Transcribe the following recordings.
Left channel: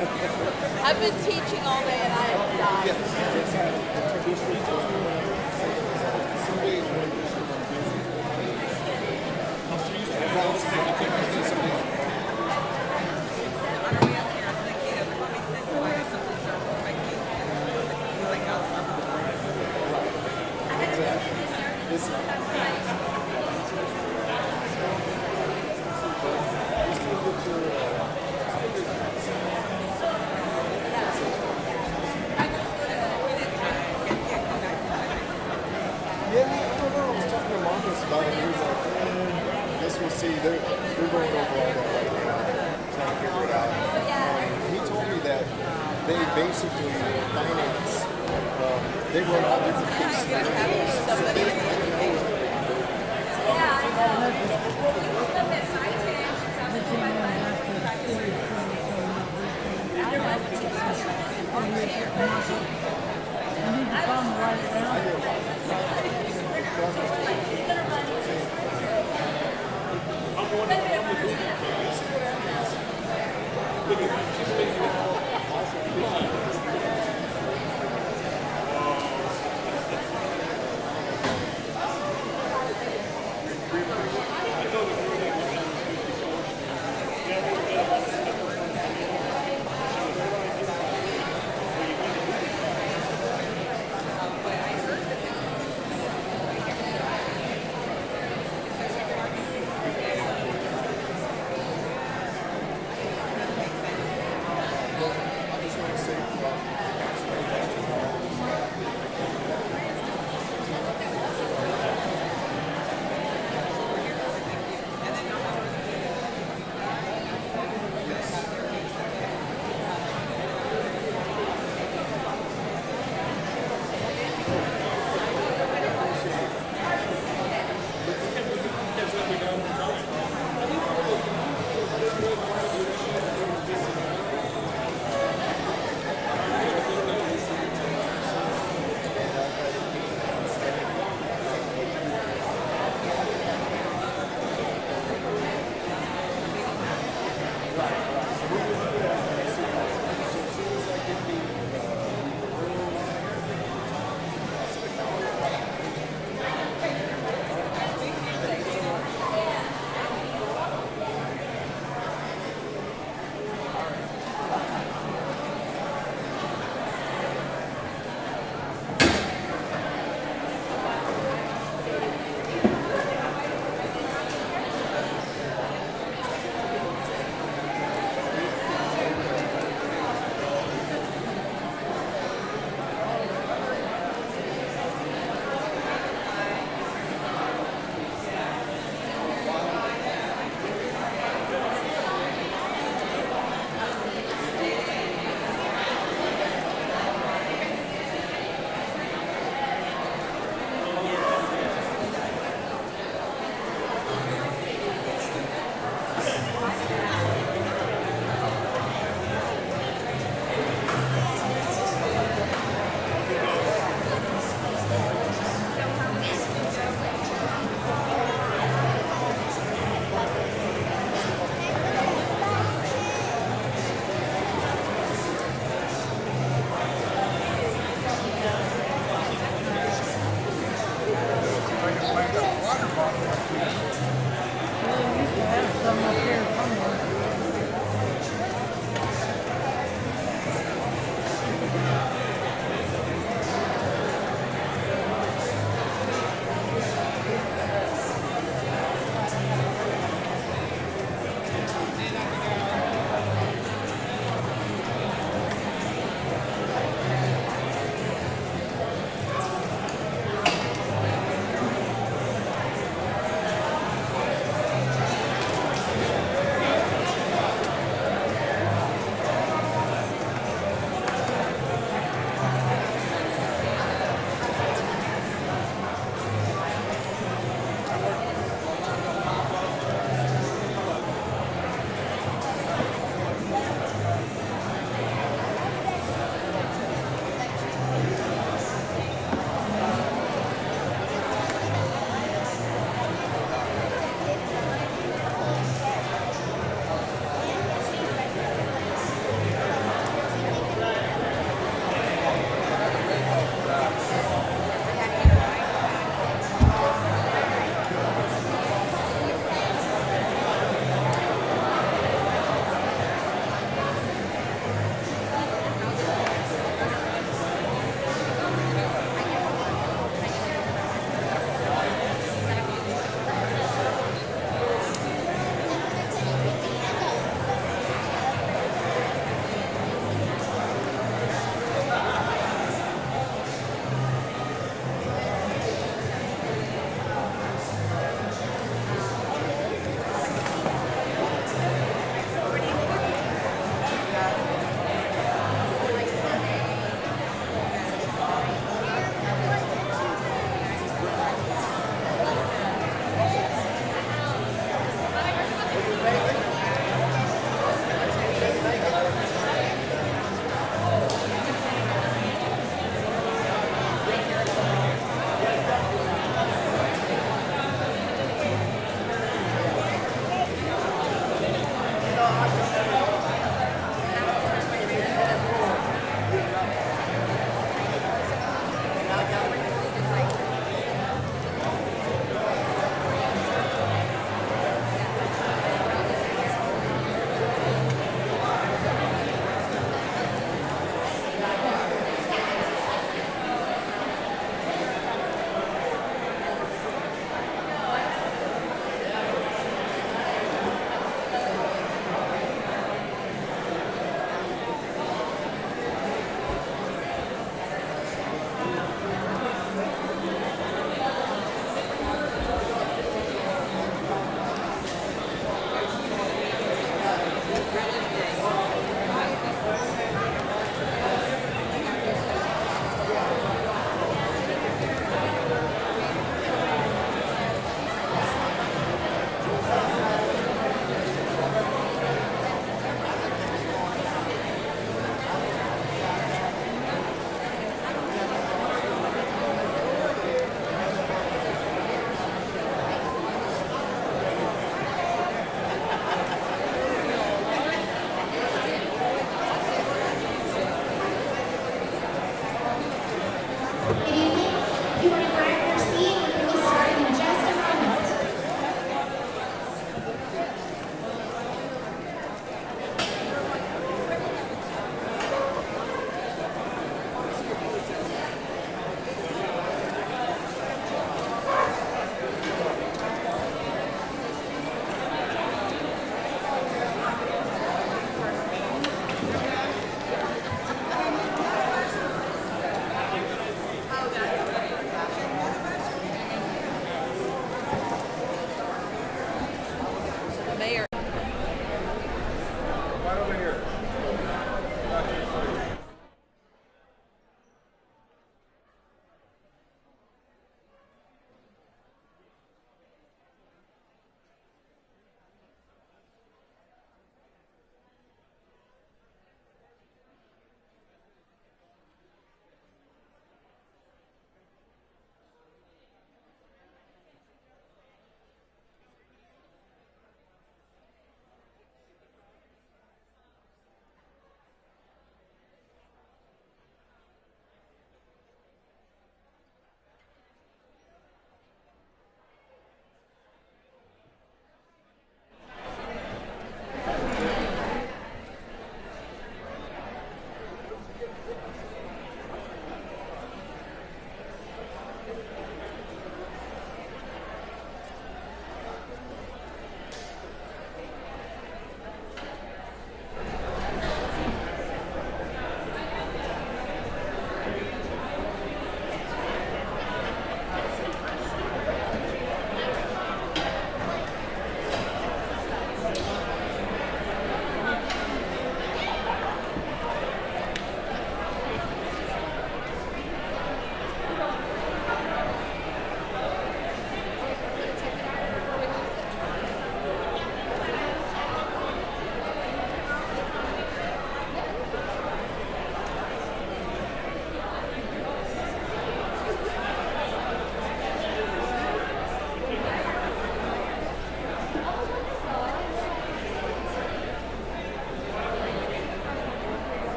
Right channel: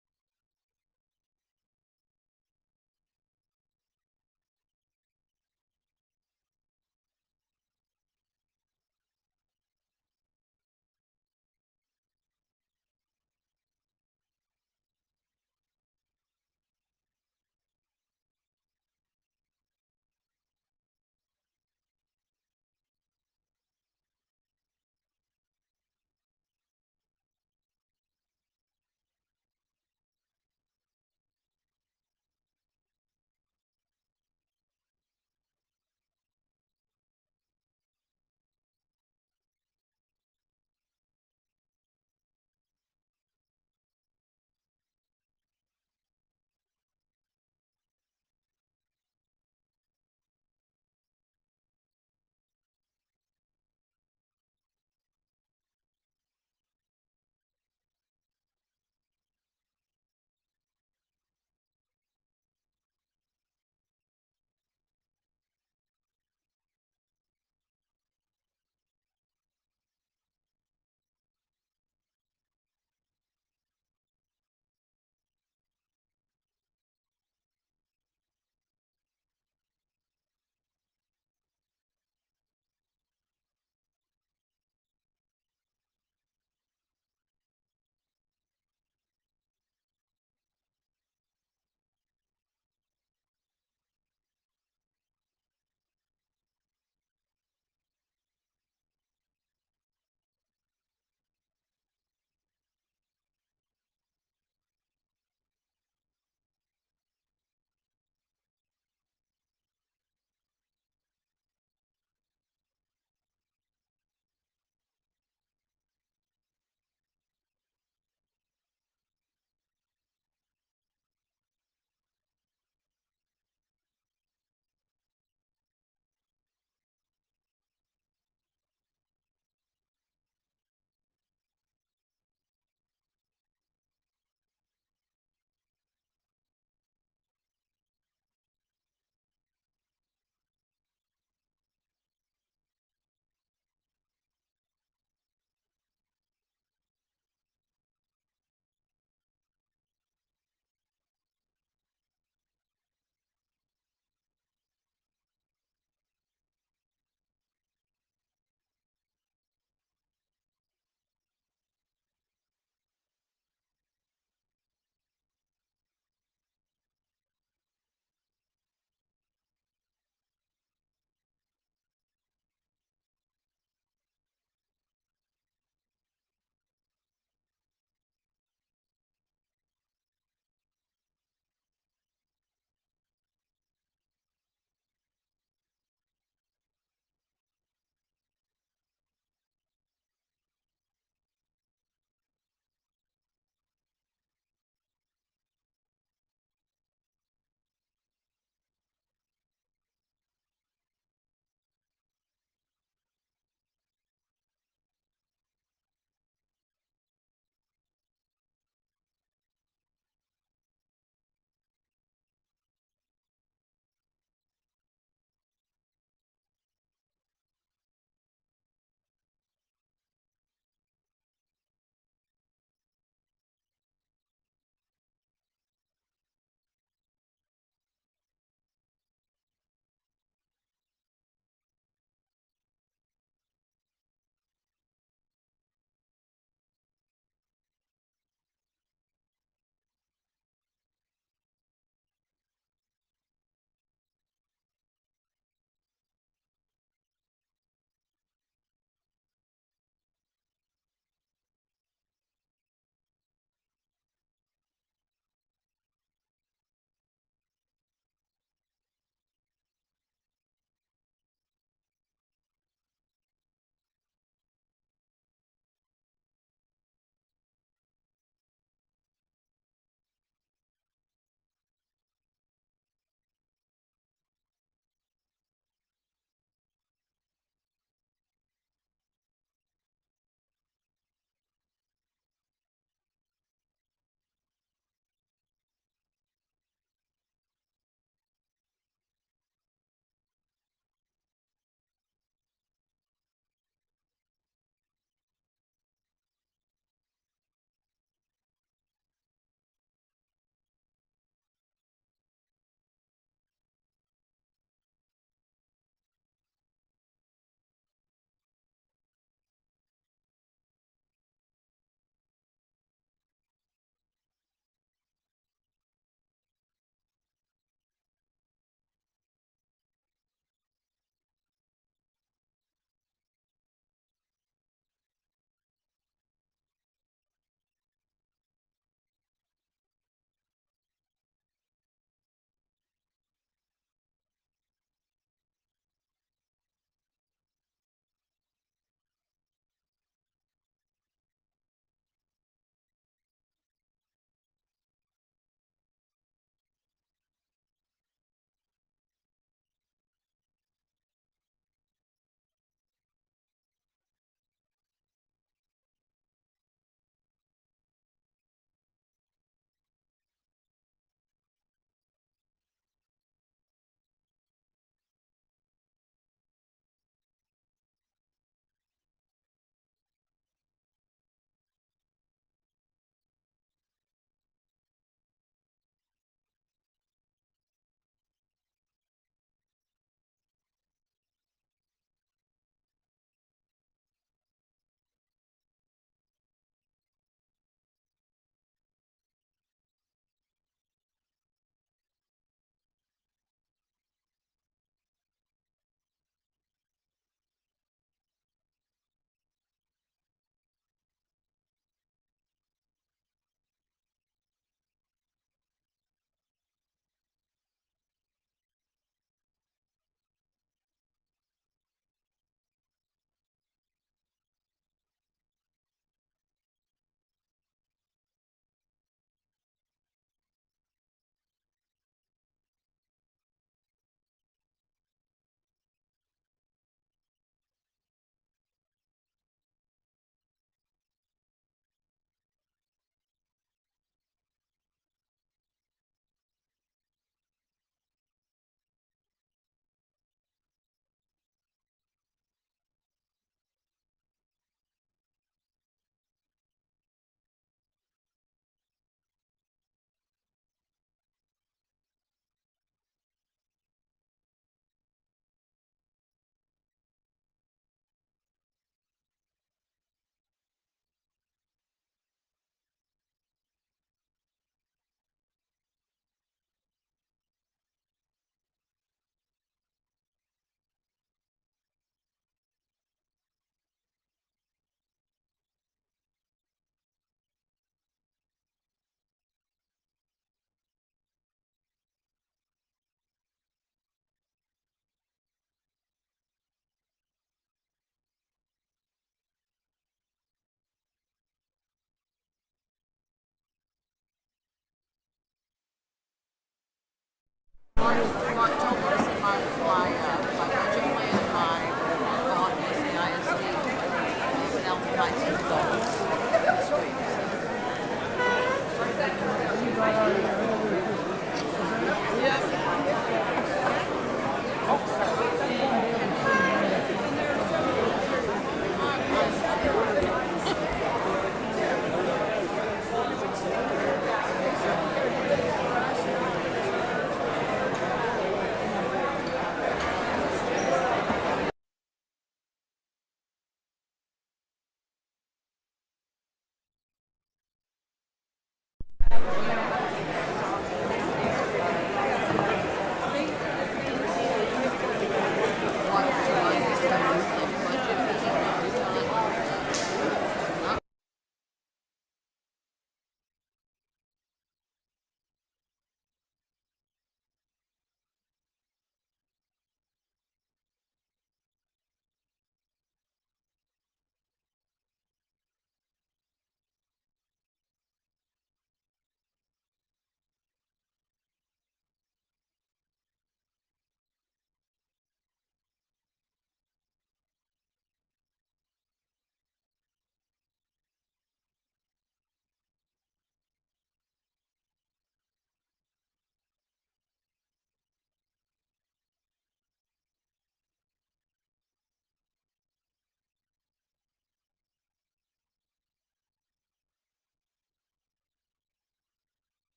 I've been teaching all day and I am dying. Yeah, I don't know. I was talking to Marcus about it. He was like, guess we'll see. They're going over all that right now, trying to figure it out. He told me that they basically finance, they run all different things.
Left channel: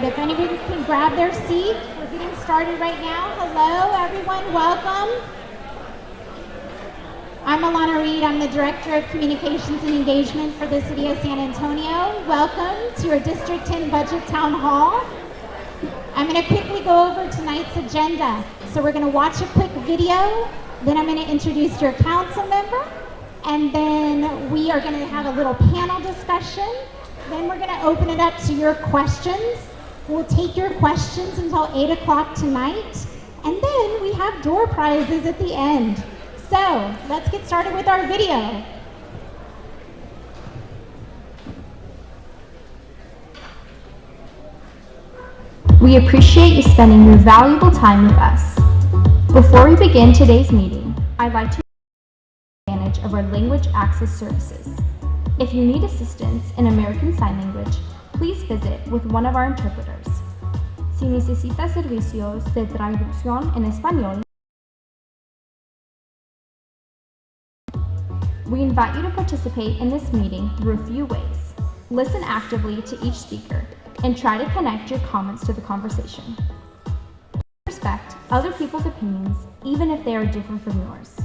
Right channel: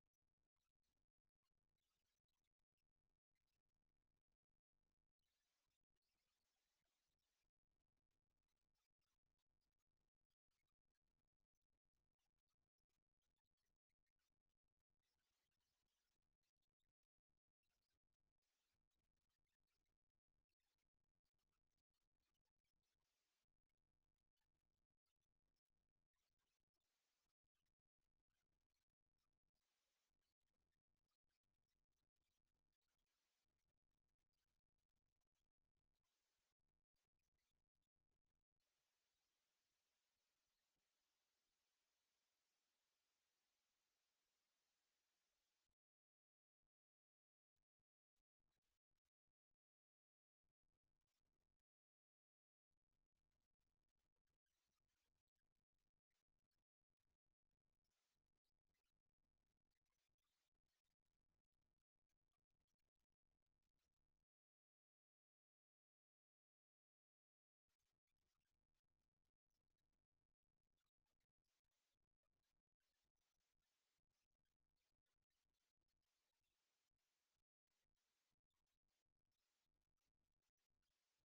right, if anybody can grab their seat, we're getting started right now. Hello, everyone, welcome. I'm Alana Reed, I'm the Director of Communications and Engagement for the City of San Antonio. Welcome to your District 10 Budget Town Hall. I'm going to quickly go over tonight's agenda. So we're going to watch a quick video, then I'm going to introduce your council member, and then we are going to have a little panel discussion. Then we're going to open it up to your questions. We'll take your questions until 8 o'clock tonight, and then we have door prizes at the end. So let's get started with our video. We appreciate you spending your valuable time with us. Before we begin today's meeting, I'd like to take advantage of our language access services. If you need assistance in American Sign Language, please visit with one of our interpreters. Si necesita servicios de traducción en español, we invite you to participate in this meeting through a few ways. Listen actively to each speaker and try to connect your comments to the conversation. Respect other people's opinions, even if they are different from yours.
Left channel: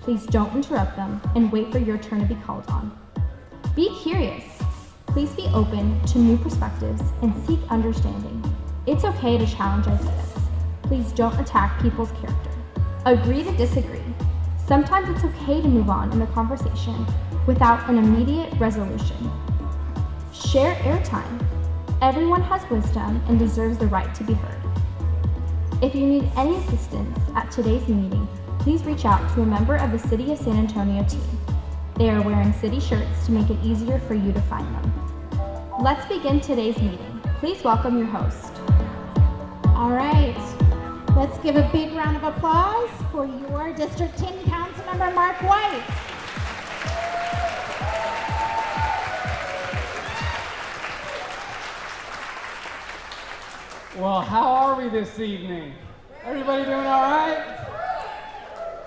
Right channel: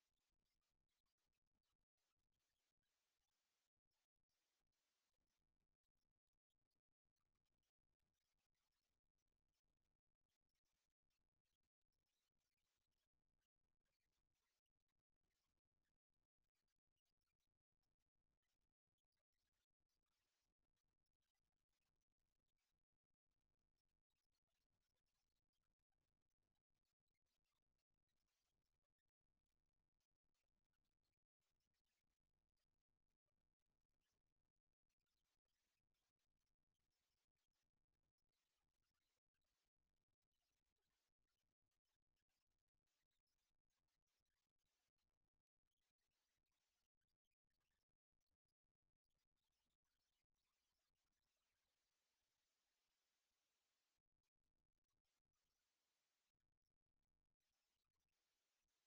Please don't interrupt them and wait for your turn to be called on. Be curious. Please be open to new perspectives and seek understanding. It's okay to challenge ideas. Please don't attack people's character. Agree to disagree. Sometimes it's okay to move on in the conversation without an immediate resolution. Share airtime. Everyone has wisdom and deserves the right to be heard. If you need any assistance at today's meeting, please reach out to a member of the City of San Antonio team. They are wearing city shirts to make it easier for you to find them. Let's begin today's meeting. Please welcome your host. All right, let's give a big round of applause for your District 10 Councilmember, Mark White. Well, how are we this evening? Everybody doing all right?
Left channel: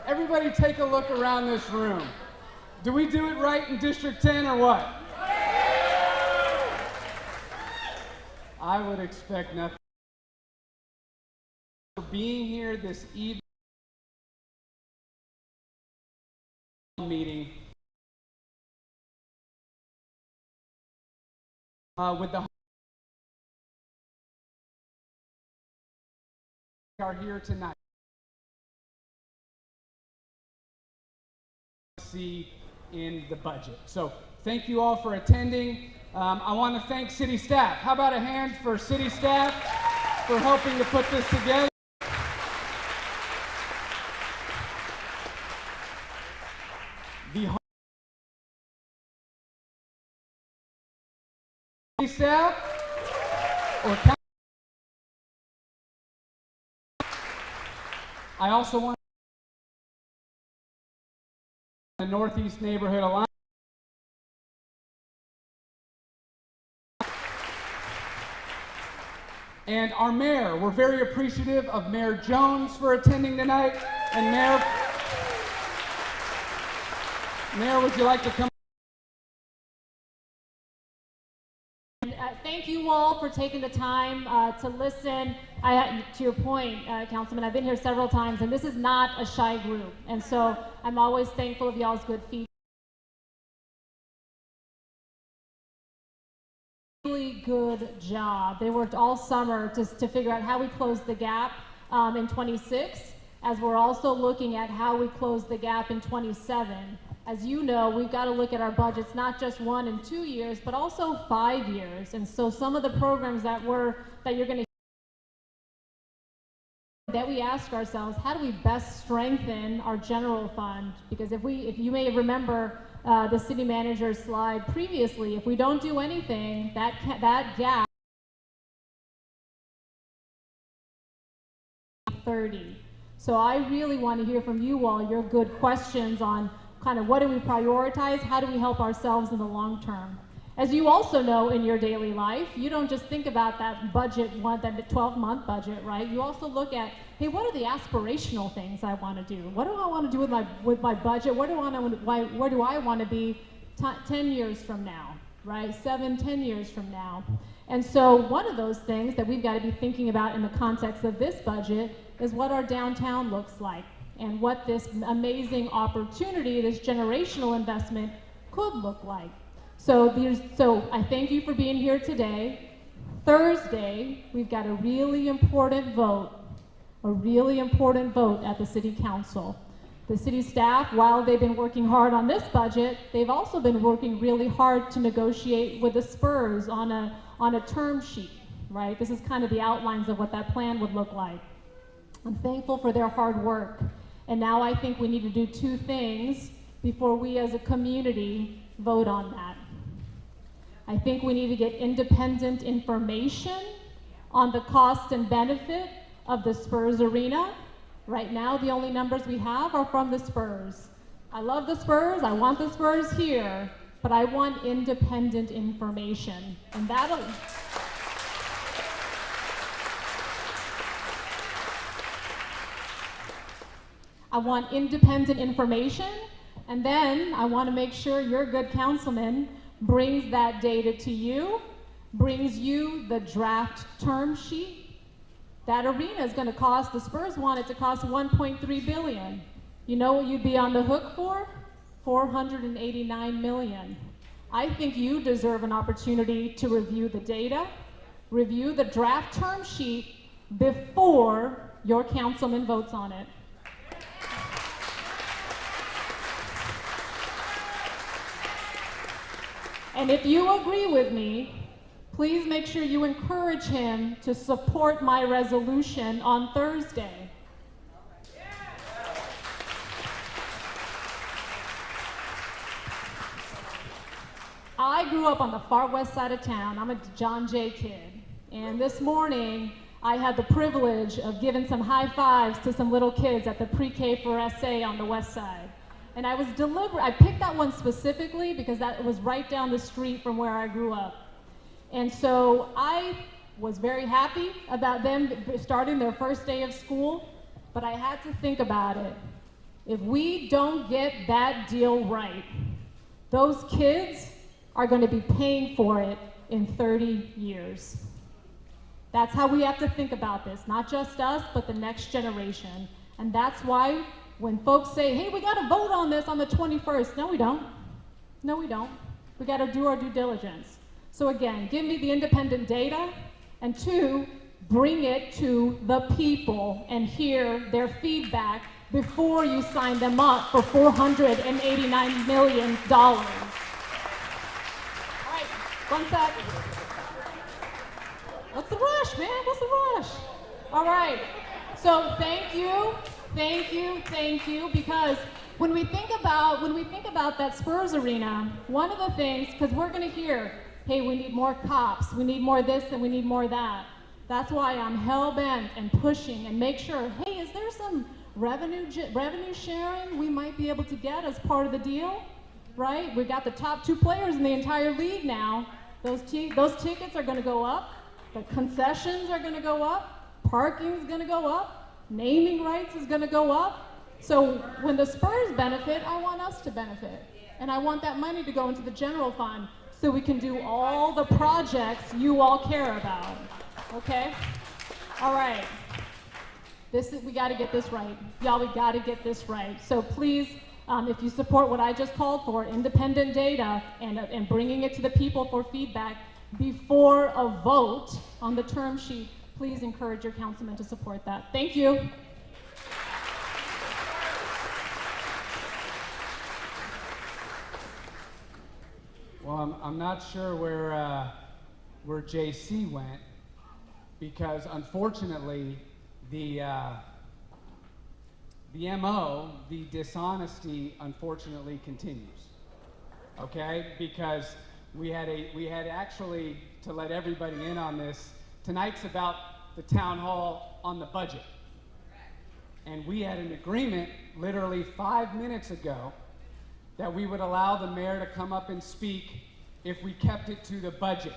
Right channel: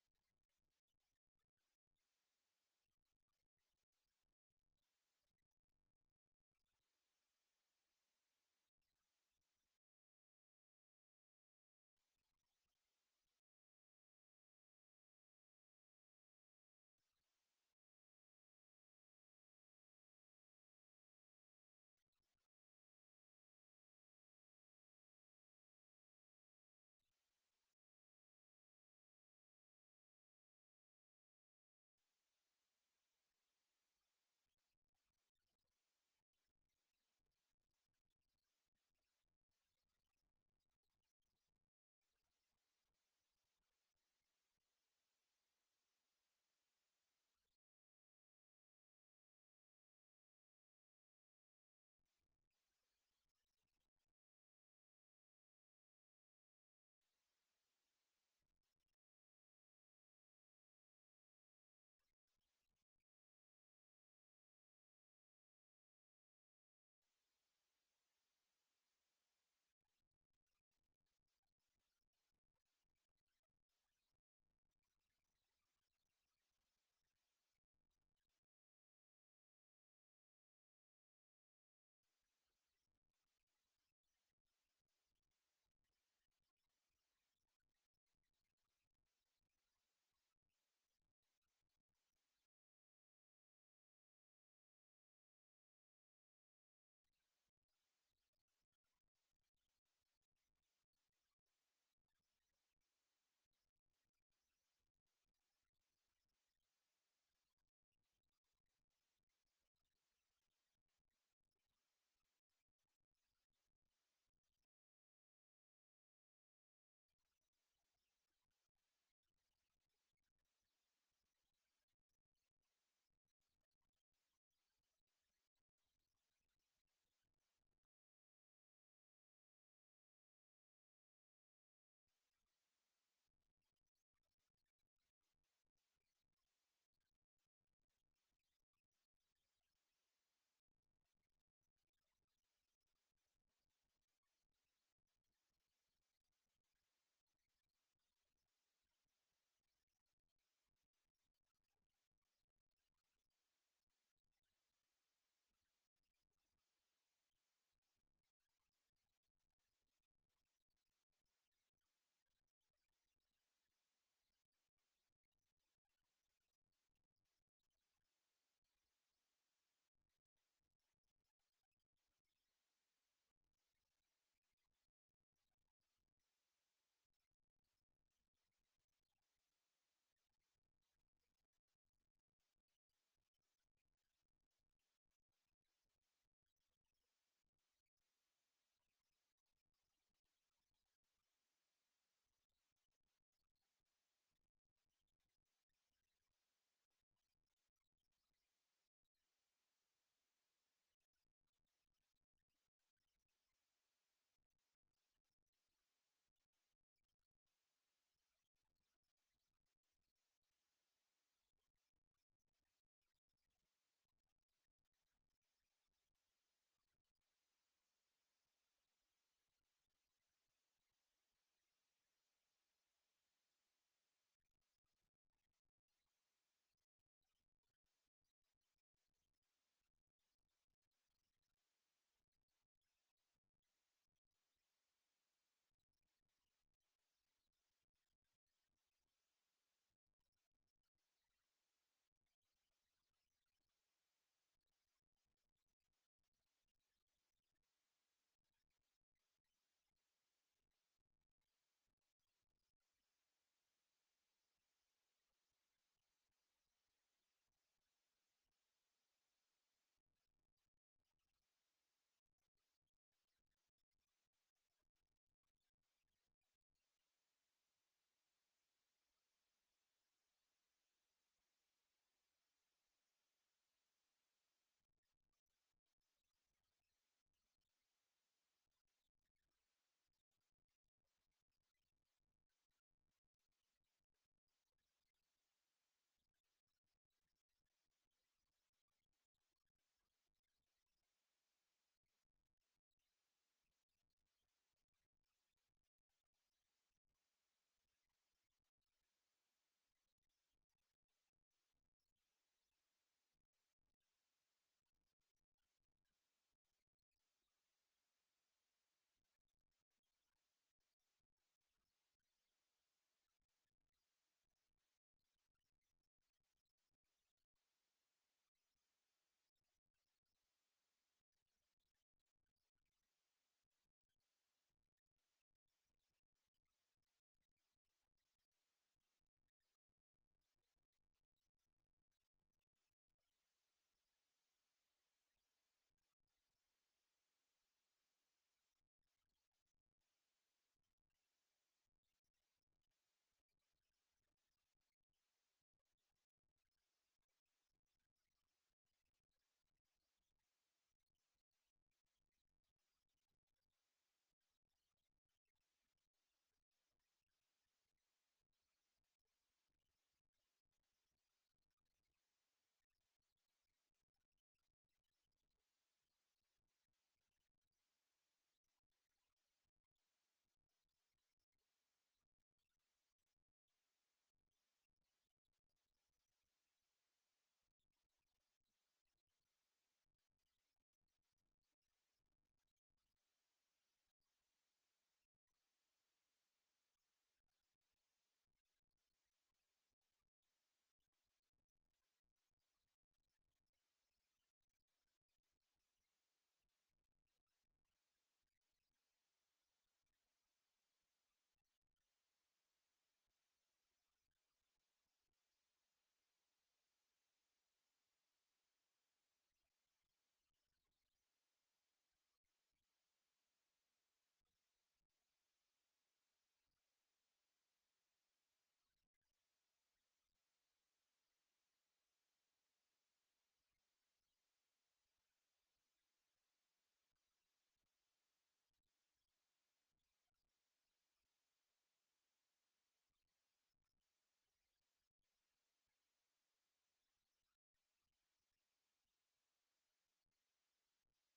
Everybody take a look around this room. Do we do it right in District 10 or what? I would expect nothing. For being here this evening meeting with the are here tonight. See in the budget. So thank you all for attending. I want to thank city staff. How about a hand for city staff for helping to put this together? The city staff or I also want the Northeast Neighborhood Alliance. And our mayor, we're very appreciative of Mayor Jones for attending tonight. And Mayor, would you like to come? Thank you all for taking the time to listen. To your point, Councilman, I've been here several times, and this is not a shy group. And so I'm always thankful of y'all's good feedback. Really good job. They worked all summer to figure out how we close the gap in 26, as we're also looking at how we close the gap in 27. As you know, we've got to look at our budgets, not just 1 and 2 years, but also 5 years. And so some of the programs that you're going to that we ask ourselves, how do we best strengthen our general fund? Because if you may remember the city manager's slide previously, if we don't do anything, that gap 30. So I really want to hear from you all your good questions on kind of what do we prioritize, how do we help ourselves in the long term. As you also know in your daily life, you don't just think about that budget, that 12-month budget, right? You also look at, hey, what are the aspirational things I want to do? What do I want to do with my budget? Where do I want to be 10 years from now, right? 7, 10 years from now. And so one of those things that we've got to be thinking about in the context of this budget is what our downtown looks like and what this amazing opportunity, this generational investment could look like. So I thank you for being here today. Thursday, we've got a really important vote at the City Council. The city staff, while they've been working hard on this budget, they've also been working really hard to negotiate with the Spurs on a term sheet, right? This is kind of the outlines of what that plan would look like. I'm thankful for their hard work. And now I think we need to do two things before we as a community vote on that. I think we need to get independent information on the cost and benefit of the Spurs Arena. Right now, the only numbers we have are from the Spurs. I love the Spurs, I want the Spurs here, but I want independent information. And that'll... I want independent information, and then I want to make sure your good councilman brings that data to you, brings you the draft term sheet. That arena is going to cost, the Spurs want it to cost $1.3 billion. You know what you'd be on the hook for? $489 million. I think you deserve an opportunity to review the data, review the draft term sheet before your councilman votes on it. And if you agree with me, please make sure you encourage him to support my resolution on Thursday. I grew up on the far west side of town. I'm a John Jay kid. And this morning, I had the privilege of giving some high fives to some little kids at the pre-K for SA on the west side. And I was deliberate. I picked that one specifically because that was right down the street from where I grew up. And so I was very happy about them starting their first day of school, but I had to think about it. If we don't get that deal right, those kids are going to be paying for it in 30 years. That's how we have to think about this, not just us, but the next generation. And that's why when folks say, hey, we got to vote on this on the 21st, no, we don't. No, we don't. We got to do our due diligence. So again, give me the independent data, and two, bring it to the people and hear their feedback before you sign them up for $489 million. All right, one sec. What's the rush, man? What's the rush? All right, so thank you, because when we think about that Spurs arena, one of the things, because we're going to hear, hey, we need more cops, we need more this, and we need more that. That's why I'm hell-bent and pushing and make sure, hey, is there some revenue sharing we might be able to get as part of the deal, right? We got the top 2 players in the entire league now. Those tickets are going to go up. The concessions are going to go up. Parking's going to go up. Naming rights is going to go up. So when the Spurs benefit, I want us to benefit. And I want that money to go into the general fund so we can do all the projects you all care about. Okay? All right. We got to get this right. Y'all, we got to get this right. So please, if you support what I just called for, independent data and bringing it to the people for feedback before a vote on the term sheet, please encourage your councilman to support that. Thank you. Well, I'm not sure where JC went, because unfortunately the MO, the dishonesty, unfortunately continues. Okay, because we had actually, to let everybody in on this, tonight's about the town hall on the budget. And we had an agreement literally 5 minutes ago that we would allow the mayor to come up and speak if we kept it to the budget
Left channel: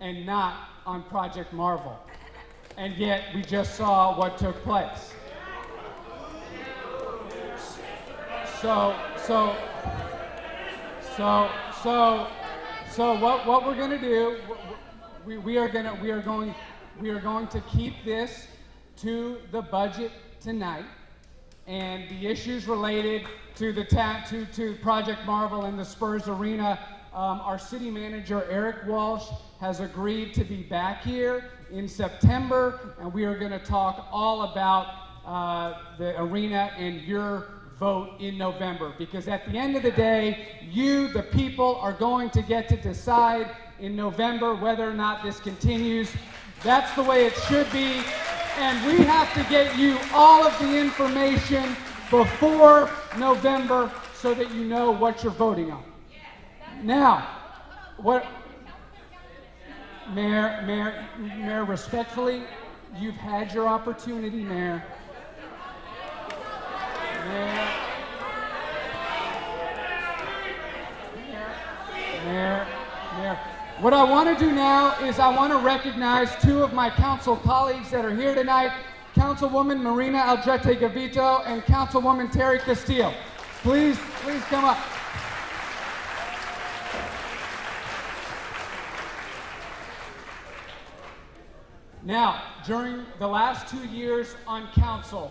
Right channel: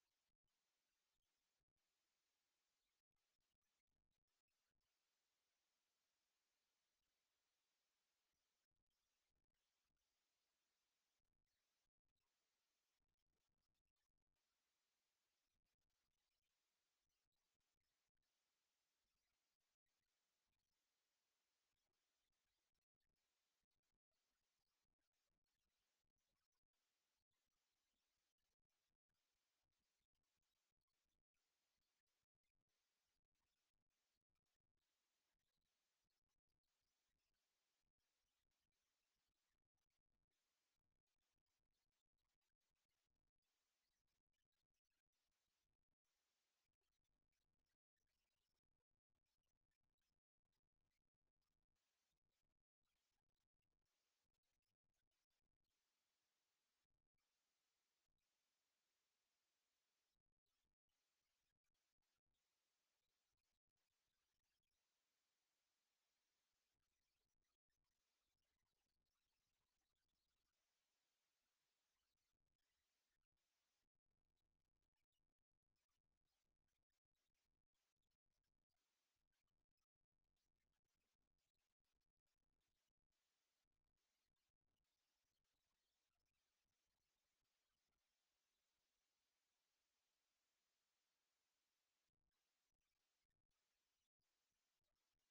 and not on Project Marvel. And yet we just saw what took place. So what we're gonna do, we are going to keep this to the budget tonight, and the issues related to the to Project Marvel and the Spurs Arena. Our city manager Eric Walsh has agreed to be back here in September, and we are going to talk all about the arena and your vote in November, because at the end of the day, you, the people, are going to get to decide in November whether or not this continues. That's the way it should be, and we have to get you all of the information before November so that you know what you're voting on. Now, what, Mayor, respectfully, you've had your opportunity, Mayor. Mayor. What I want to do now is I want to recognize two of my council colleagues that are here tonight, Councilwoman Marina Aldrete Gavito and Councilwoman Terry Castillo. Please come up. Now, during the last 2 years on council,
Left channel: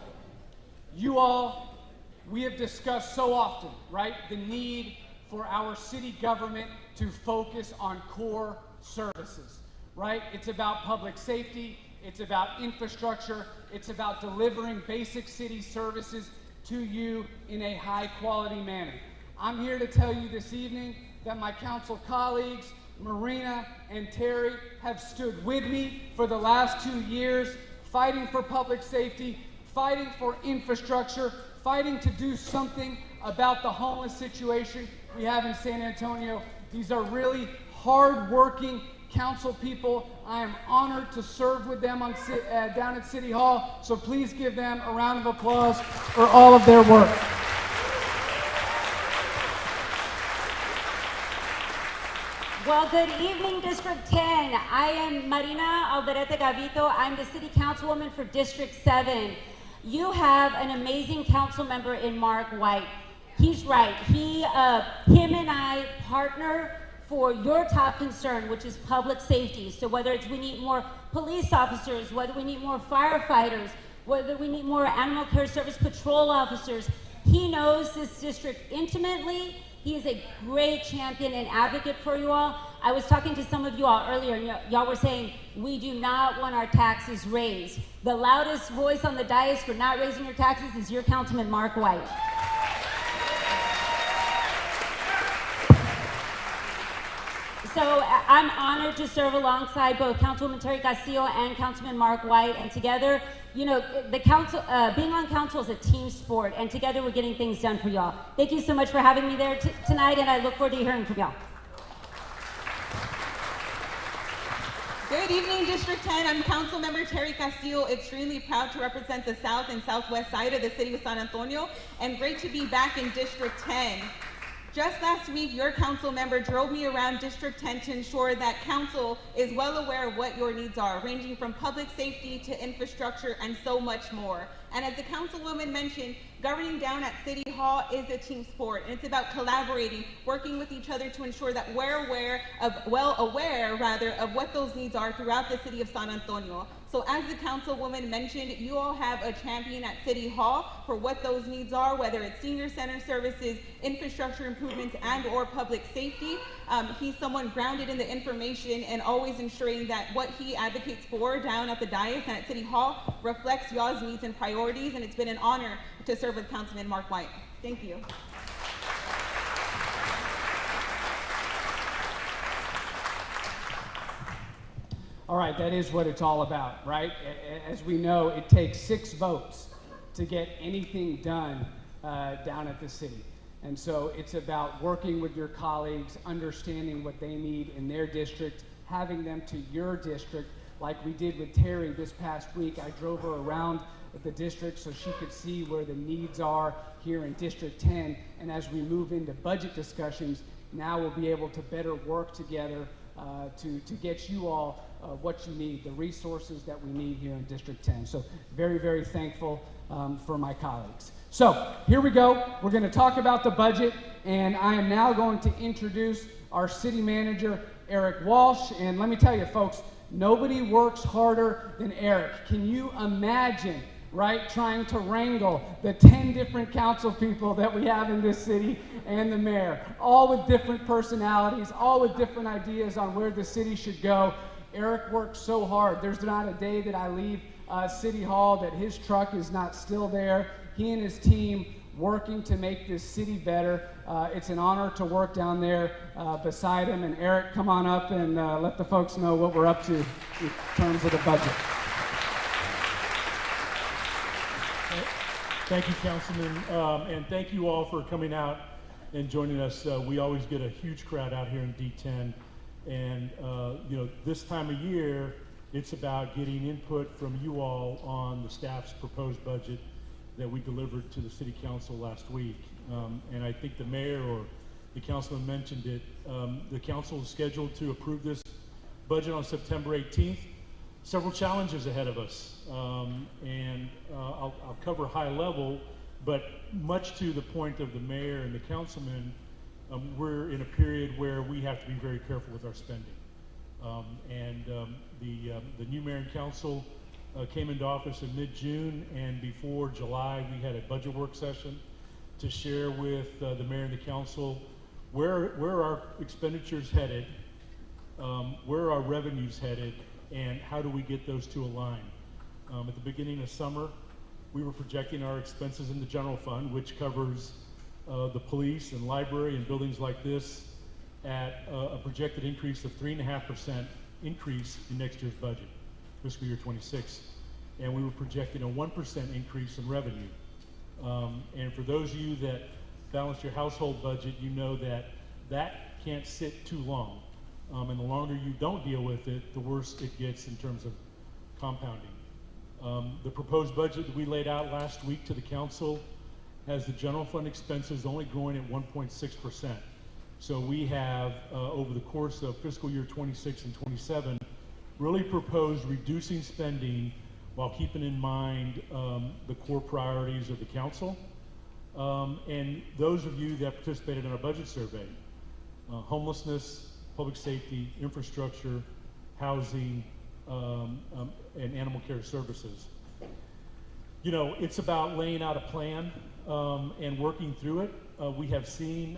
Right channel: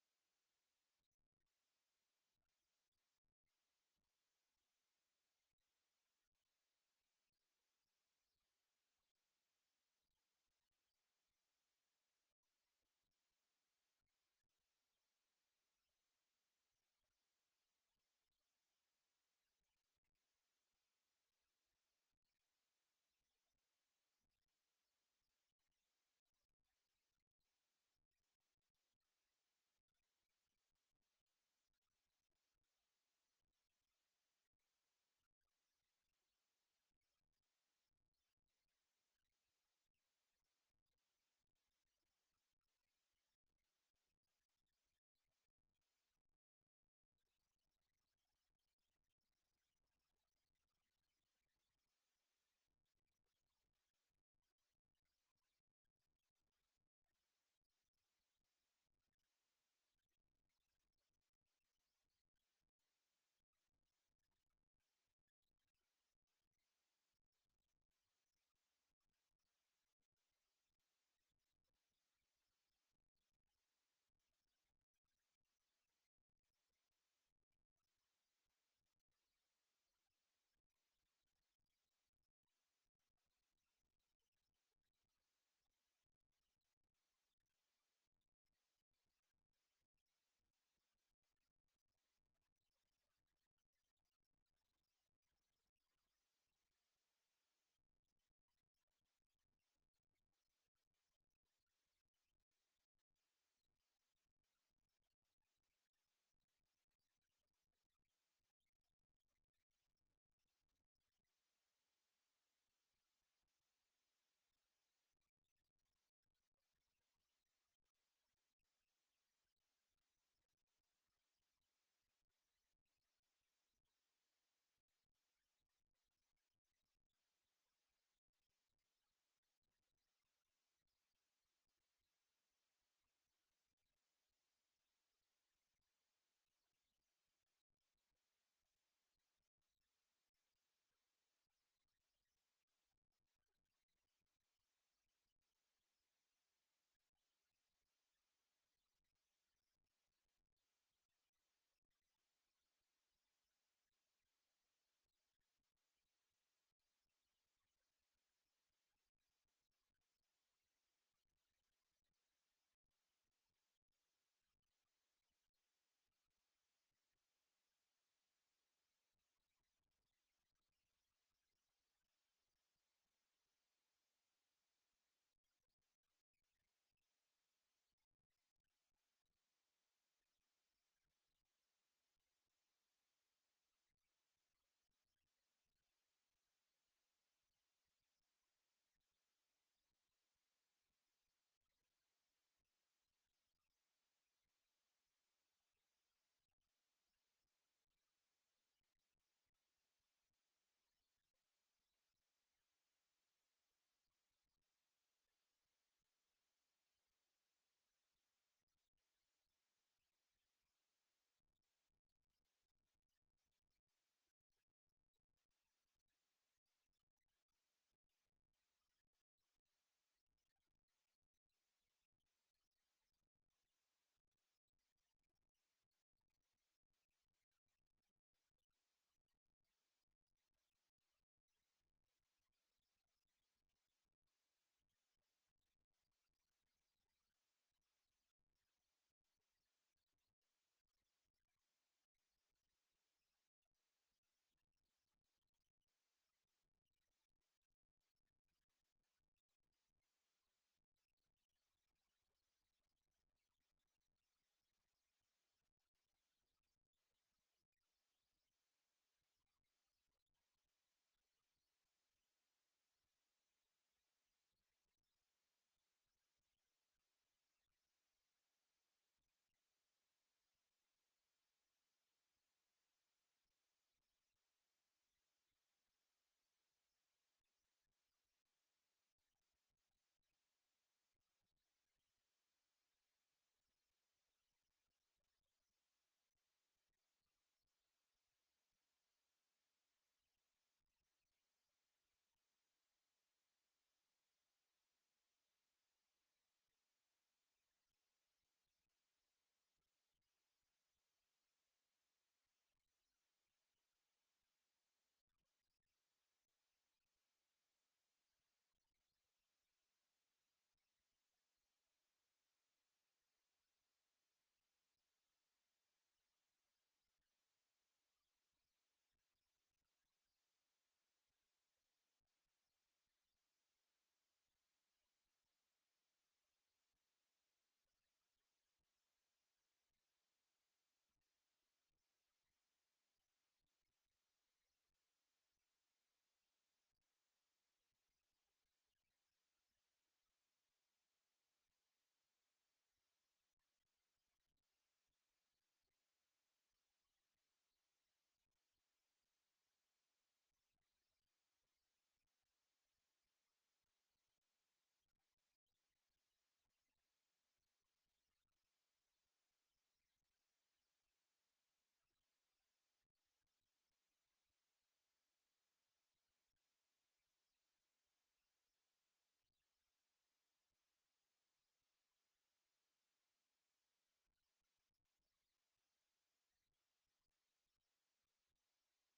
we have discussed so often, right, the need for our city government to focus on core services, right? It's about public safety, it's about infrastructure, it's about delivering basic city services to you in a high quality manner. I'm here to tell you this evening that my council colleagues, Marina and Terry, have stood with me for the last 2 years, fighting for public safety, fighting for infrastructure, fighting to do something about the homeless situation we have in San Antonio. These are really hard-working council people. I am honored to serve with them down at City Hall, so please give them a round of applause for all of their work. Well, good evening, District 10. I am Marina Alderete Gavito. I'm the City Councilwoman for District 7. You have an amazing council member in Mark White. He's right. Him and I partner for your top concern, which is public safety. So whether it's we need more police officers, whether we need more firefighters, whether we need more animal care service patrol officers, he knows this district intimately. He is a great champion and advocate for you all. I was talking to some of you all earlier, and y'all were saying, we do not want our taxes raised. The loudest voice on the dais for not raising your taxes is your Councilman Mark White. So I'm honored to serve alongside both Councilwoman Terry Castillo and Councilman Mark White, and together, you know, the council, being on council is a team sport, and together we're getting things done for y'all. Thank you so much for having me there tonight, and I look forward to hearing from y'all. Good evening, District 10. I'm Councilmember Terry Castillo, extremely proud to represent the south and southwest side of the city of San Antonio, and great to be back in District 10. Just last week, your council member drove me around District 10 to ensure that council is well aware of what your needs are, ranging from public safety to infrastructure and so much more. And as the councilwoman mentioned, governing down at City Hall is a team sport, and it's about collaborating, working with each other to ensure that we're well aware of what those needs are throughout the city of San Antonio. So as the councilwoman mentioned, you all have a champion at City Hall for what those needs are, whether it's senior center services, infrastructure improvements, and or public safety. He's someone grounded in the information and always ensuring that what he advocates for down at the dais and at City Hall reflects y'all's needs and priorities, and it's been an honor to serve with Councilman Mark White. Thank you. All right, that is what it's all about, right? As we know, it takes 6 votes to get anything done down at the city. And so it's about working with your colleagues, understanding what they need in their district, having them to your district, like we did with Terry this past week. I drove her around the district so she could see where the needs are here in District 10. And as we move into budget discussions, now we'll be able to better work together to get you all what you need, the resources that we need here in District 10. So very, very thankful for my colleagues. So here we go. We're going to talk about the budget, and I am now going to introduce our city manager, Eric Walsh. And let me tell you, folks, nobody works harder than Eric. Can you imagine, right, trying to wrangle the 10 different council people that we have in this city and the mayor, all with different personalities, all with different ideas on where the city should go. Eric works so hard. There's not a day that I leave City Hall that his truck is not still there. He and his team working to make this city better. It's an honor to work down there beside him. And Eric, come on up and let the folks know what we're up to in terms of the budget. Thank you, Councilman, and thank you all for coming out and joining us. We always get a huge crowd out here in D10, and you know, this time of year, it's about getting input from you all on the staff's proposed budget that we delivered to the City Council last week. And I think the mayor or the councilman mentioned it. The council is scheduled to approve this budget on September 18th. Several challenges ahead of us, and I'll cover high level, but much to the point of the mayor and the councilman, we're in a period where we have to be very careful with our spending. The new mayor and council came into office in mid-June, and before July we had a budget work session to share with the mayor and the council where our expenditures headed, where our revenues headed, and how do we get those to align. At the beginning of summer, we were projecting our expenses in the general fund, which covers the police and library and buildings like this, at a projected increase of 3.5% increase in next year's budget, fiscal year 26. And we were projecting a 1% increase in revenue. And for those of you that balance your household budget, you know that that can't sit too long. And the longer you don't deal with it, the worse it gets in terms of compounding. The proposed budget that we laid out last week to the council has the general fund expenses only growing at 1.6%. So we have, over the course of fiscal year 26 and 27, really proposed reducing spending while keeping in mind the core priorities of the council. And those of you that participated in our budget survey, homelessness, public safety, infrastructure, housing, and animal care services. You know, it's about laying out a plan and working through it. We have seen,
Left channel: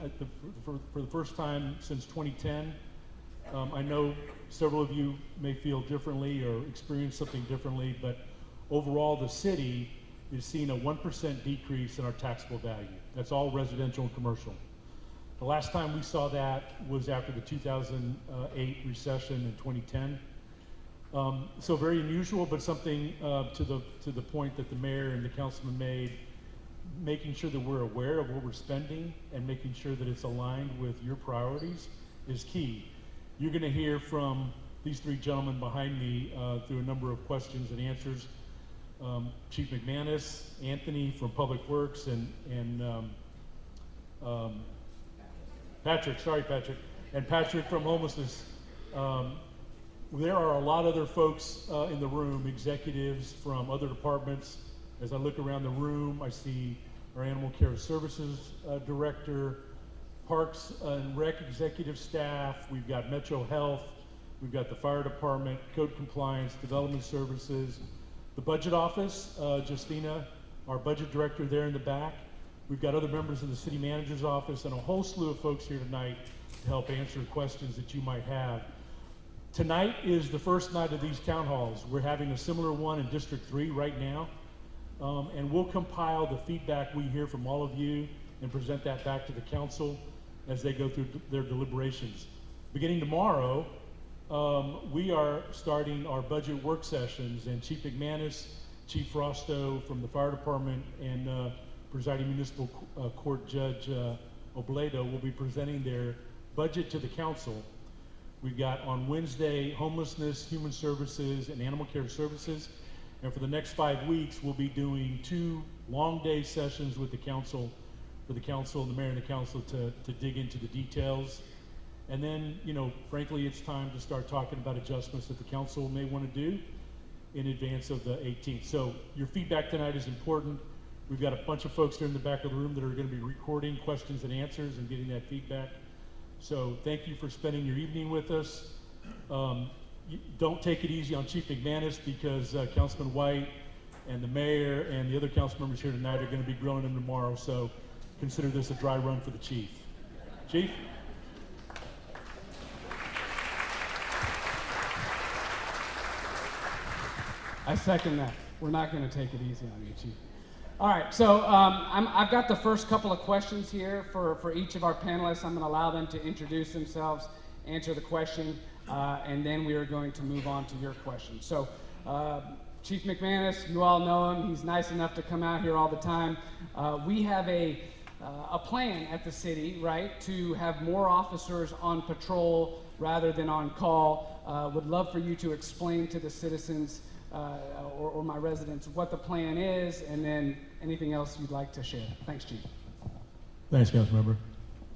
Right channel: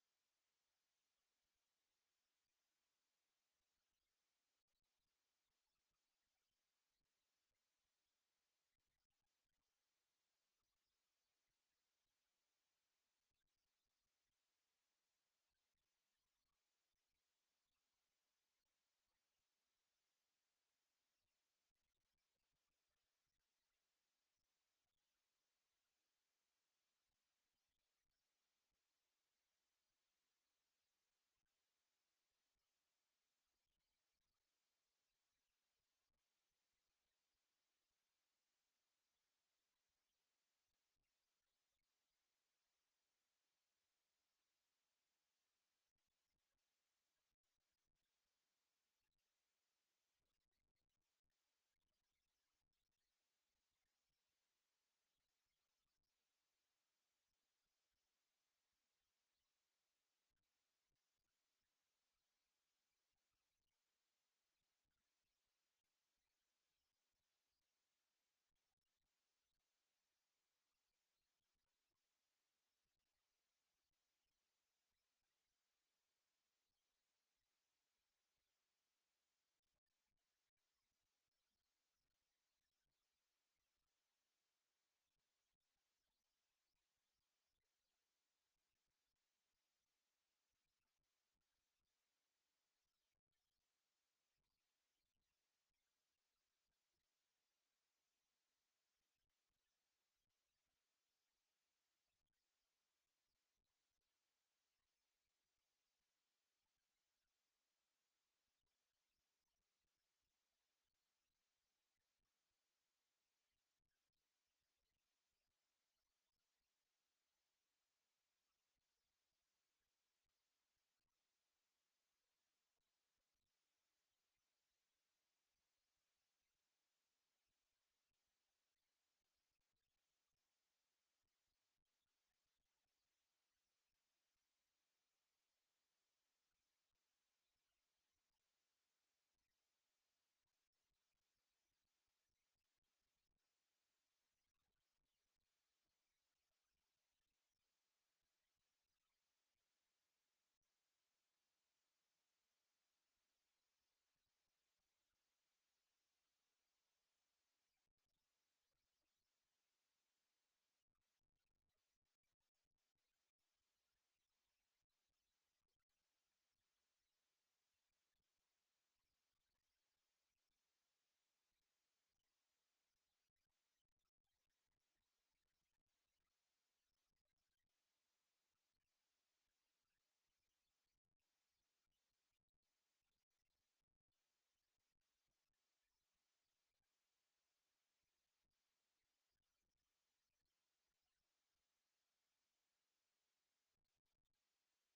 for the first time since 2010, I know several of you may feel differently or experience something differently, but overall the city is seeing a 1% decrease in our taxable value. That's all residential and commercial. The last time we saw that was after the 2008 recession in 2010. So very unusual, but something to the point that the mayor and the councilman made, making sure that we're aware of what we're spending and making sure that it's aligned with your priorities is key. You're going to hear from these three gentlemen behind me through a number of questions and answers. Chief McManus, Anthony from Public Works, and Patrick from Homelessness. There are a lot of other folks in the room, executives from other departments. As I look around the room, I see our Animal Care Services Director, Parks and Rec executive staff, we've got Metro Health, we've got the Fire Department, Code Compliance, Development Services, the Budget Office, Justina, our Budget Director there in the back. We've got other members of the City Manager's Office and a whole slew of folks here tonight to help answer questions that you might have. Tonight is the first night of these town halls. We're having a similar one in District 3 right now. And we'll compile the feedback we hear from all of you and present that back to the council as they go through their deliberations. Beginning tomorrow, we are starting our budget work sessions, and Chief McManus, Chief Frosto from the Fire Department, and Presiding Municipal Court Judge Obledo will be presenting their budget to the council. We've got on Wednesday, homelessness, human services, and animal care services. And for the next 5 weeks, we'll be doing 2 long day sessions with the council, for the council and the mayor and the council to dig into the details. And then, you know, frankly, it's time to start talking about adjustments that the council may want to do in advance of the 18th. So your feedback tonight is important. We've got a bunch of folks there in the back of the room that are going to be recording questions and answers and getting that feedback So thank you for spending your evening with us. Don't take it easy on Chief McManus, because Councilman White and the mayor and the other council members here tonight are going to be grilling him tomorrow. So consider this a dry run for the chief. Chief? I second that. We're not going to take it easy on you, Chief. All right, so I've got the first couple of questions here for each of our panelists. I'm going to allow them to introduce themselves, answer the question, and then we are going to move on to your question. So, Chief McManus, you all know him. He's nice enough to come out here all the time. We have a plan at the city, right, to have more officers on patrol rather than on call. Would love for you to explain to the citizens or my residents what the plan is, and then anything else you'd like to share. Thanks, Chief. Thanks, Councilmember.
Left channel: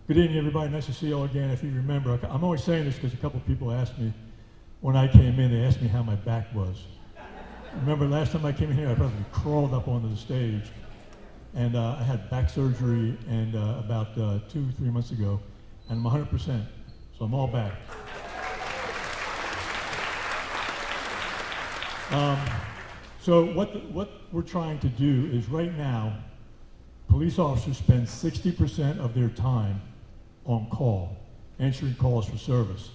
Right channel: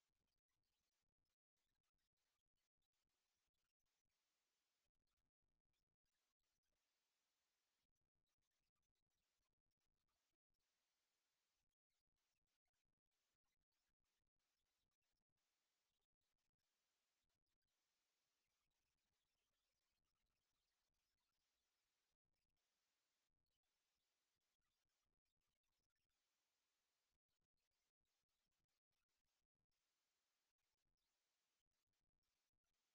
Good evening, everybody. Nice to see you all again. If you remember, I'm always saying this because a couple people asked me when I came in, they asked me how my back was. Remember last time I came in here, I probably crawled up onto the stage, and I had back surgery and about 2-3 months ago, and I'm 100%, so I'm all back. So what we're trying to do is right now, police officers spend 60% of their time on call, answering calls for service.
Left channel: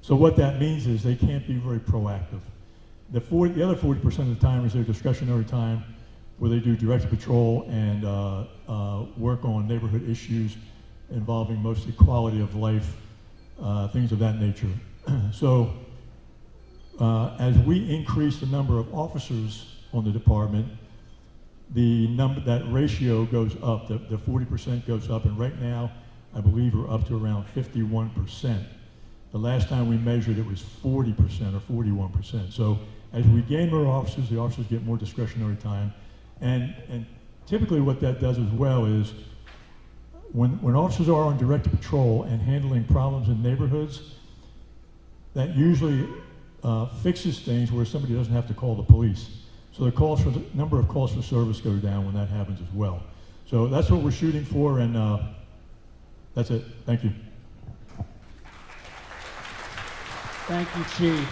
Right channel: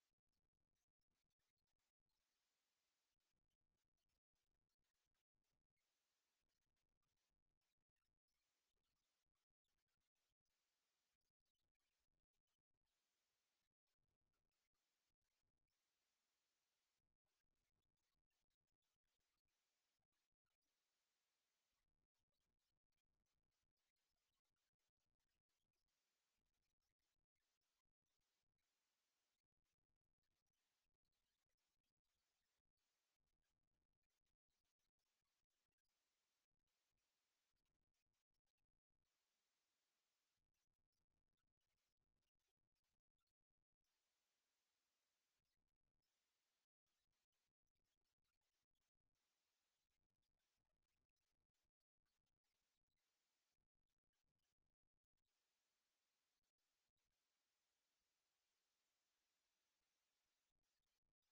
So what that means is they can't be very proactive. The other 40% of the time is their discretionary time, where they do directed patrol and work on neighborhood issues involving mostly quality of life, things of that nature. So as we increase the number of officers on the department, that ratio goes up, the 40% goes up, and right now, I believe we're up to around 51%. The last time we measured it was 40% or 41%. So as we gain more officers, the officers get more discretionary time. And typically what that does as well is when officers are on direct patrol and handling problems in neighborhoods, that usually fixes things where somebody doesn't have to call the police. So the number of calls for service go down when that happens as well. So that's what we're shooting for, and that's it. Thank you. Thank you, Chief.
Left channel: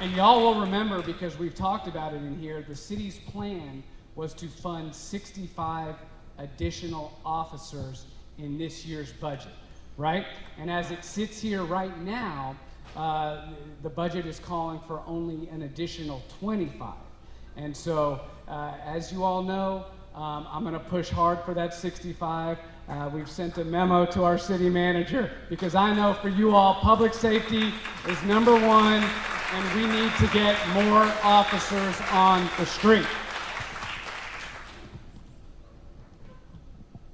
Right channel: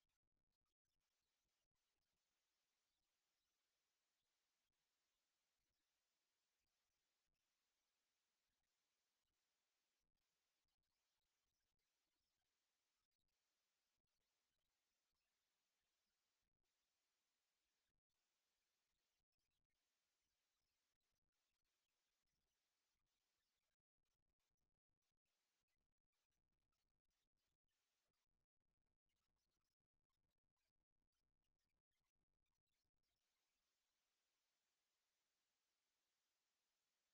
And y'all will remember, because we've talked about it in here, the city's plan was to fund 65 additional officers in this year's budget, right? And as it sits here right now, the budget is calling for only an additional 25. And so, as you all know, I'm going to push hard for that 65. We've sent a memo to our city manager, because I know for you all, public safety is number one, and we need to get more officers on the street.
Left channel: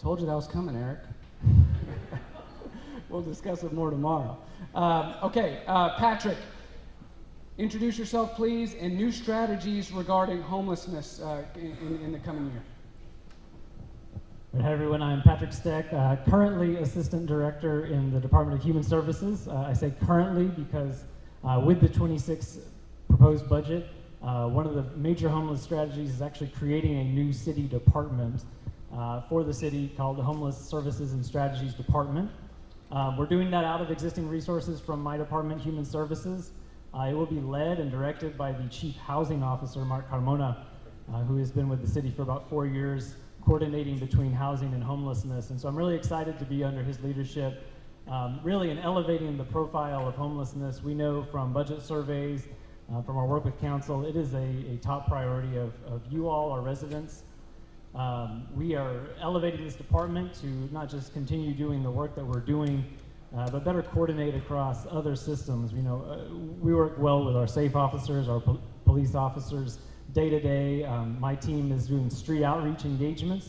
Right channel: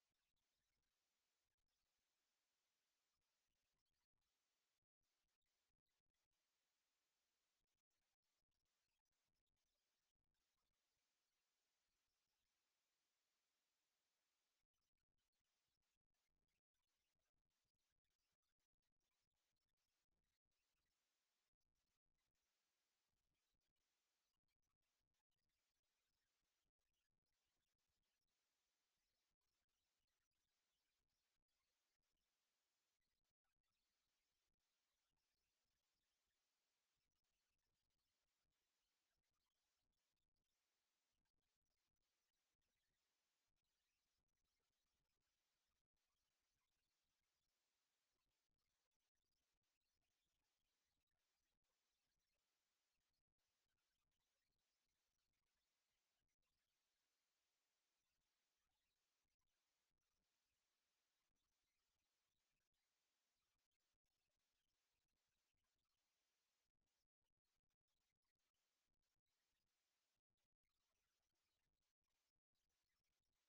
Told you that was coming, Eric. We'll discuss it more tomorrow. Okay, Patrick, introduce yourself, please, and new strategies regarding homelessness in the coming year. Hi everyone, I'm Patrick Steck, currently Assistant Director in the Department of Human Services. I say currently because with the 26 proposed budget, one of the major homeless strategies is actually creating a new city department for the city called the Homeless Services and Strategies Department. We're doing that out of existing resources from my department, Human Services. It will be led and directed by the Chief Housing Officer, Mark Carmona, who has been with the city for about 4 years, coordinating between housing and homelessness. And so I'm really excited to be under his leadership, really in elevating the profile of homelessness. We know from budget surveys, from our work with council, it is a top priority of you all, our residents. We are elevating this department to not just continue doing the work that we're doing, but better coordinate across other systems. You know, we work well with our SAFE officers, our police officers, day to day. My team is doing street outreach engagements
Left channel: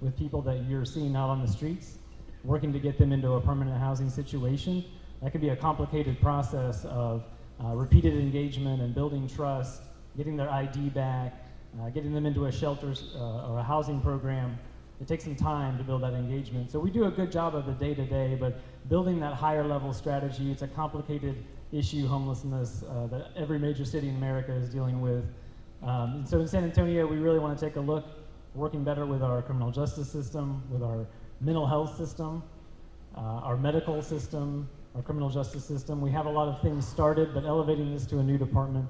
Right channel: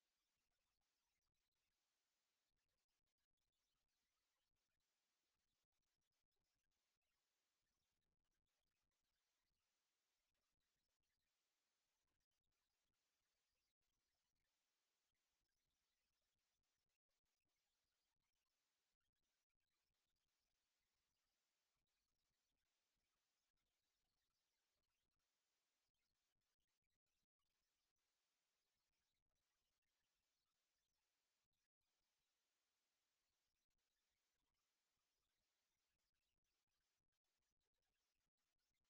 with people that you're seeing out on the streets, working to get them into a permanent housing situation. That can be a complicated process of repeated engagement and building trust, getting their ID back, getting them into a shelter or a housing program. It takes some time to build that engagement. So we do a good job of the day-to-day, but building that higher level strategy, it's a complicated issue, homelessness, that every major city in America is dealing with. And so in San Antonio, we really want to take a look, working better with our criminal justice system, with our mental health system, our medical system, our criminal justice system. We have a lot of things started, but elevating this to a new department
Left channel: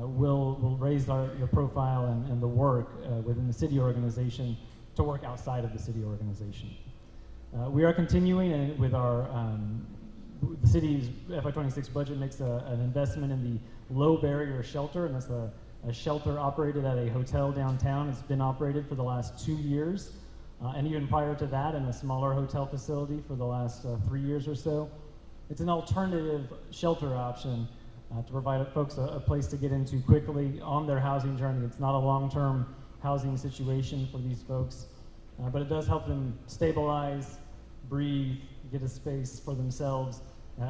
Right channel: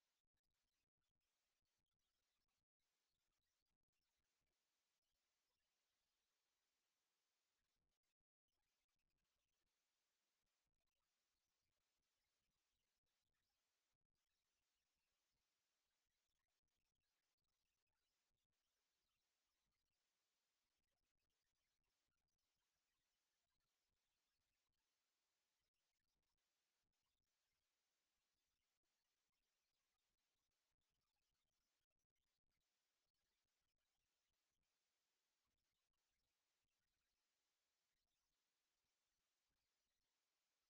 will raise the profile and the work within the city organization to work outside of the city organization. We are continuing with our, the city's FY26 budget makes an investment in the low barrier shelter, and that's a shelter operated at a hotel downtown. It's been operated for the last 2 years, and even prior to that in a smaller hotel facility for the last 3 years or so. It's an alternative shelter option to provide folks a place to get into quickly on their housing journey. It's not a long-term housing situation for these folks, but it does help them stabilize, breathe, get a space for themselves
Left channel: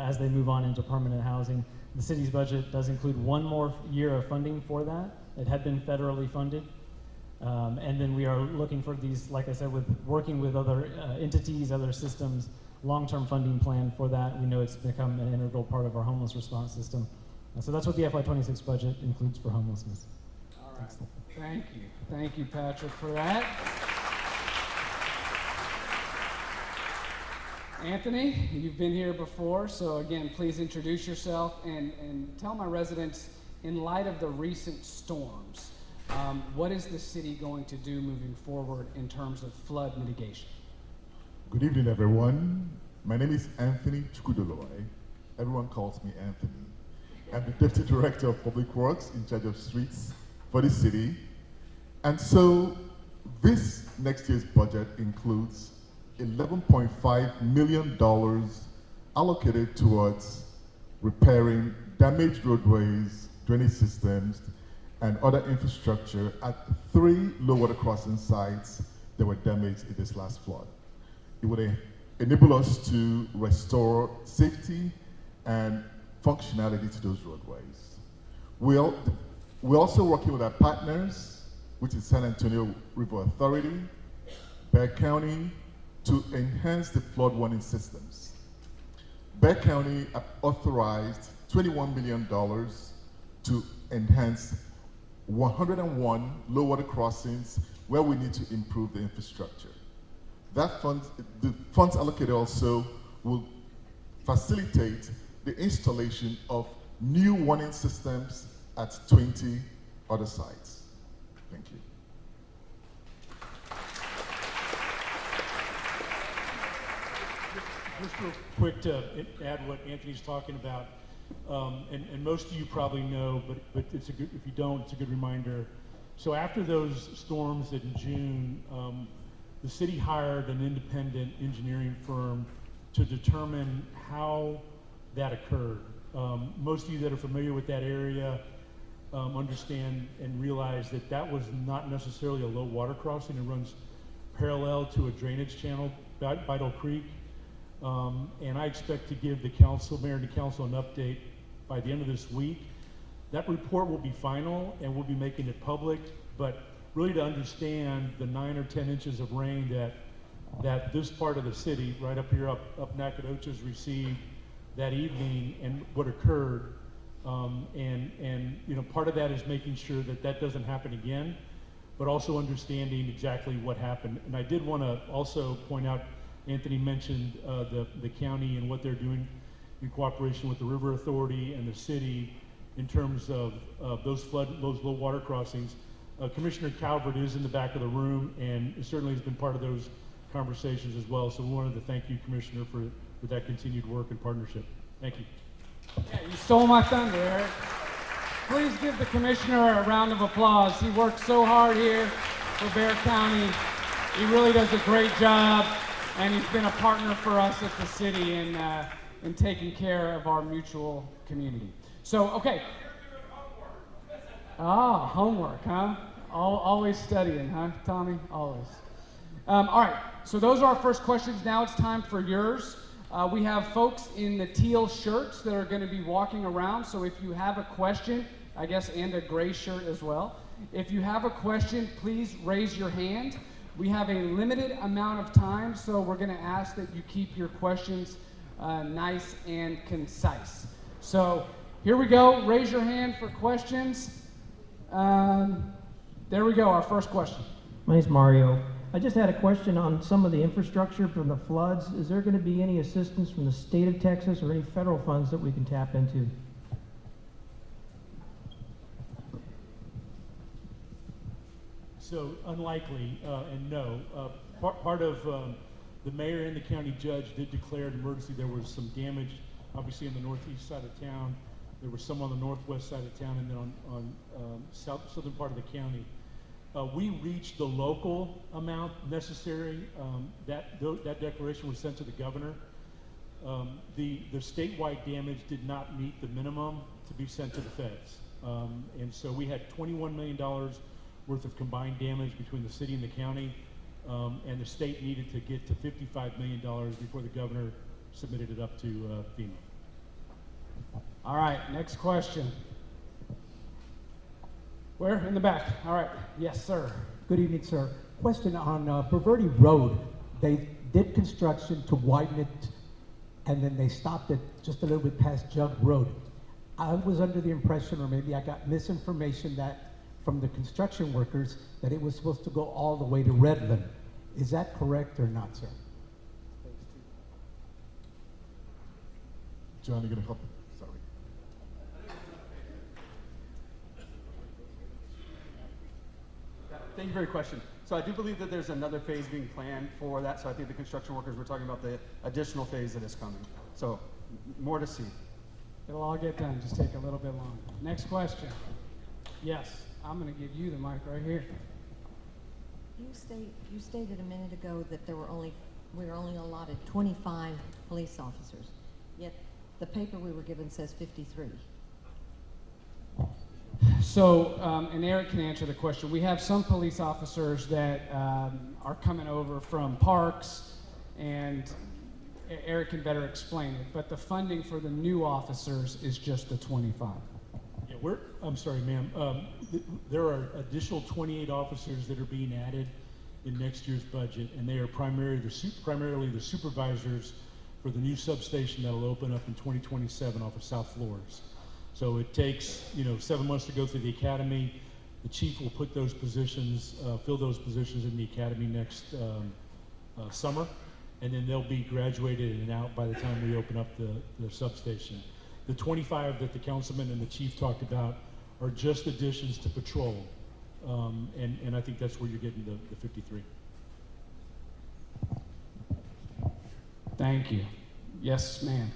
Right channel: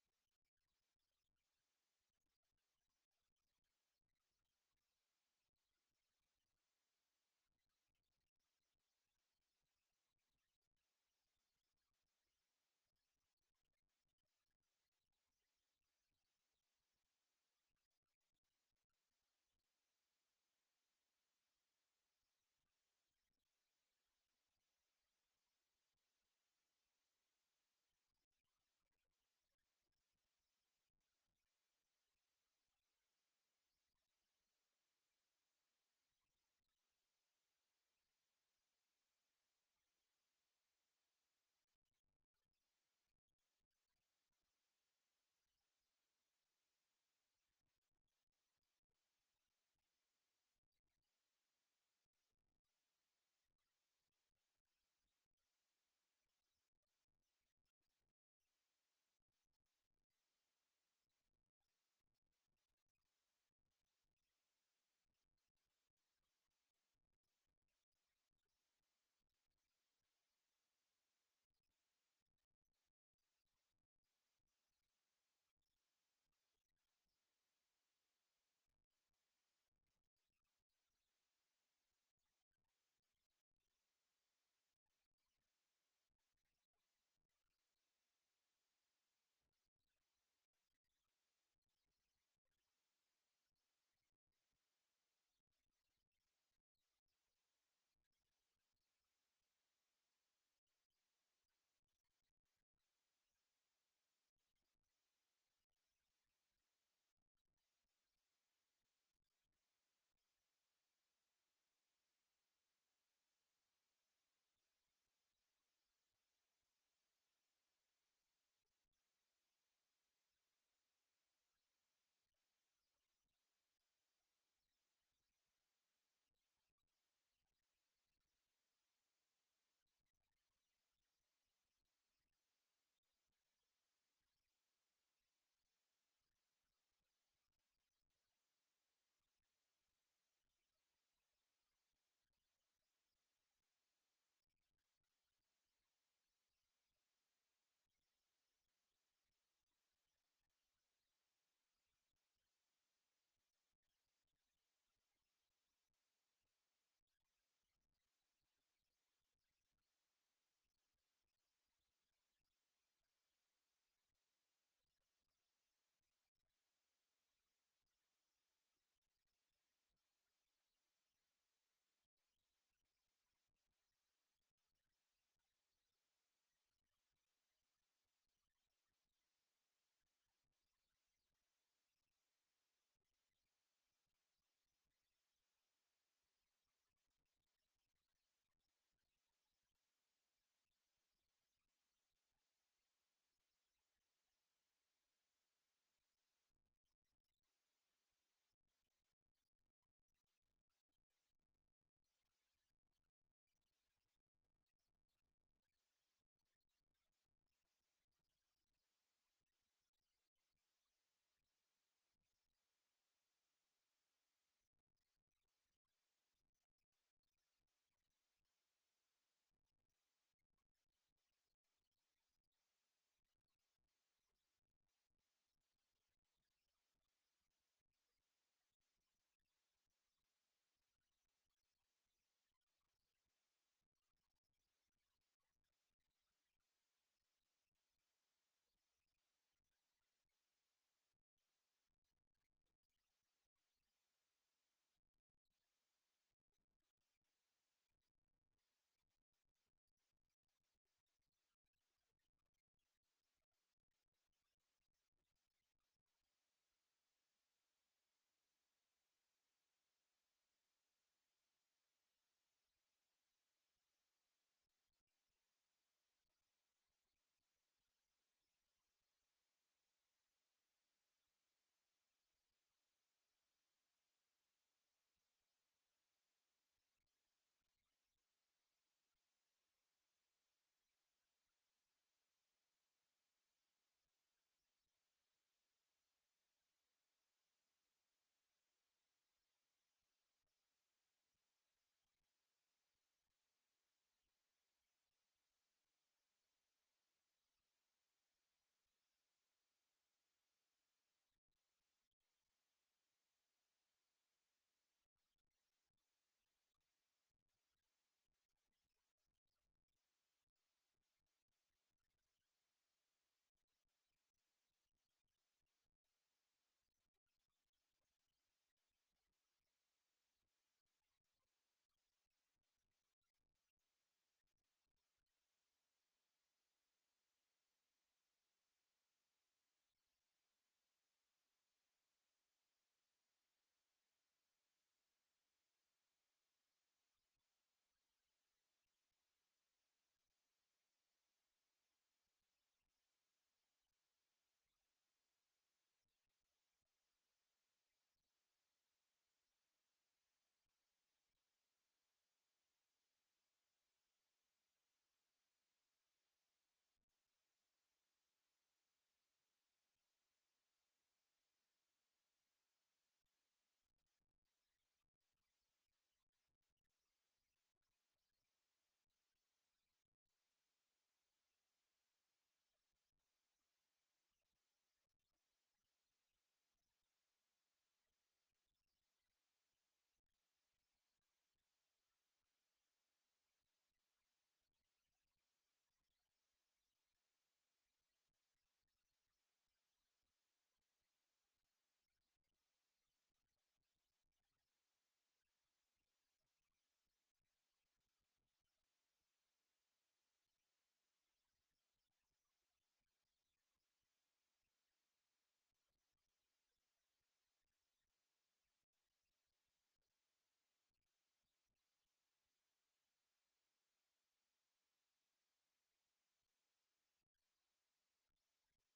as they move on into permanent housing. The city's budget does include 1 more year of funding for that. It had been federally funded. And then we are looking for these, like I said, working with other entities, other systems, long-term funding plan for that. We know it's become an integral part of our homeless response system. So that's what the FY26 budget includes for homelessness. All right. Thank you. Thank you, Patrick, for that. Anthony, you've been here before, so again, please introduce yourself and tell my residents, in light of the recent storms, what is the city going to do moving forward in terms of flood mitigation? Good evening, everyone. My name is Anthony Chukudoloi. Everyone calls me Anthony. I'm the Deputy Director of Public Works in charge of streets for the city. And so this next year's budget includes $11.5 million allocated towards repairing damaged roadways, drainage systems, and other infrastructure at 3 low water crossing sites that were damaged in this last flood. It would enable us to restore safety and functionality to those roadways. We're also working with our partners, which is San Antonio River Authority, Bexar County, to enhance the flood warning systems. Bexar County authorized $21 million to enhance 101 low water crossings where we need to improve the infrastructure. The funds allocated also will facilitate the installation of new warning systems at 20 other sites. Thank you. Just real quick to add what Anthony's talking about, and most of you probably know, but it's a good, if you don't, it's a good reminder. So after those storms in June, the city hired an independent engineering firm to determine how that occurred. Most of you that are familiar with that area understand and realize that that was not necessarily a low water crossing. It runs parallel to a drainage channel, Vital Creek. And I expect to give the council, mayor and the council, an update by the end of this week. That report will be final and we'll be making it public, but really to understand the 9 or 10 inches of rain that this part of the city, right up here, up Nacogdoches, received that evening and what occurred. And you know, part of that is making sure that that doesn't happen again, but also understanding exactly what happened. And I did want to also point out, Anthony mentioned the county and what they're doing in cooperation with the River Authority and the city in terms of those low water crossings. Commissioner Calvert is in the back of the room and certainly has been part of those conversations as well. So we wanted to thank you, Commissioner, for that continued work and partnership. Thank you. Yeah, you stole my thunder, Eric. Please give the commissioner a round of applause. He works so hard here for Bexar County. He really does a great job, and he's been a partner for us at the city in taking care of our mutual community. So, okay. Ah, homework, huh? Always studying, huh, Tommy? Always. All right, so those are our first questions. Now it's time for yours. We have folks in the teal shirts that are going to be walking around. So if you have a question, I guess, and a gray shirt as well. If you have a question, please raise your hand. We have a limited amount of time, so we're going to ask that you keep your questions nice and concise. So here we go. Raise your hand for questions. There we go, our first question. My name's Mario. I just had a question on some of the infrastructure from the floods. Is there going to be any assistance from the state of Texas or any federal funds that we can tap into? So unlikely, and no. Part of the mayor and the county judge did declare an emergency. There was some damage, obviously, on the northeast side of town. There was some on the northwest side of town, and then on southern part of the county. We reached the local amount necessary. That declaration was sent to the governor. The statewide damage did not meet the minimum to be sent to the feds. And so we had $21 million worth of combined damage between the city and the county, and the state needed to get to $55 million before the governor submitted it up to FEMA. All right, next question. Where? In the back. All right. Yes, sir. Good evening, sir. Question on Perverti Road. They did construction to widen it, and then they stopped it just a little bit past Jug Road. I was under the impression, or maybe I got misinformation, that from the construction workers, that it was supposed to go all the way to Redland. Is that correct or not, sir? John, you're going to help? Sorry. Thank you for your question. So I do believe that there's another phase being planned for that. So I think the construction workers were talking about the additional phase that is coming. So more to see. It'll all get done. Just take a little bit longer. Next question. Yes, I'm going to give you the mic right here. You stated a minute ago that we were only allotted 25 police officers, yet the paper we were given says 53. So, and Eric can answer the question. We have some police officers that are coming over from parks, and Eric can better explain it. But the funding for the new officers is just the 25. Yeah, I'm sorry, ma'am. There are additional 28 officers that are being added in next year's budget, and they are primarily the supervisors for the new substation that will open up in 2027 off of South Flores. So it takes 7 months to go through the academy. The chief will put those positions, fill those positions in the academy next summer, and then they'll be graduated and out by the time we open up the substation. The 25 that the councilman and the chief talked about are just additions to patrol, and I think that's where you're getting the 53. Thank you. Yes, ma'am.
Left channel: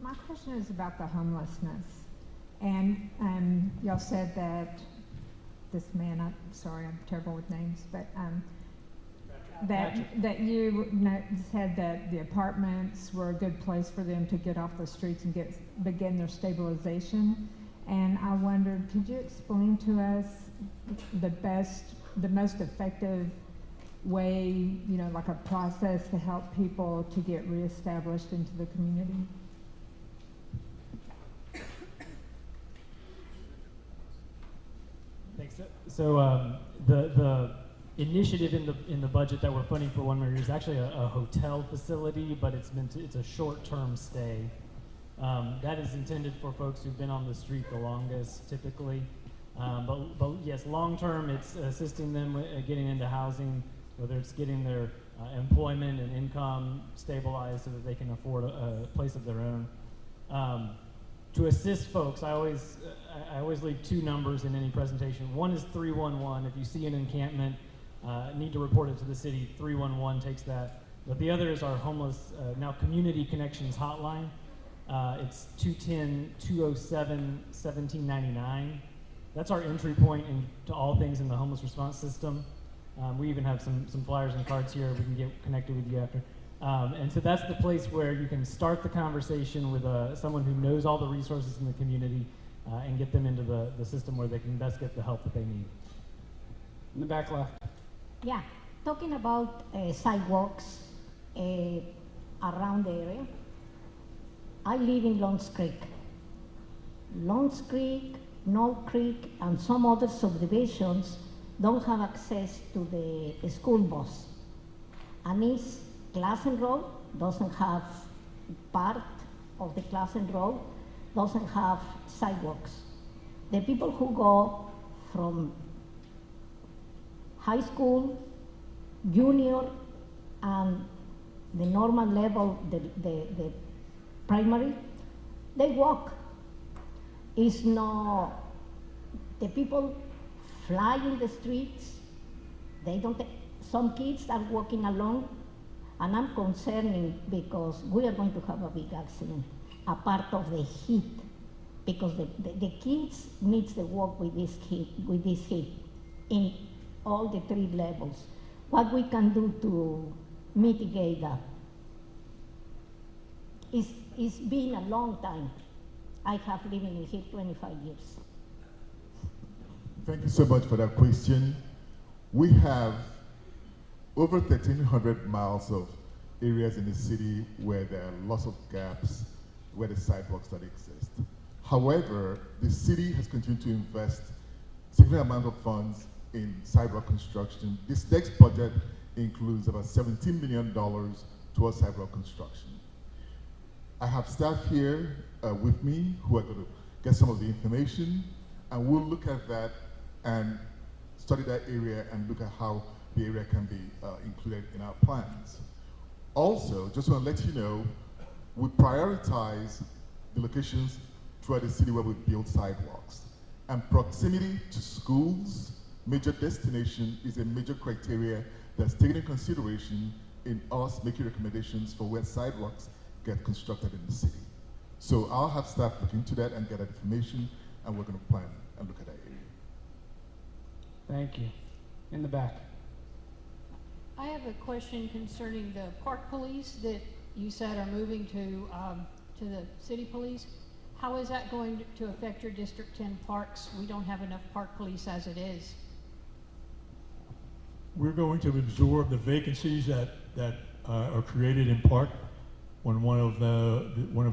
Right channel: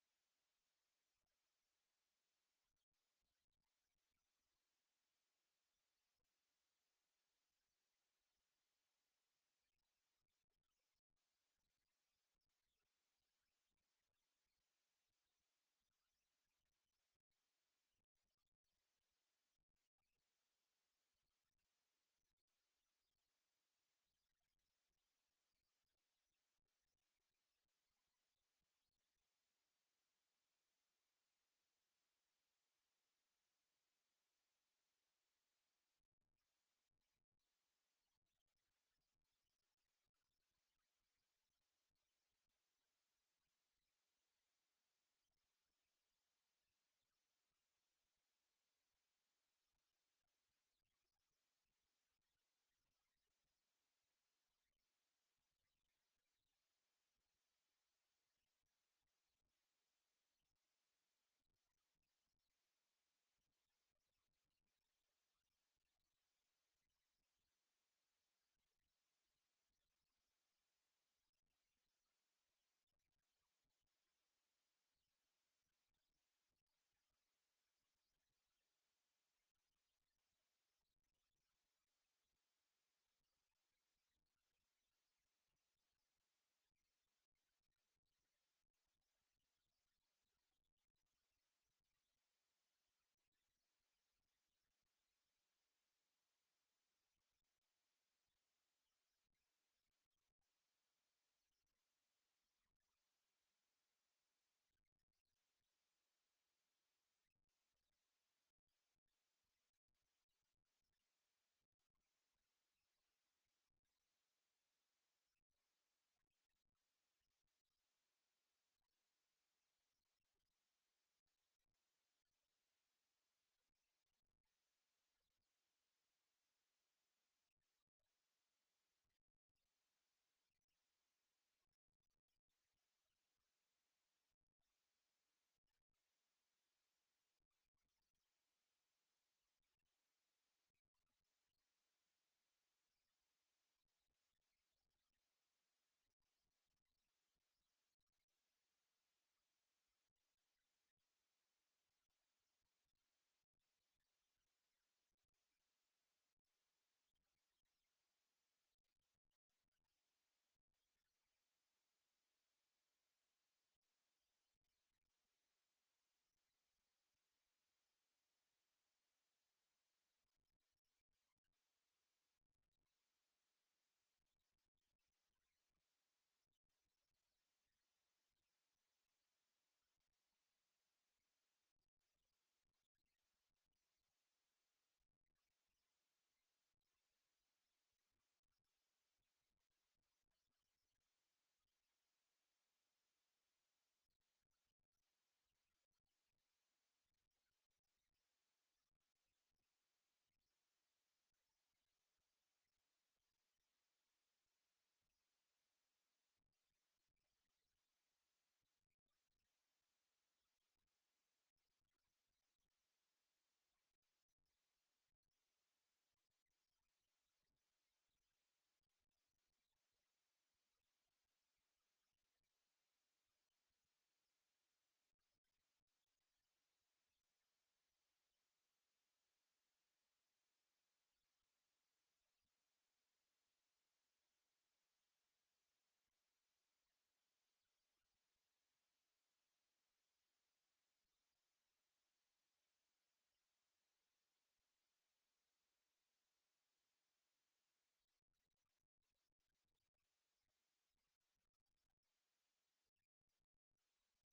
My question is about the homelessness. And y'all said that this man, I'm sorry, I'm terrible with names, but that you said that the apartments were a good place for them to get off the streets and begin their stabilization. And I wondered, could you explain to us the most effective way, like a process to help people to get reestablished into the community? Thanks. So the initiative in the budget that we're funding for One Mary is actually a hotel facility, but it's a short-term stay. That is intended for folks who've been on the street the longest, typically. But yes, long-term, it's assisting them with getting into housing, whether it's getting their employment and income stabilized so that they can afford a place of their own. To assist folks, I always leave two numbers in any presentation. One is 311. If you see an encampment, need to report it to the city, 311 takes that. But the other is our homeless, now Community Connections hotline. It's 210-207-1799. That's our entry point into all things in the homeless response system. We even have some flyers and cards here. We can get connected with you after. And so that's the place where you can start the conversation with someone who knows all the resources in the community and get them into the system where they can best get the help that they need. In the back left. Yeah, talking about sidewalks around the area. I live in Lawns Creek. Lawns Creek, Knoll Creek, and some other subdivisions don't have access to the school bus. And East Classen Road doesn't have part of the Classen Road, doesn't have sidewalks. The people who go from high school junior and the normal level, the primary, they walk. It's not, the people fly in the streets, they don't, some kids are walking along, and I'm concerning because we are going to have a big accident, a part of the heat, because the kids needs to walk with this heat in all the 3 levels. What we can do to mitigate that? It's been a long time. I have lived in here 25 years. Thank you so much for that question. We have over 1,300 miles of areas in the city where there are lots of gaps, where the sidewalks don't exist. However, the city has continued to invest significant amount of funds in sidewalk construction. This next budget includes about $17 million towards sidewalk construction. I have staff here with me who are going to get some of the information, and we'll look at that and study that area and look at how the area can be included in our plans. Also, just want to let you know, we prioritize the locations throughout the city where we build sidewalks. And proximity to schools, major destination, is a major criteria that's taken into consideration in us making recommendations for where sidewalks get constructed in the city. So I'll have staff look into that and get that information, and we're going to plan and look at that area. Thank you. In the back. I have a question concerning the park police that you said are moving to the city police. How is that going to affect your District 10 parks? We don't have enough park police as it is. We're going to absorb the vacancies that are created in park when one of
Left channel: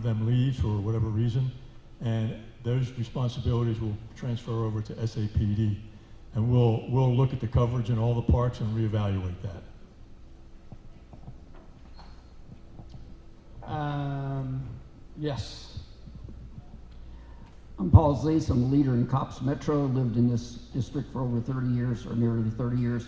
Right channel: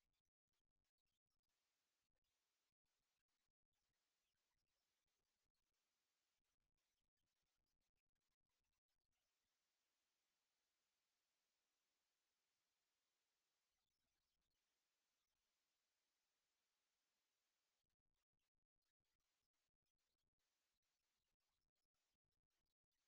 them leaves for whatever reason, and those responsibilities will transfer over to SAPD, and we'll look at the coverage in all the parks and reevaluate that. Yes. I'm Paul Zase. I'm a leader in Cops Metro. Lived in this district for over 30 years, or nearly 30 years.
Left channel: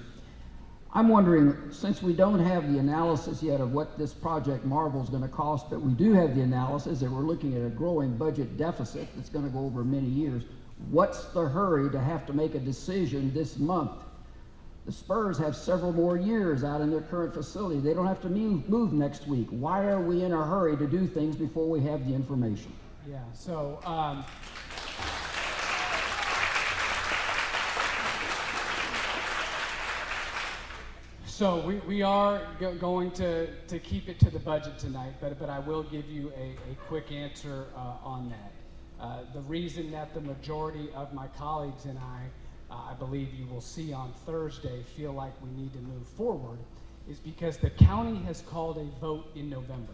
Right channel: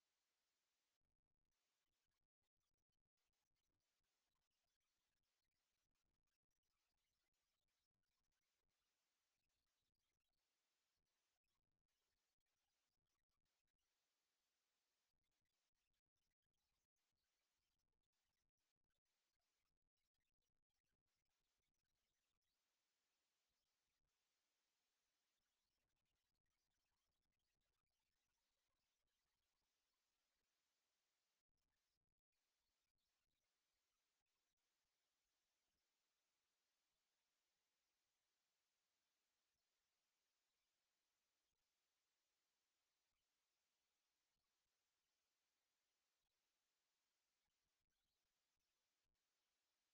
I'm wondering, since we don't have the analysis yet of what this Project Marvel is going to cost, but we do have the analysis that we're looking at a growing budget deficit that's going to go over many years, what's the hurry to have to make a decision this month? The Spurs have several more years out in their current facility. They don't have to move next week. Why are we in a hurry to do things before we have the information? Yeah, so so we are going to keep it to the budget tonight, but I will give you a quick answer on that. The reason that the majority of my colleagues and I believe you will see on Thursday, feel like we need to move forward is because the county has called a vote in November,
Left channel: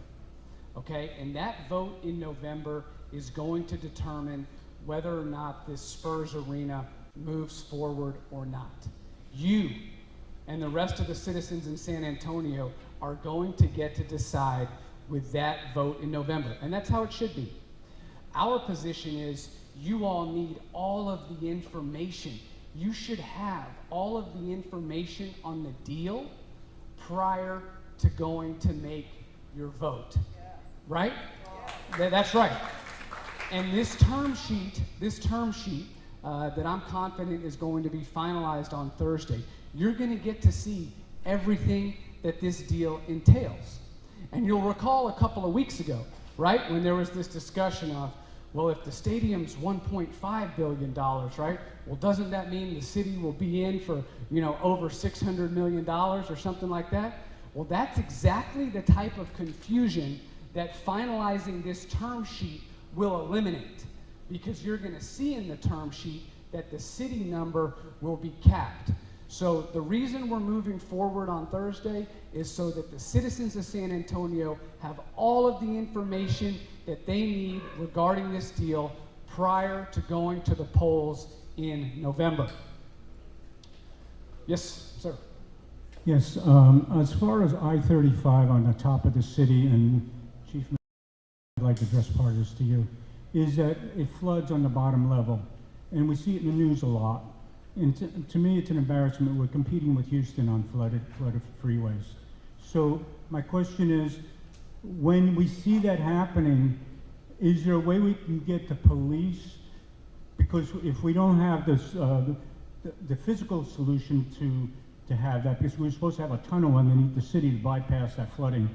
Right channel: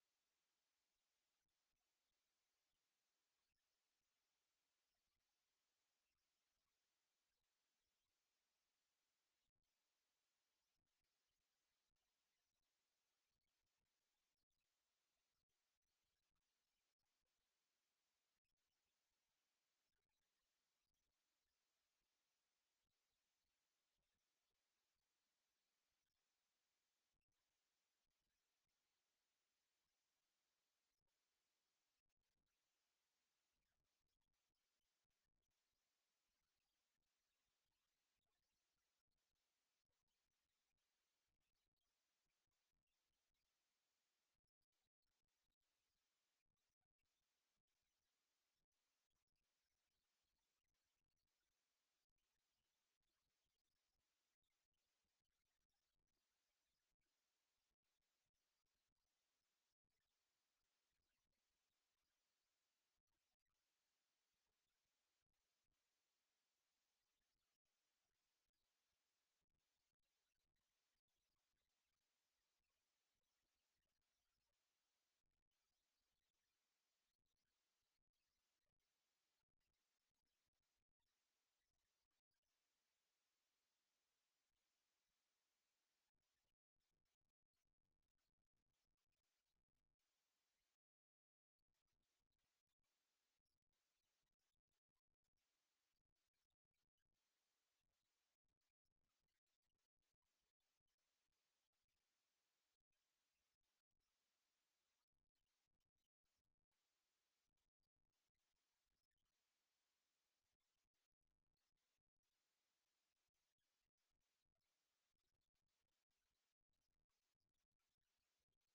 okay? And that vote in November is going to determine whether or not this Spurs arena moves forward or not. You and the rest of the citizens in San Antonio are going to get to decide with that vote in November, and that's how it should be. Our position is you all need all of the information. You should have all of the information on the deal prior to going to make your vote, right? That's right. And this term sheet that I'm confident is going to be finalized on Thursday, you're going to get to see everything that this deal entails. And you'll recall a couple of weeks ago, right, when there was this discussion of, well, if the stadium's $1.5 billion, right, well, doesn't that mean the city will be in for, over $600 million or something like that? Well, that's exactly the type of confusion that finalizing this term sheet will eliminate, because you're going to see in the term sheet that the city number will be capped. So the reason we're moving forward on Thursday is so that the citizens of San Antonio have all of the information that they need regarding this deal prior to going to the polls in November. Yes, sir. Yes, as far as I-35 on the top of the city, and Chief, I'd like to address part of this to you, is that it floods on the bottom level, and we see it in the news a lot. And to me, it's an embarrassment. We're competing with Houston on flooded freeways. So my question is, when we see that happening, is there a way we can get the police? Because if we don't have this, the physical solution to have that, because we're supposed to have a tunnel underneath the city to bypass that flooding.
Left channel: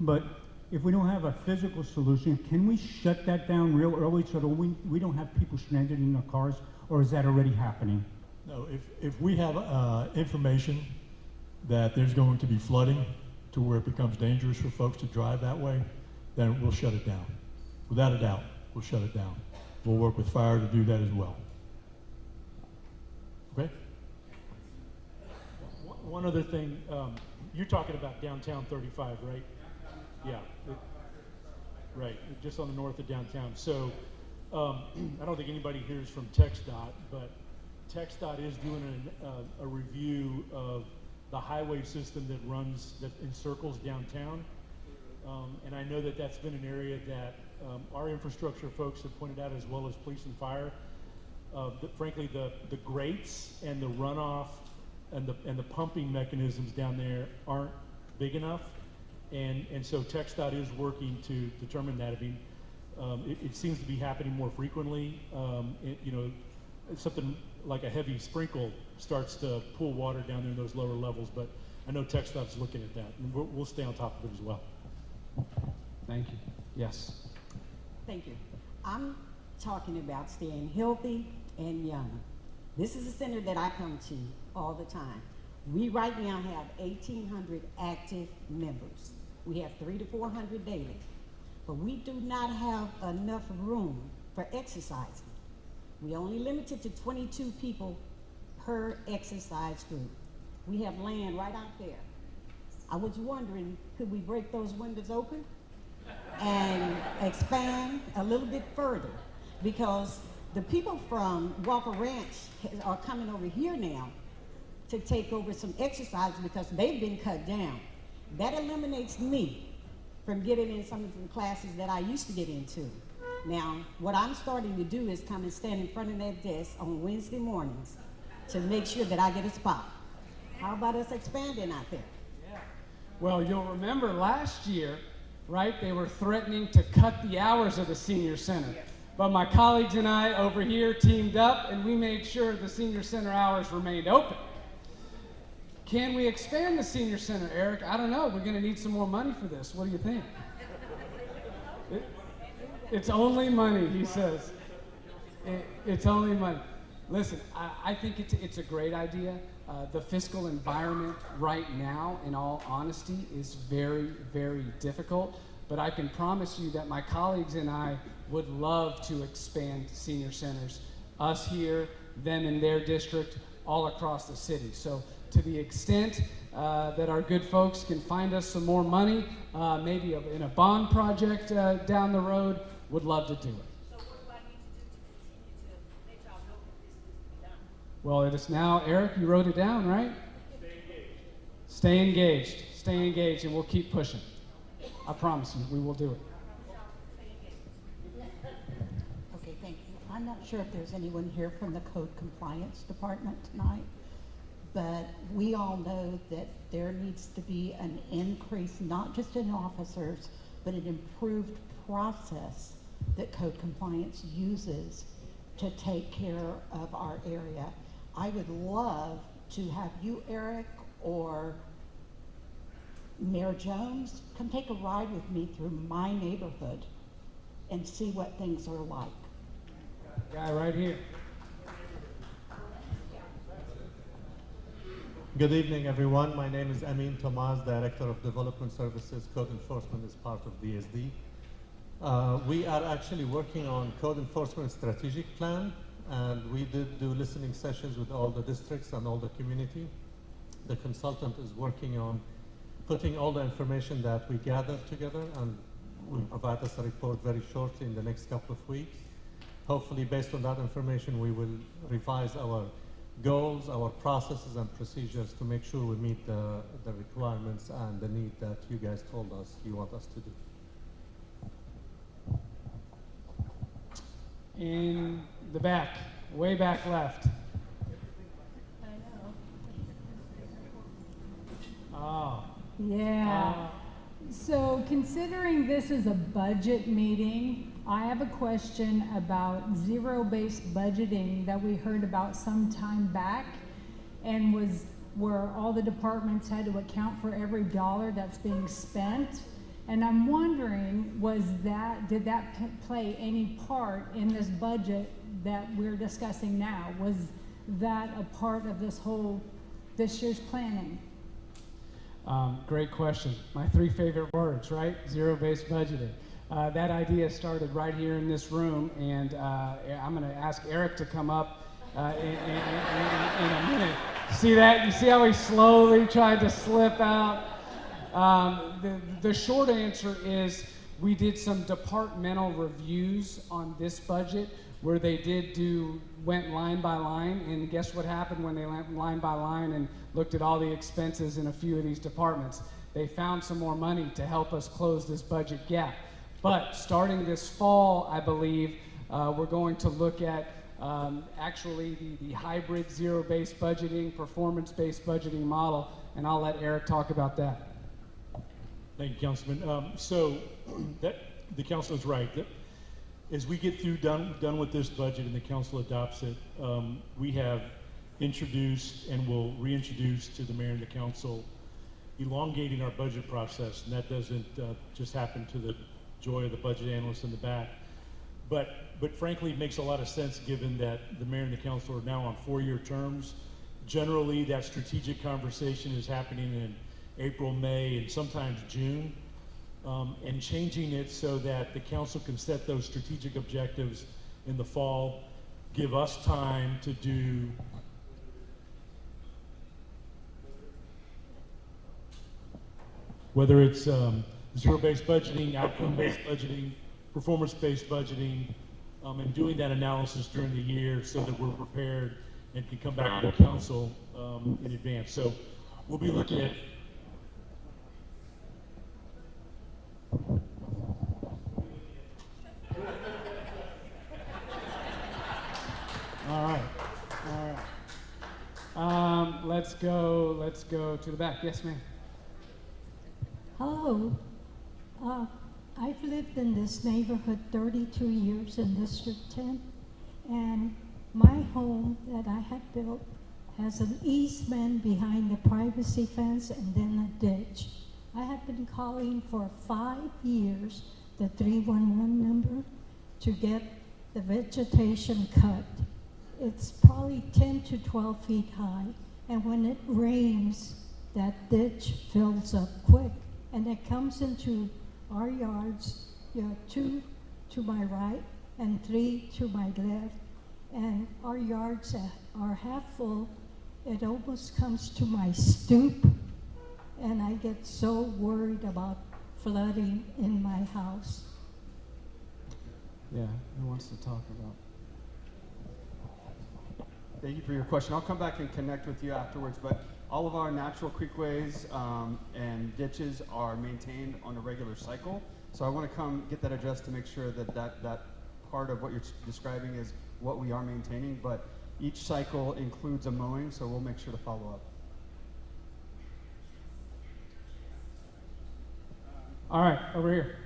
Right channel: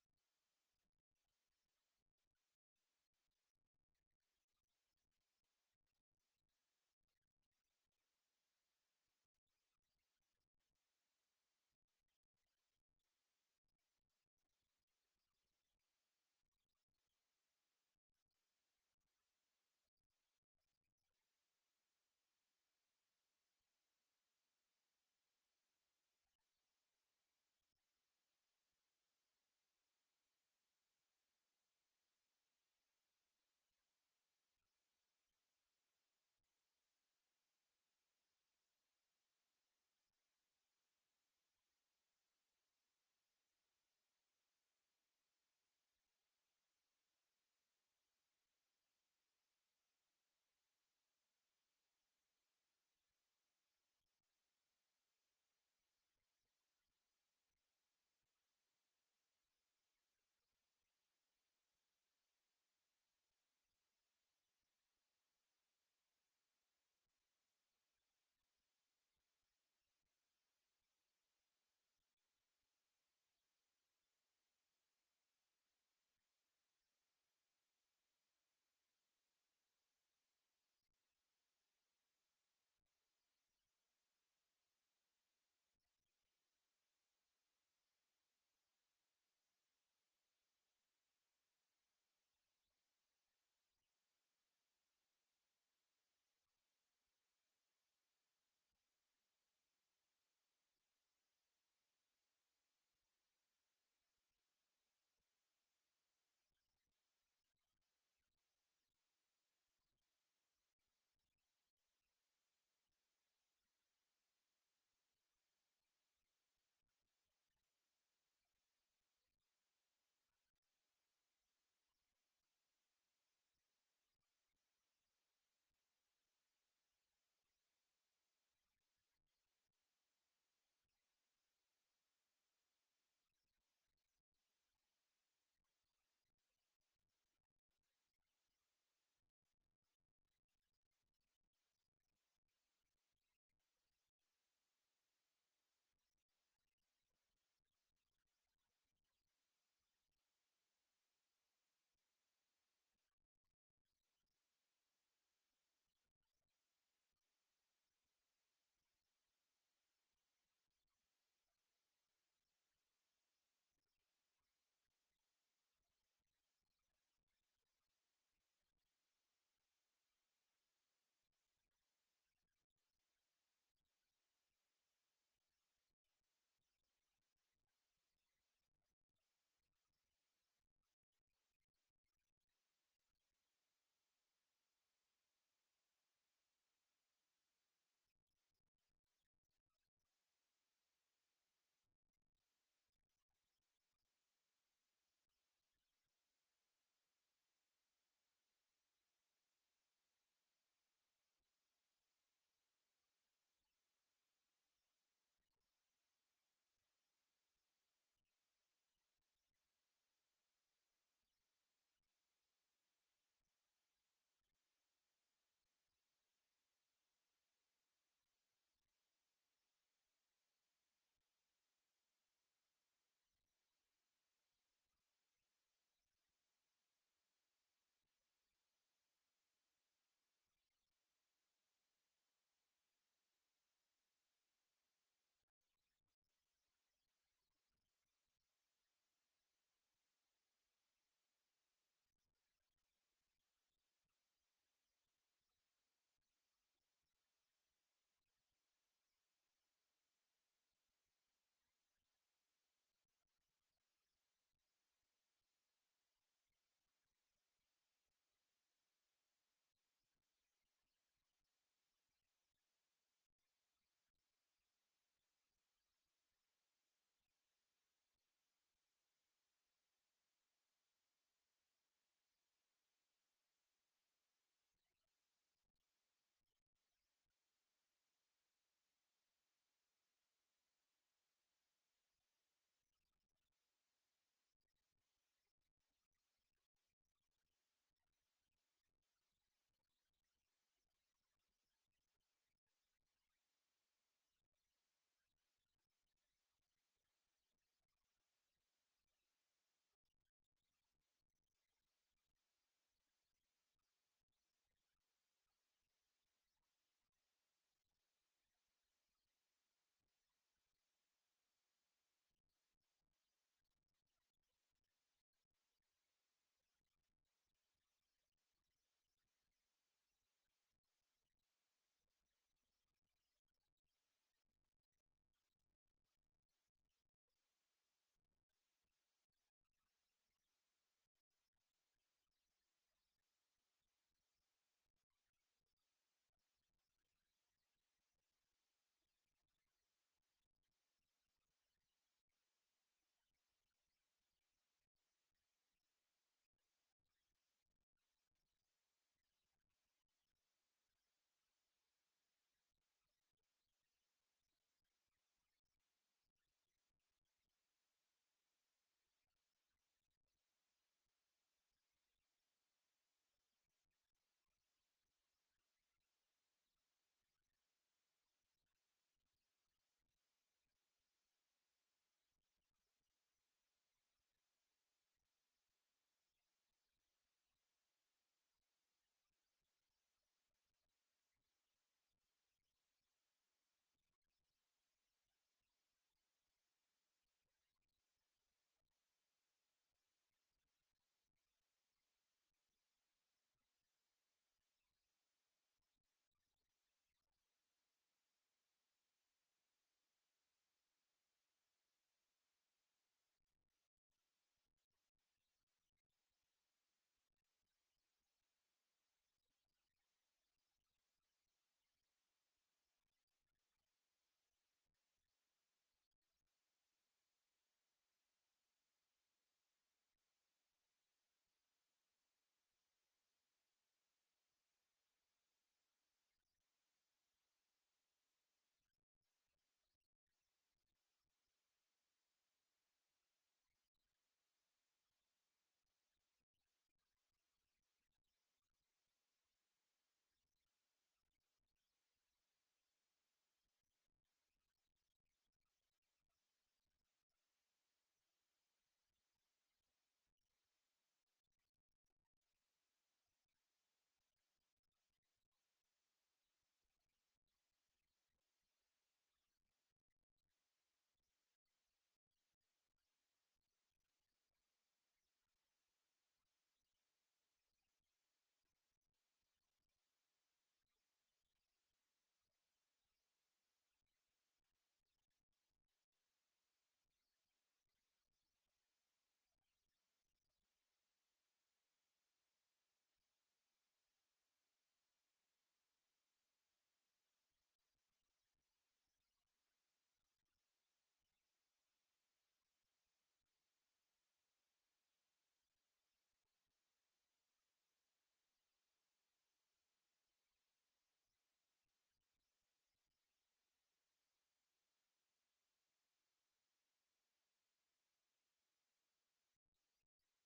But if we don't have a physical solution, can we shut that down real early so that we don't have people stranded in their cars, or is that already happening? No, if we have information that there's going to be flooding to where it becomes dangerous for folks to drive that way, then we'll shut it down. Without a doubt, we'll shut it down. We'll work with fire to do that as well. Okay? One other thing, you're talking about downtown 35, right? Yeah, right, just on the north of downtown. So I don't think anybody here is from TxDOT, but TxDOT is doing a review of the highway system that encircles downtown. And I know that that's been an area that our infrastructure folks have pointed out, as well as police and fire. Frankly, the grates and the runoff and the pumping mechanisms down there aren't big enough. And so TxDOT is working to determine that. I mean, it seems to be happening more frequently. You know, something like a heavy sprinkle starts to pull water down there in those lower levels, but I know TxDOT's looking at that, and we'll stay on top of it as well. Thank you. Yes. Thank you. I'm talking about staying healthy and young. This is a center that I come to all the time. We right now have 1,800 active members. We have 300 to 400 daily, but we do not have enough room for exercising. We only limited to 22 people per exercise group. We have land right out there. I was wondering, could we break those windows open and expand a little bit further? Because the people from Walker Ranch are coming over here now to take over some exercise because they've been cut down. That eliminates me from getting in some of the classes that I used to get into. Now, what I'm starting to do is come and stand in front of that desk on Wednesday mornings to make sure that I get a spot. How about us expanding out there? Yeah. Well, you'll remember last year, right, they were threatening to cut the hours of the senior center. But my colleagues and I over here teamed up and we made sure the senior center hours remained open. Can we expand the senior center, Eric? I don't know. We're going to need some more money for this. What do you think? It's only money, he says. It's only money. Listen, I think it's a great idea. The fiscal environment right now, in all honesty, is very, very difficult. But I can promise you that my colleagues and I would love to expand senior centers. Us here, them in their district, all across the city. So to the extent that our good folks can find us some more money, maybe in a bond project down the road, would love to do it. So what do I need to do to continue to let y'all know that this needs to be done? Well, it is now, Eric, you wrote it down, right? Stay engaged. Stay engaged, and we'll keep pushing. I promise you, we will do it. Okay, thank you. I'm not sure if there's anyone here from the Code Compliance Department tonight, but we all know that there needs to be an increase, not just in officers, but an improved process that Code Compliance uses to take care of our area. I would love to have you, Eric, or Mayor Jones, come take a ride with me through my neighborhood and see what things are like. Guy right here. Good evening, everyone. My name is Amin Tomas, Director of Development Services. Code Enforcement is part of DSD. We are actually working on Code Enforcement Strategic Plan, and we did do listening sessions with all the districts and all the community. The consultant is working on putting all the information that we gathered together, and will provide us a report very shortly in the next couple of weeks. Hopefully, based on that information, we will revise our goals, our processes and procedures to make sure we meet the requirements and the need that you guys told us you want us to do. In the back, way back left. Yeah. So considering this is a budget meeting, I have a question about zero-based budgeting that we heard about some time back, and was where all the departments had to account for every dollar that's being spent. And I'm wondering, did that play any part in this budget that we're discussing now? Was that a part of this year's planning? Great question. My 3 favorite words, right? Zero-based budgeting. That idea started right here in this room, and I'm going to ask Eric to come up in a minute. See that? You see how he slowly tried to slip out? The short answer is we did some departmental reviews on this budget where they went line by line, and guess what happened when they went line by line and looked at all the expenses in a few of these departments? They found some more money to help us close this budget gap. But starting this fall, I believe, we're going to look at actually the hybrid zero-based budgeting, performance-based budgeting model, and I'll let Eric talk about that. Thank you, Councilman. So the council is right. As we get done with this budget and the council adopts it, we have introduced and will reintroduce to the mayor and the council elongating our budget process, and that doesn't just happen to the joy of the budget analysts in the back. But frankly, it makes a lot of sense given that the mayor and the council are now on 4-year terms. Generally, that strategic conversation is happening in April, May, and sometimes June, and changing it so that the council can set those strategic objectives in the fall, give us time to do whether it's zero-based budgeting, outcome-based budgeting, performance-based budgeting, and doing that analysis during the year so that we're prepared and can come back to the council in advance. So we'll be looking at All right. Let's go to the back. Yes, ma'am. Hello. I've lived in this neighborhood 32 years in District 10, and my home that I have built has an easement behind the privacy fence and then a ditch. I have been calling for 5 years the 311 number to get the vegetation cut. It's probably 10 to 12 feet high, and when it rains, that ditch fills up quick, and it comes into our yards, 2 to my right and 3 to my left, and our yards are half full. It almost comes to my stoop, and I get so worried about flooding in my house. Yeah, who wants to talk about? Thank you for your question. I'll come back and connect with you afterwards, but all of our natural creekways and ditches are maintained on a regular cycle. So I want to come get that addressed to make sure that part of what you're describing is what we are maintaining, but each cycle includes a mowing, so we'll make sure to follow up. All right, over here.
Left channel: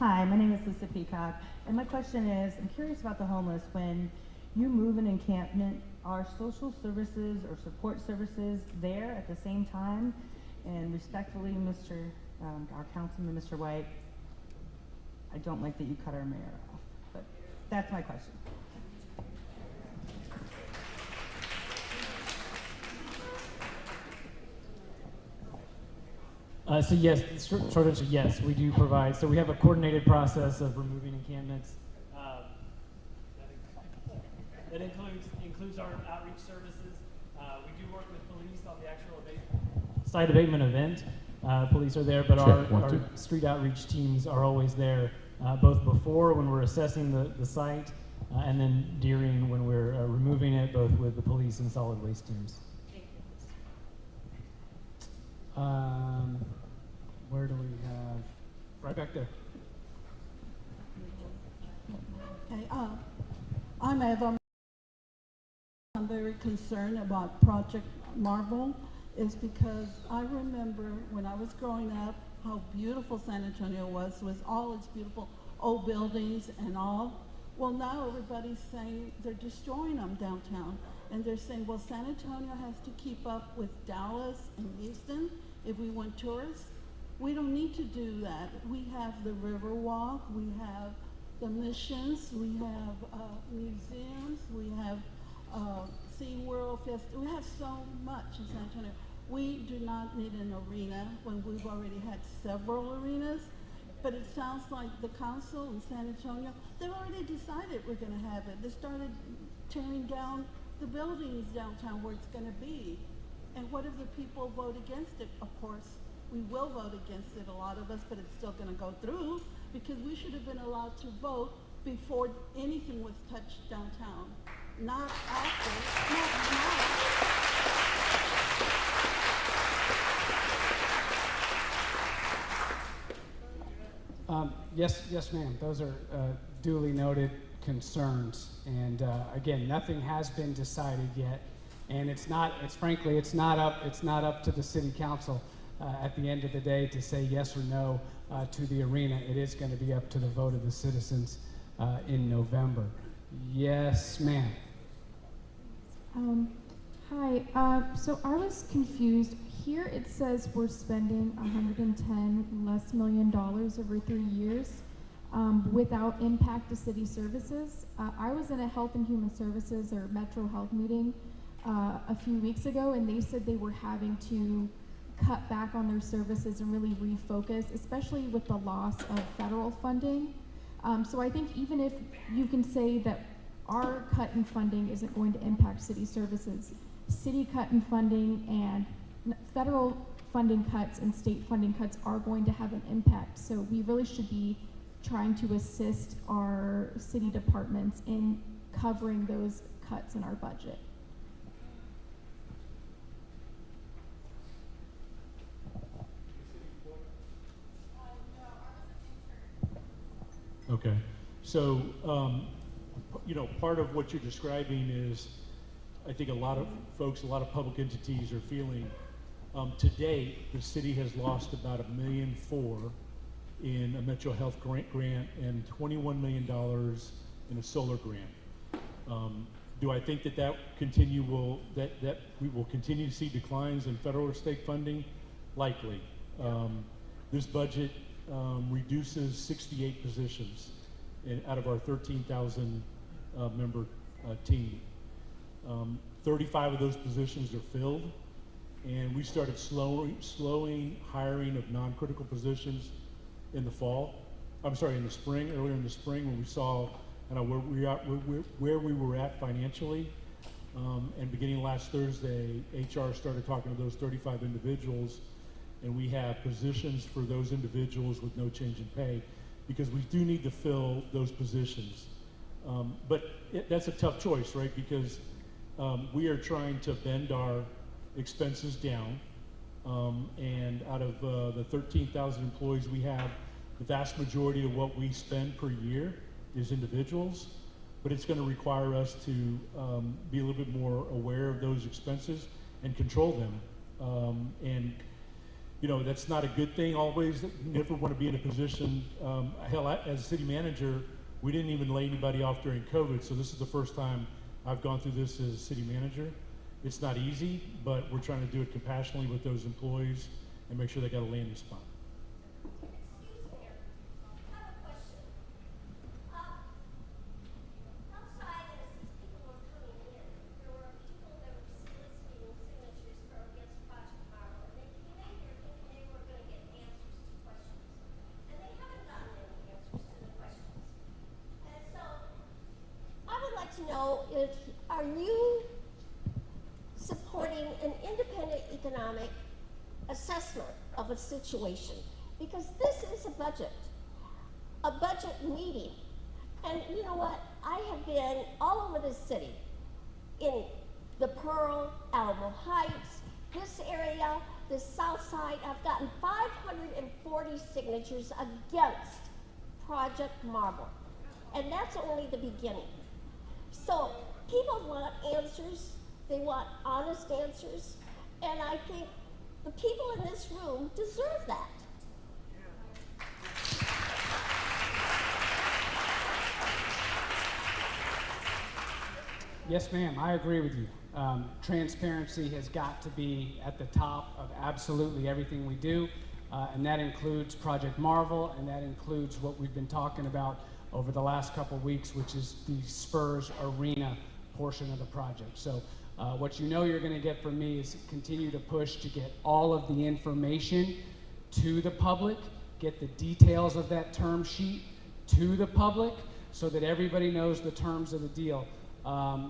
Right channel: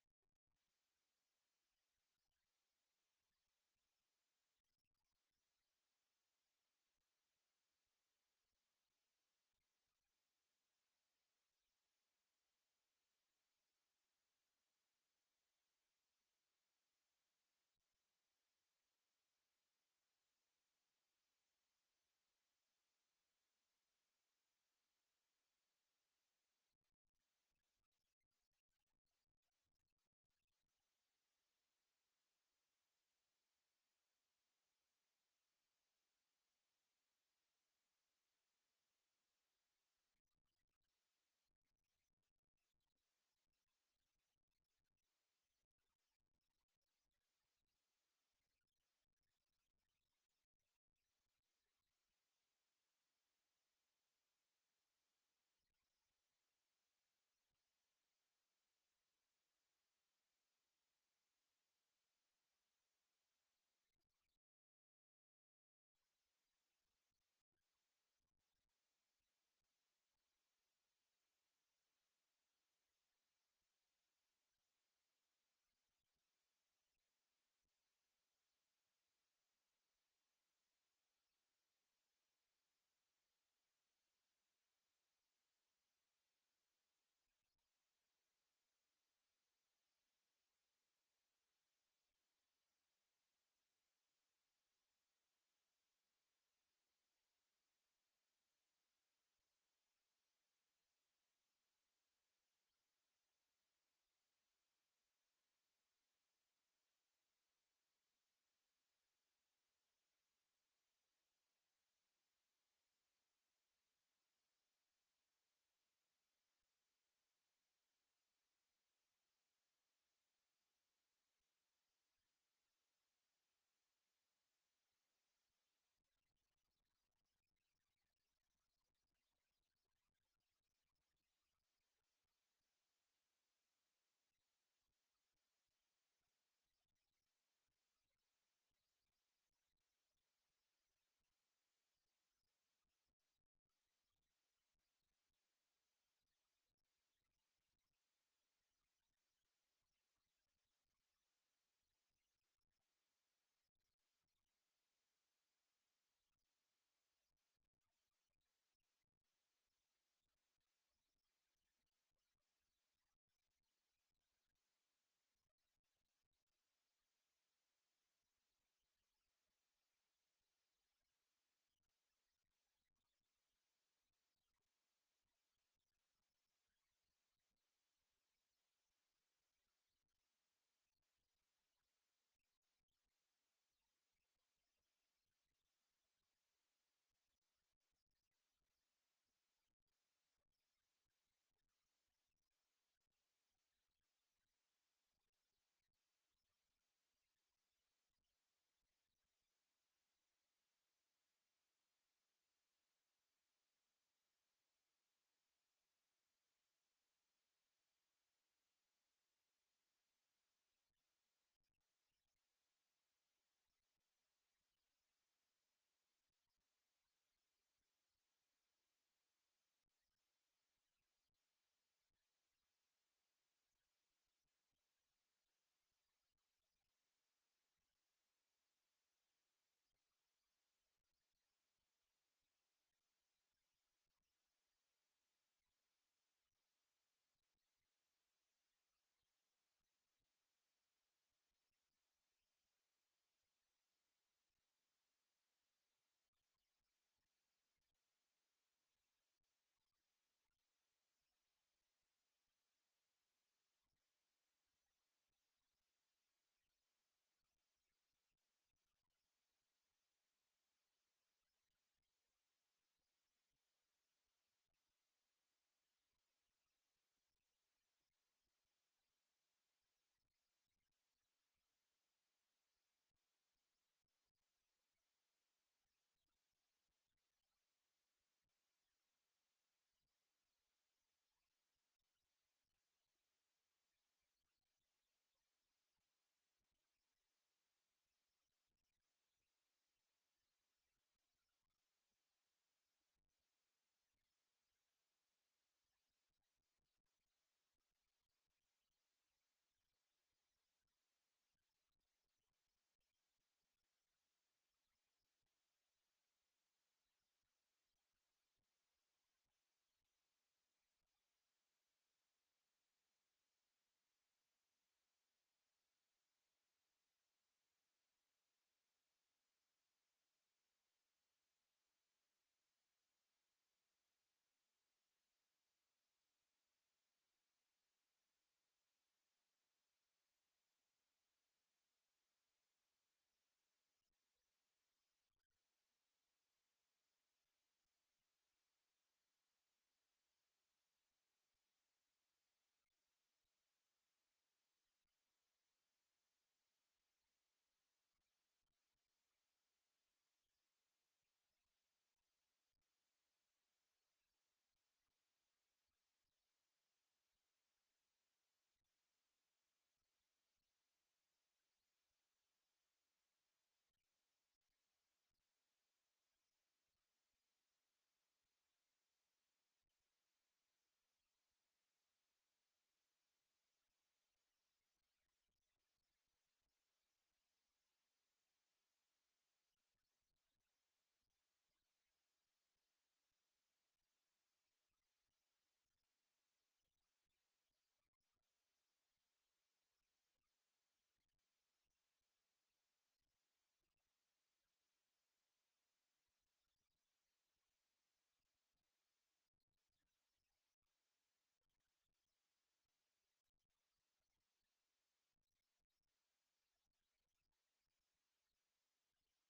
Hi, my name is Lisa Peacock, and my question is, I'm curious about the homeless. When you move an encampment, are social services or support services there at the same time? And respectfully, our councilman, Mr. White, I don't like that you cut our mayor off, but that's my question. So yes, short answer, yes, we do provide. So we have a coordinated process of removing encampments. That includes our outreach services. We do work with police on the actual site abatement event. Police are there, but our street outreach teams are always there, both before when we're assessing the site, and then during when we're removing it, both with the police and solid waste teams. Where do we have? Right back there. Okay, I'm very concerned about Project Marvel. is because I remember when I was growing up how beautiful San Antonio was with all its beautiful old buildings and all. Well, now everybody's saying they're destroying them downtown. And they're saying, well, San Antonio has to keep up with Dallas and Houston if we want tourists. We don't need to do that. We have the Riverwalk, we have the missions, we have museums, we have SeaWorld Fest. We have so much in San Antonio. We do not need an arena when we've already had several arenas. But it sounds like the council in San Antonio, they've already decided we're going to have it. They started tearing down the buildings downtown where it's going to be. And what if the people vote against it? Of course, we will vote against it, a lot of us, but it's still going to go through because we should have been allowed to vote before anything was touched downtown, not after, not now. Yes, ma'am. Those are duly noted concerns, and again, nothing has been decided yet, and it's not up to the city council at the end of the day to say yes or no to the arena. It is going to be up to the vote of the citizens in November. Yes, ma'am. Hi. So I was confused. Here it says we're spending $110 million over 3 years without impact to city services. I was in a Health and Human Services or Metro Health meeting a few weeks ago, and they said they were having to cut back on their services and really refocus, especially with the loss of federal funding. So I think even if you can say that our cut in funding isn't going to impact city services, city cut in funding and federal funding cuts and state funding cuts are going to have an impact. So we really should be trying to assist our city departments in covering those cuts in our budget. Okay, so part of what you're describing is, I think a lot of folks, a lot of public entities are feeling. To date, the city has lost about $1.4 million in a Metro Health grant and $21 million in a solar grant. Do I think that that we will continue to see declines in federal or state funding? Likely. This budget reduces 68 positions out of our 13,000 member team. 35 of those positions are filled, and we started slowing hiring of non-critical positions in the fall. I'm sorry, in the spring, earlier in the spring, when we saw where we were at financially. And beginning last Thursday, HR started talking to those 35 individuals, and we have positions for those individuals with no change in pay, because we do need to fill those positions. But that's a tough choice, right? Because we are trying to bend our expenses down, and out of the 13,000 employees we have, the vast majority of what we spend per year is individuals, but it's going to require us to be a little bit more aware of those expenses and control them. And that's not a good thing always. You never want to be in a position, hell, as a city manager, we didn't even lay anybody off during COVID, so this is the first time I've gone through this as a city manager. It's not easy, but we're trying to do it compassionately with those employees and make sure they got a landing spot. Are you supporting an independent economic assessment of a situation? Because this is a budget meeting. And you know what? I have been all over the city, in the Pearl, Alamo Heights, this area, the South Side. I've gotten 540 signatures against Project Marble. And that's only the beginning. So people want answers, they want honest answers, and I think the people in this room deserve that. Yes, ma'am, I agree with you. Transparency has got to be at the top of absolutely everything we do, and that includes Project Marvel, and that includes what we've been talking about over the last couple weeks, which is the Spurs Arena portion of the project. So what you know you're going to get from me is continue to push to get all of the information to the public, get the details of that term sheet to the public so that everybody knows the terms of the deal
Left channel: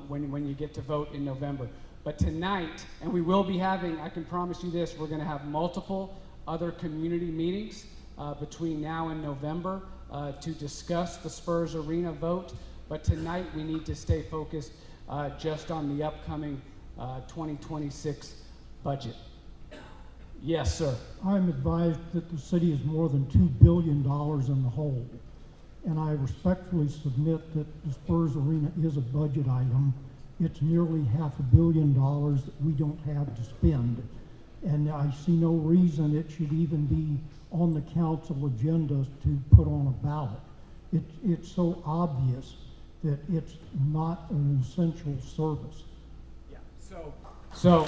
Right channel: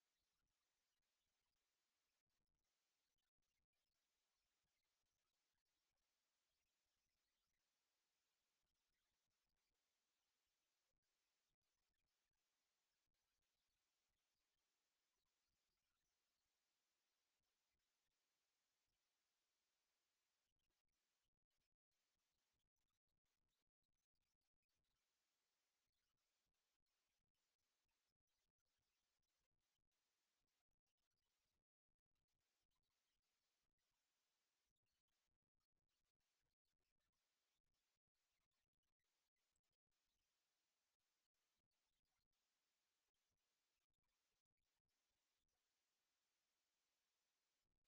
when you get to vote in November. But tonight, and we will be having, I can promise you this, we're going to have multiple other community meetings between now and November to discuss the Spurs Arena vote. But tonight we need to stay focused just on the upcoming 2026 budget. Yes, sir. I'm advised that the city is more than $2 billion in the hole. And I respectfully submit that the Spurs Arena is a budget item. It's nearly $500 million that we don't have to spend. And I see no reason it should even be on the council agenda to put on a ballot. It's so obvious that it's not an essential service. Yeah, so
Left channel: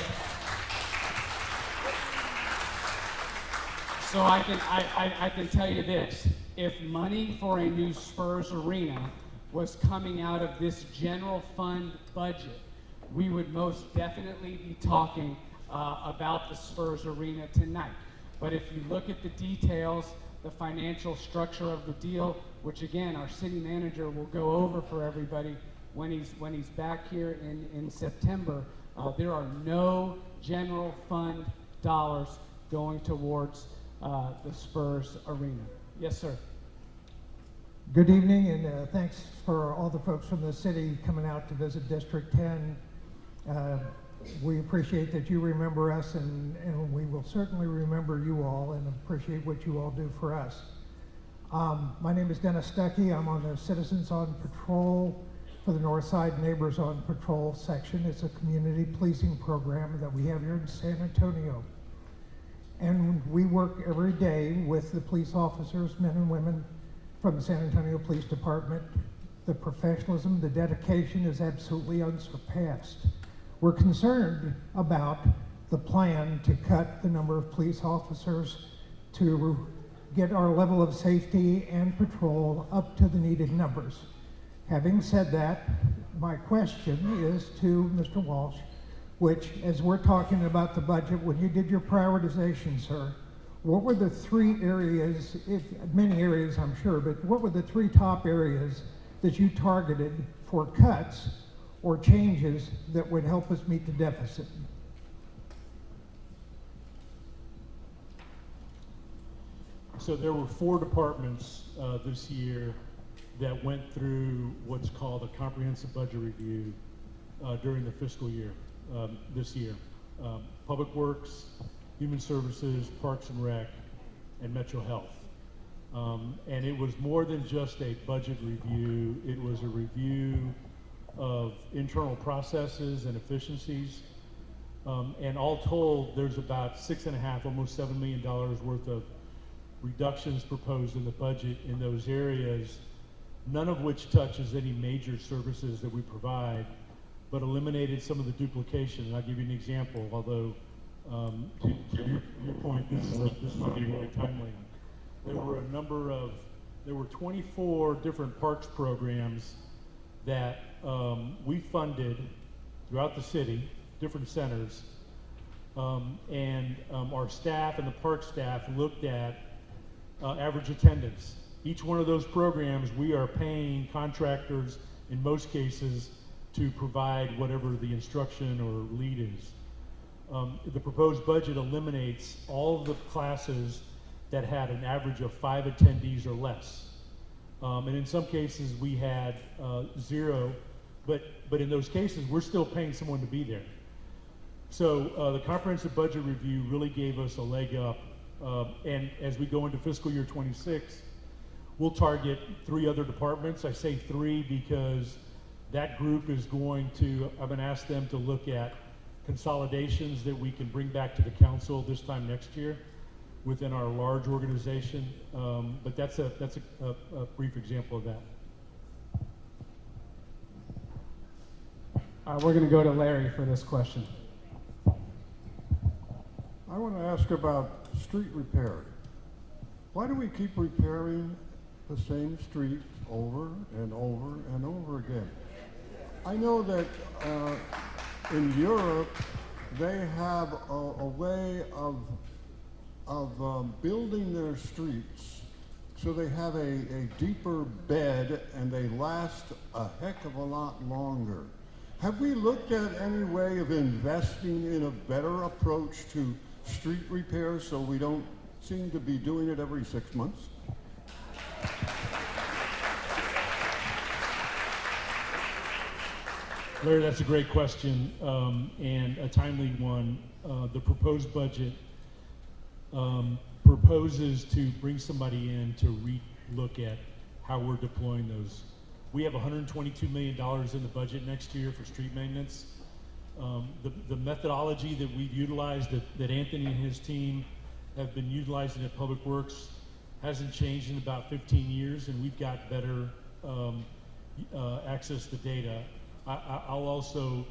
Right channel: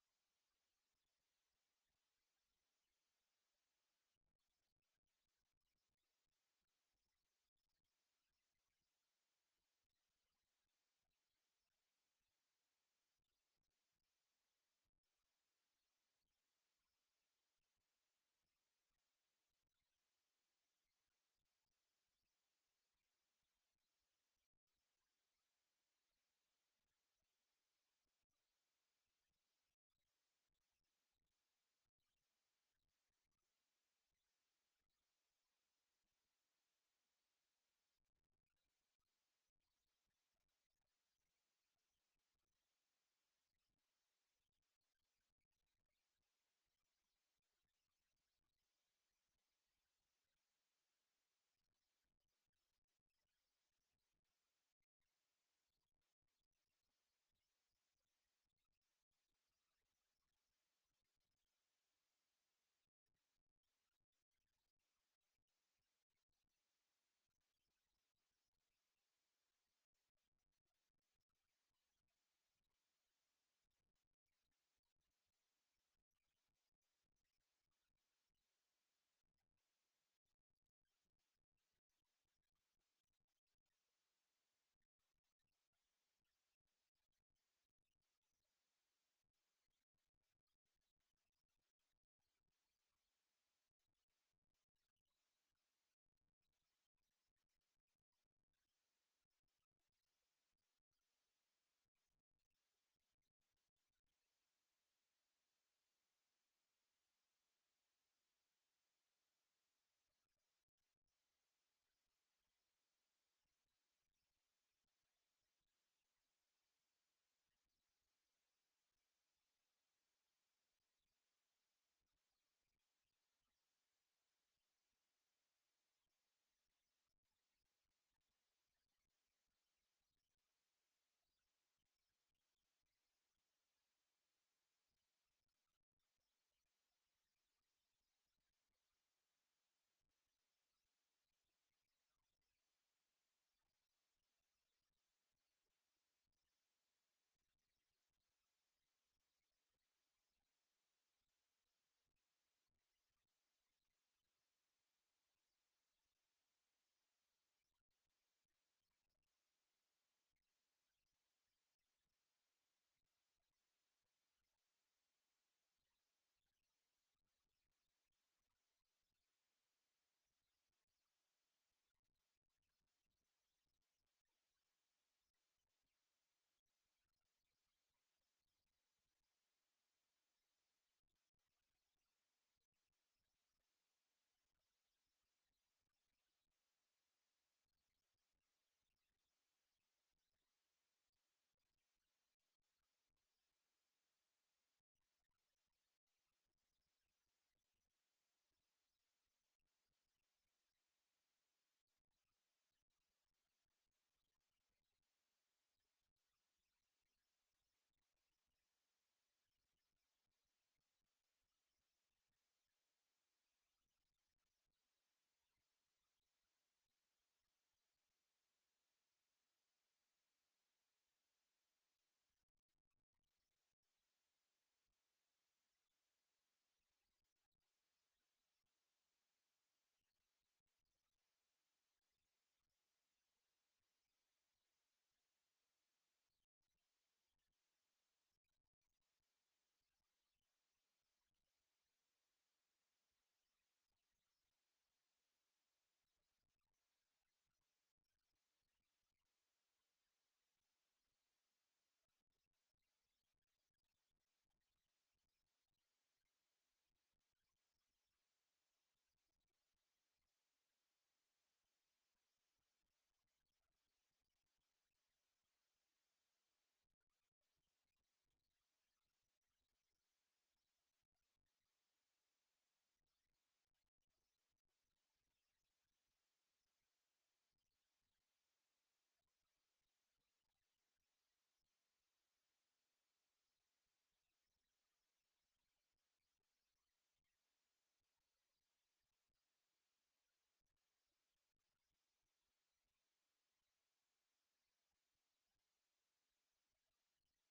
I can tell you this. If money for a new Spurs Arena was coming out of this general fund budget, we would most definitely be talking about the Spurs Arena tonight. But if you look at the details, the financial structure of the deal, which again our city manager will go over for everybody when he's back here in September, there are no general fund dollars going towards the Spurs Arena. Yes, sir. Good evening, and thanks for all the folks from the city coming out to visit District 10. We appreciate that you remember us, and we will certainly remember you all and appreciate what you all do for us. My name is Dennis Stuckey. I'm on the Citizens on Patrol for the Northside Neighbors on Patrol section. It's a community policing program that we have here in San Antonio. And we work every day with the police officers, men and women from the San Antonio Police Department. The professionalism, the dedication is absolutely unsurpassed. We're concerned about the plan to cut the number of police officers to get our level of safety and patrol up to the needed numbers. Having said that, my question is to Mr. Walsh, which, as we're talking about the budget, when you did your prioritization, sir, what were the three areas, many areas I'm sure, but what were the three top areas that you targeted for cuts or changes that would help us meet the deficit? So there were 4 departments this year that went through what's called a comprehensive budget review during the fiscal year, this year. Public Works, Human Services, Parks and Rec, and Metro Health. And it was more than just a budget review, it was a review of internal processes and efficiencies. And all told, there's about $6.5, almost $7 million worth of reductions proposed in the budget in those areas, none of which touches any major services that we provide, but eliminated some of the duplication. And I'll give you an example, although to your point, this is getting really timely. There were 24 different parks programs that we funded throughout the city, different centers, and our staff and the park staff looked at average attendance. Each one of those programs, we are paying contractors, in most cases, to provide whatever the instruction or lead is. The proposed budget eliminates all of the classes that had an average of 5 attendees or less. And in some cases, we had 0, but in those cases, we're still paying someone to be there. So the comprehensive budget review really gave us a leg up. And as we go into fiscal year 26, we'll target 3 other departments. I say 3 because that group is going to, I'm going to ask them to look at consolidations that we can bring back to the council this time next year within our large organization. But that's a brief example of that. We're going to go to Larry for this question. I want to ask about street repair. Why do we keep repairing the same streets over and over and over again? I know that in Europe they have a way of building their streets so they have a deeper bed and they last a heck of a lot longer. Have we looked at any way of investing in a better approach to street repair so we don't seem to be doing it every 6 months? Larry, that's a great question and a timely one. The proposed budget proposes to bring somebody in to re-look at how we're deploying those. We have $122 million in the budget next year for street maintenance. The methodology that we've utilized, that Anthony and his team have been utilizing at Public Works, hasn't changed in about 15 years, and we've got better access to data. I'll also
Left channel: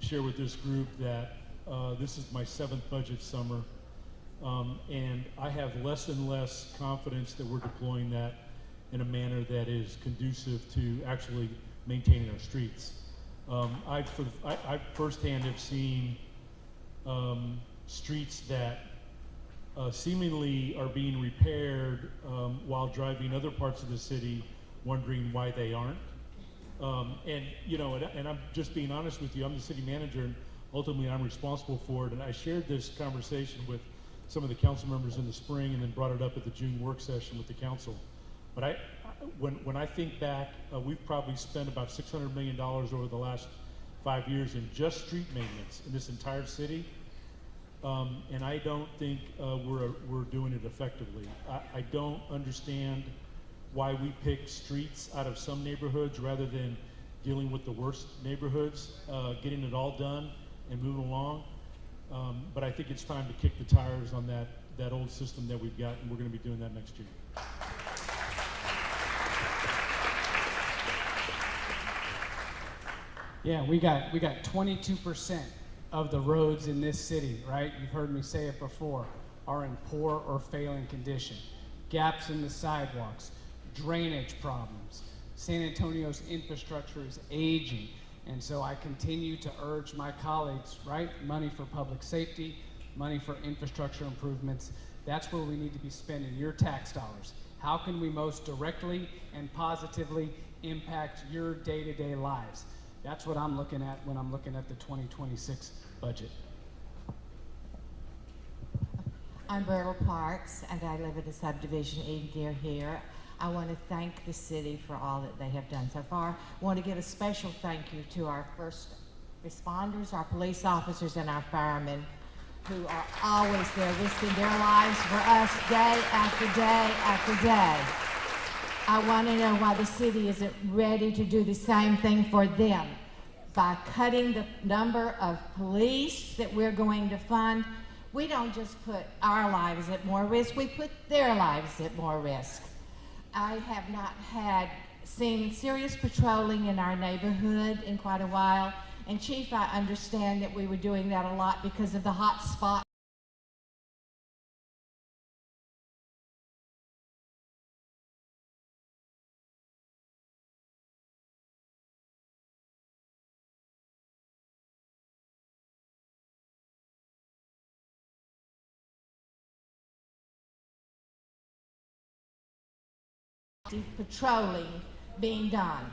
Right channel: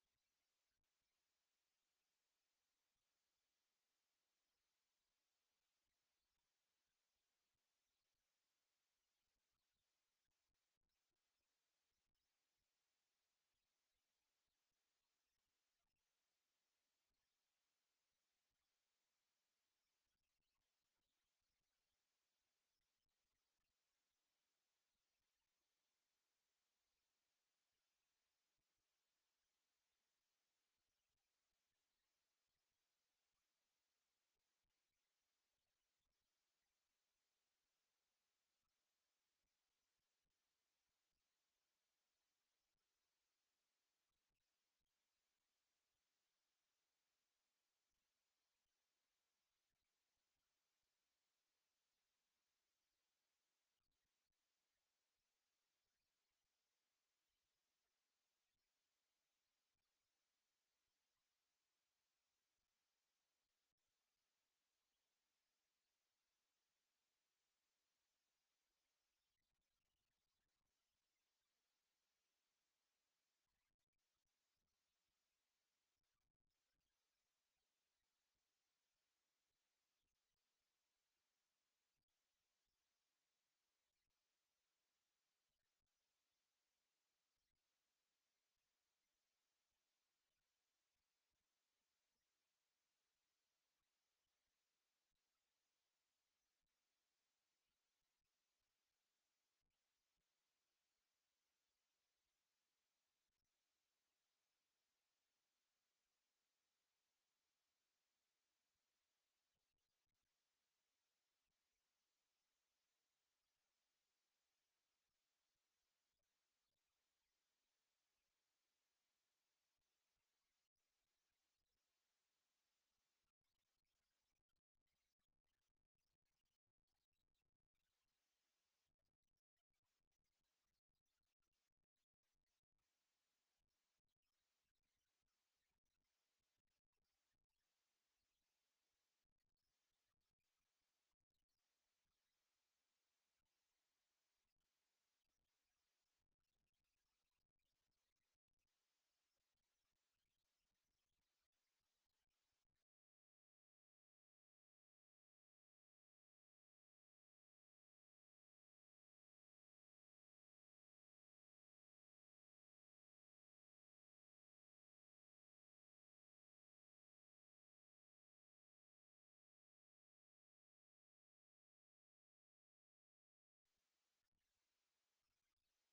share with this group that this is my 7th budget summer, and I have less and less confidence that we're deploying that in a manner that is conducive to actually maintaining our streets. I firsthand have seen streets that seemingly are being repaired while driving other parts of the city, wondering why they aren't. And you know, and I'm just being honest with you, I'm the city manager, and ultimately I'm responsible for it. And I shared this conversation with some of the council members in the spring, and then brought it up at the June work session with the council. But when I think back, we've probably spent about $600 million over the last 5 years in just street maintenance in this entire city, and I don't think we're doing it effectively. I don't understand why we pick streets out of some neighborhoods rather than dealing with the worst neighborhoods, getting it all done and moving along. But I think it's time to kick the tires on that old system that we've got, and we're going to be doing that next year. Yeah, we got 22% of the roads in this city, right? You've heard me say it before, are in poor or failing condition. Gaps in the sidewalks, drainage problems. San Antonio's infrastructure is aging, and so I continue to urge my colleagues, right? Money for public safety, money for infrastructure improvements. That's where we need to be spending your tax dollars. How can we most directly and positively impact your day-to-day lives? That's what I'm looking at when I'm looking at the 2026 budget. I'm Bertle Parks, and I live in a subdivision near here. I want to thank the city for all that they have done so far. I want to give a special thank you to our first responders, our police officers, and our firemen, who are always there risking their lives for us day after day after day. I want to know why the city isn't ready to do the same thing for them. By cutting the number of police that we're going to fund, we don't just put our lives at more risk, we put their lives at more risk. I have not seen serious patrolling in our neighborhood in quite a while. And Chief, I understand that we were doing that a lot because of the hot spot. Patrolling being done.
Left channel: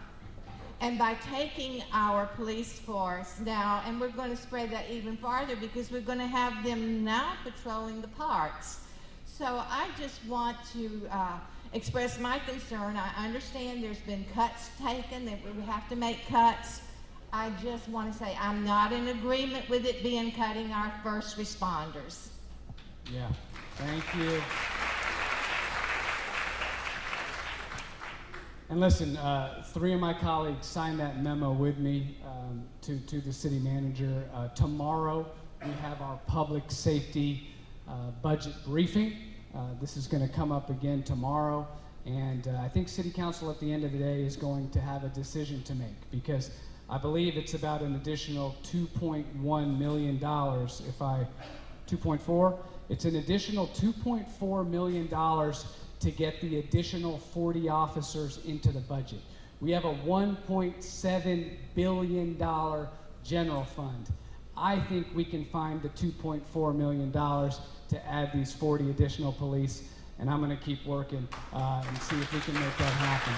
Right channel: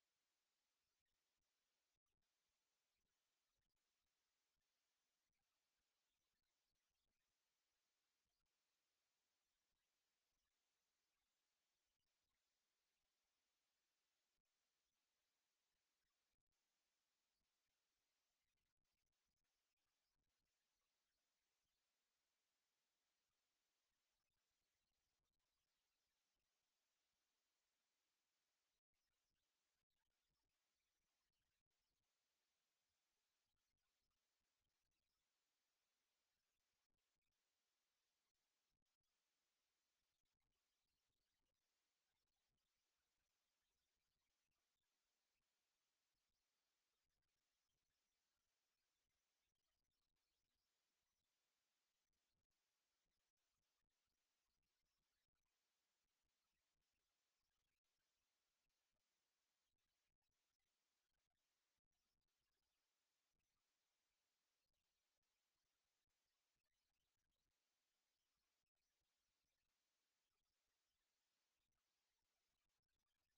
And by taking our police force now, and we're going to spread that even farther because we're going to have them now patrolling the parks. So I just want to express my concern. I understand there's been cuts taken, that we have to make cuts. I just want to say I'm not in agreement with it being cutting our first responders. Yeah, thank you. And listen, 3 of my colleagues signed that memo with me to the city manager. Tomorrow, we have our public safety budget briefing. This is going to come up again tomorrow. And I think City Council at the end of the day is going to have a decision to make, because I believe it's about an additional $2.1 million. 2.4? It's an additional $2.4 million to get the additional 40 officers into the budget. We have a $1.7 billion general fund. I think we can find the $2.4 million to add these 40 additional police, and I'm going to keep working and see if we can make that happen.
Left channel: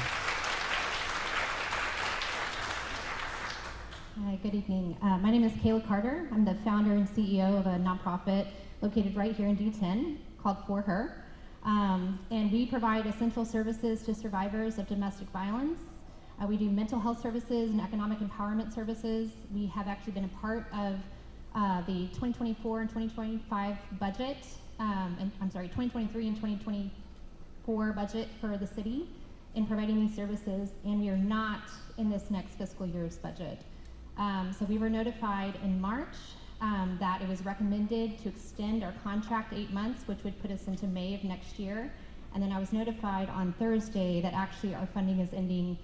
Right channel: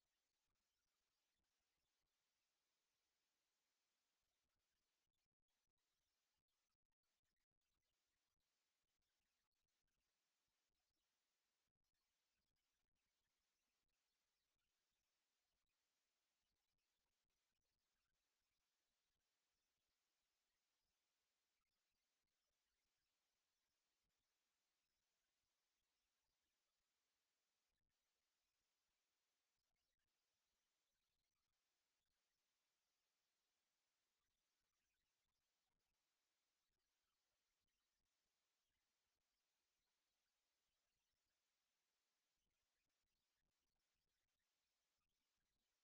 Hi, good evening. My name is Kayla Carter. I'm the founder and CEO of a nonprofit located right here in D10 called For Her. And we provide essential services to survivors of domestic violence. We do mental health services and economic empowerment services. We have actually been a part of the 2024 and 2025 budget, and I'm sorry, 2023 and 2024 budget for the city in providing these services, and we are not in this next fiscal year's budget. So we were notified in March that it was recommended to extend our contract 8 months, which would put us into May of next year. And then I was notified on Thursday that actually our funding is ending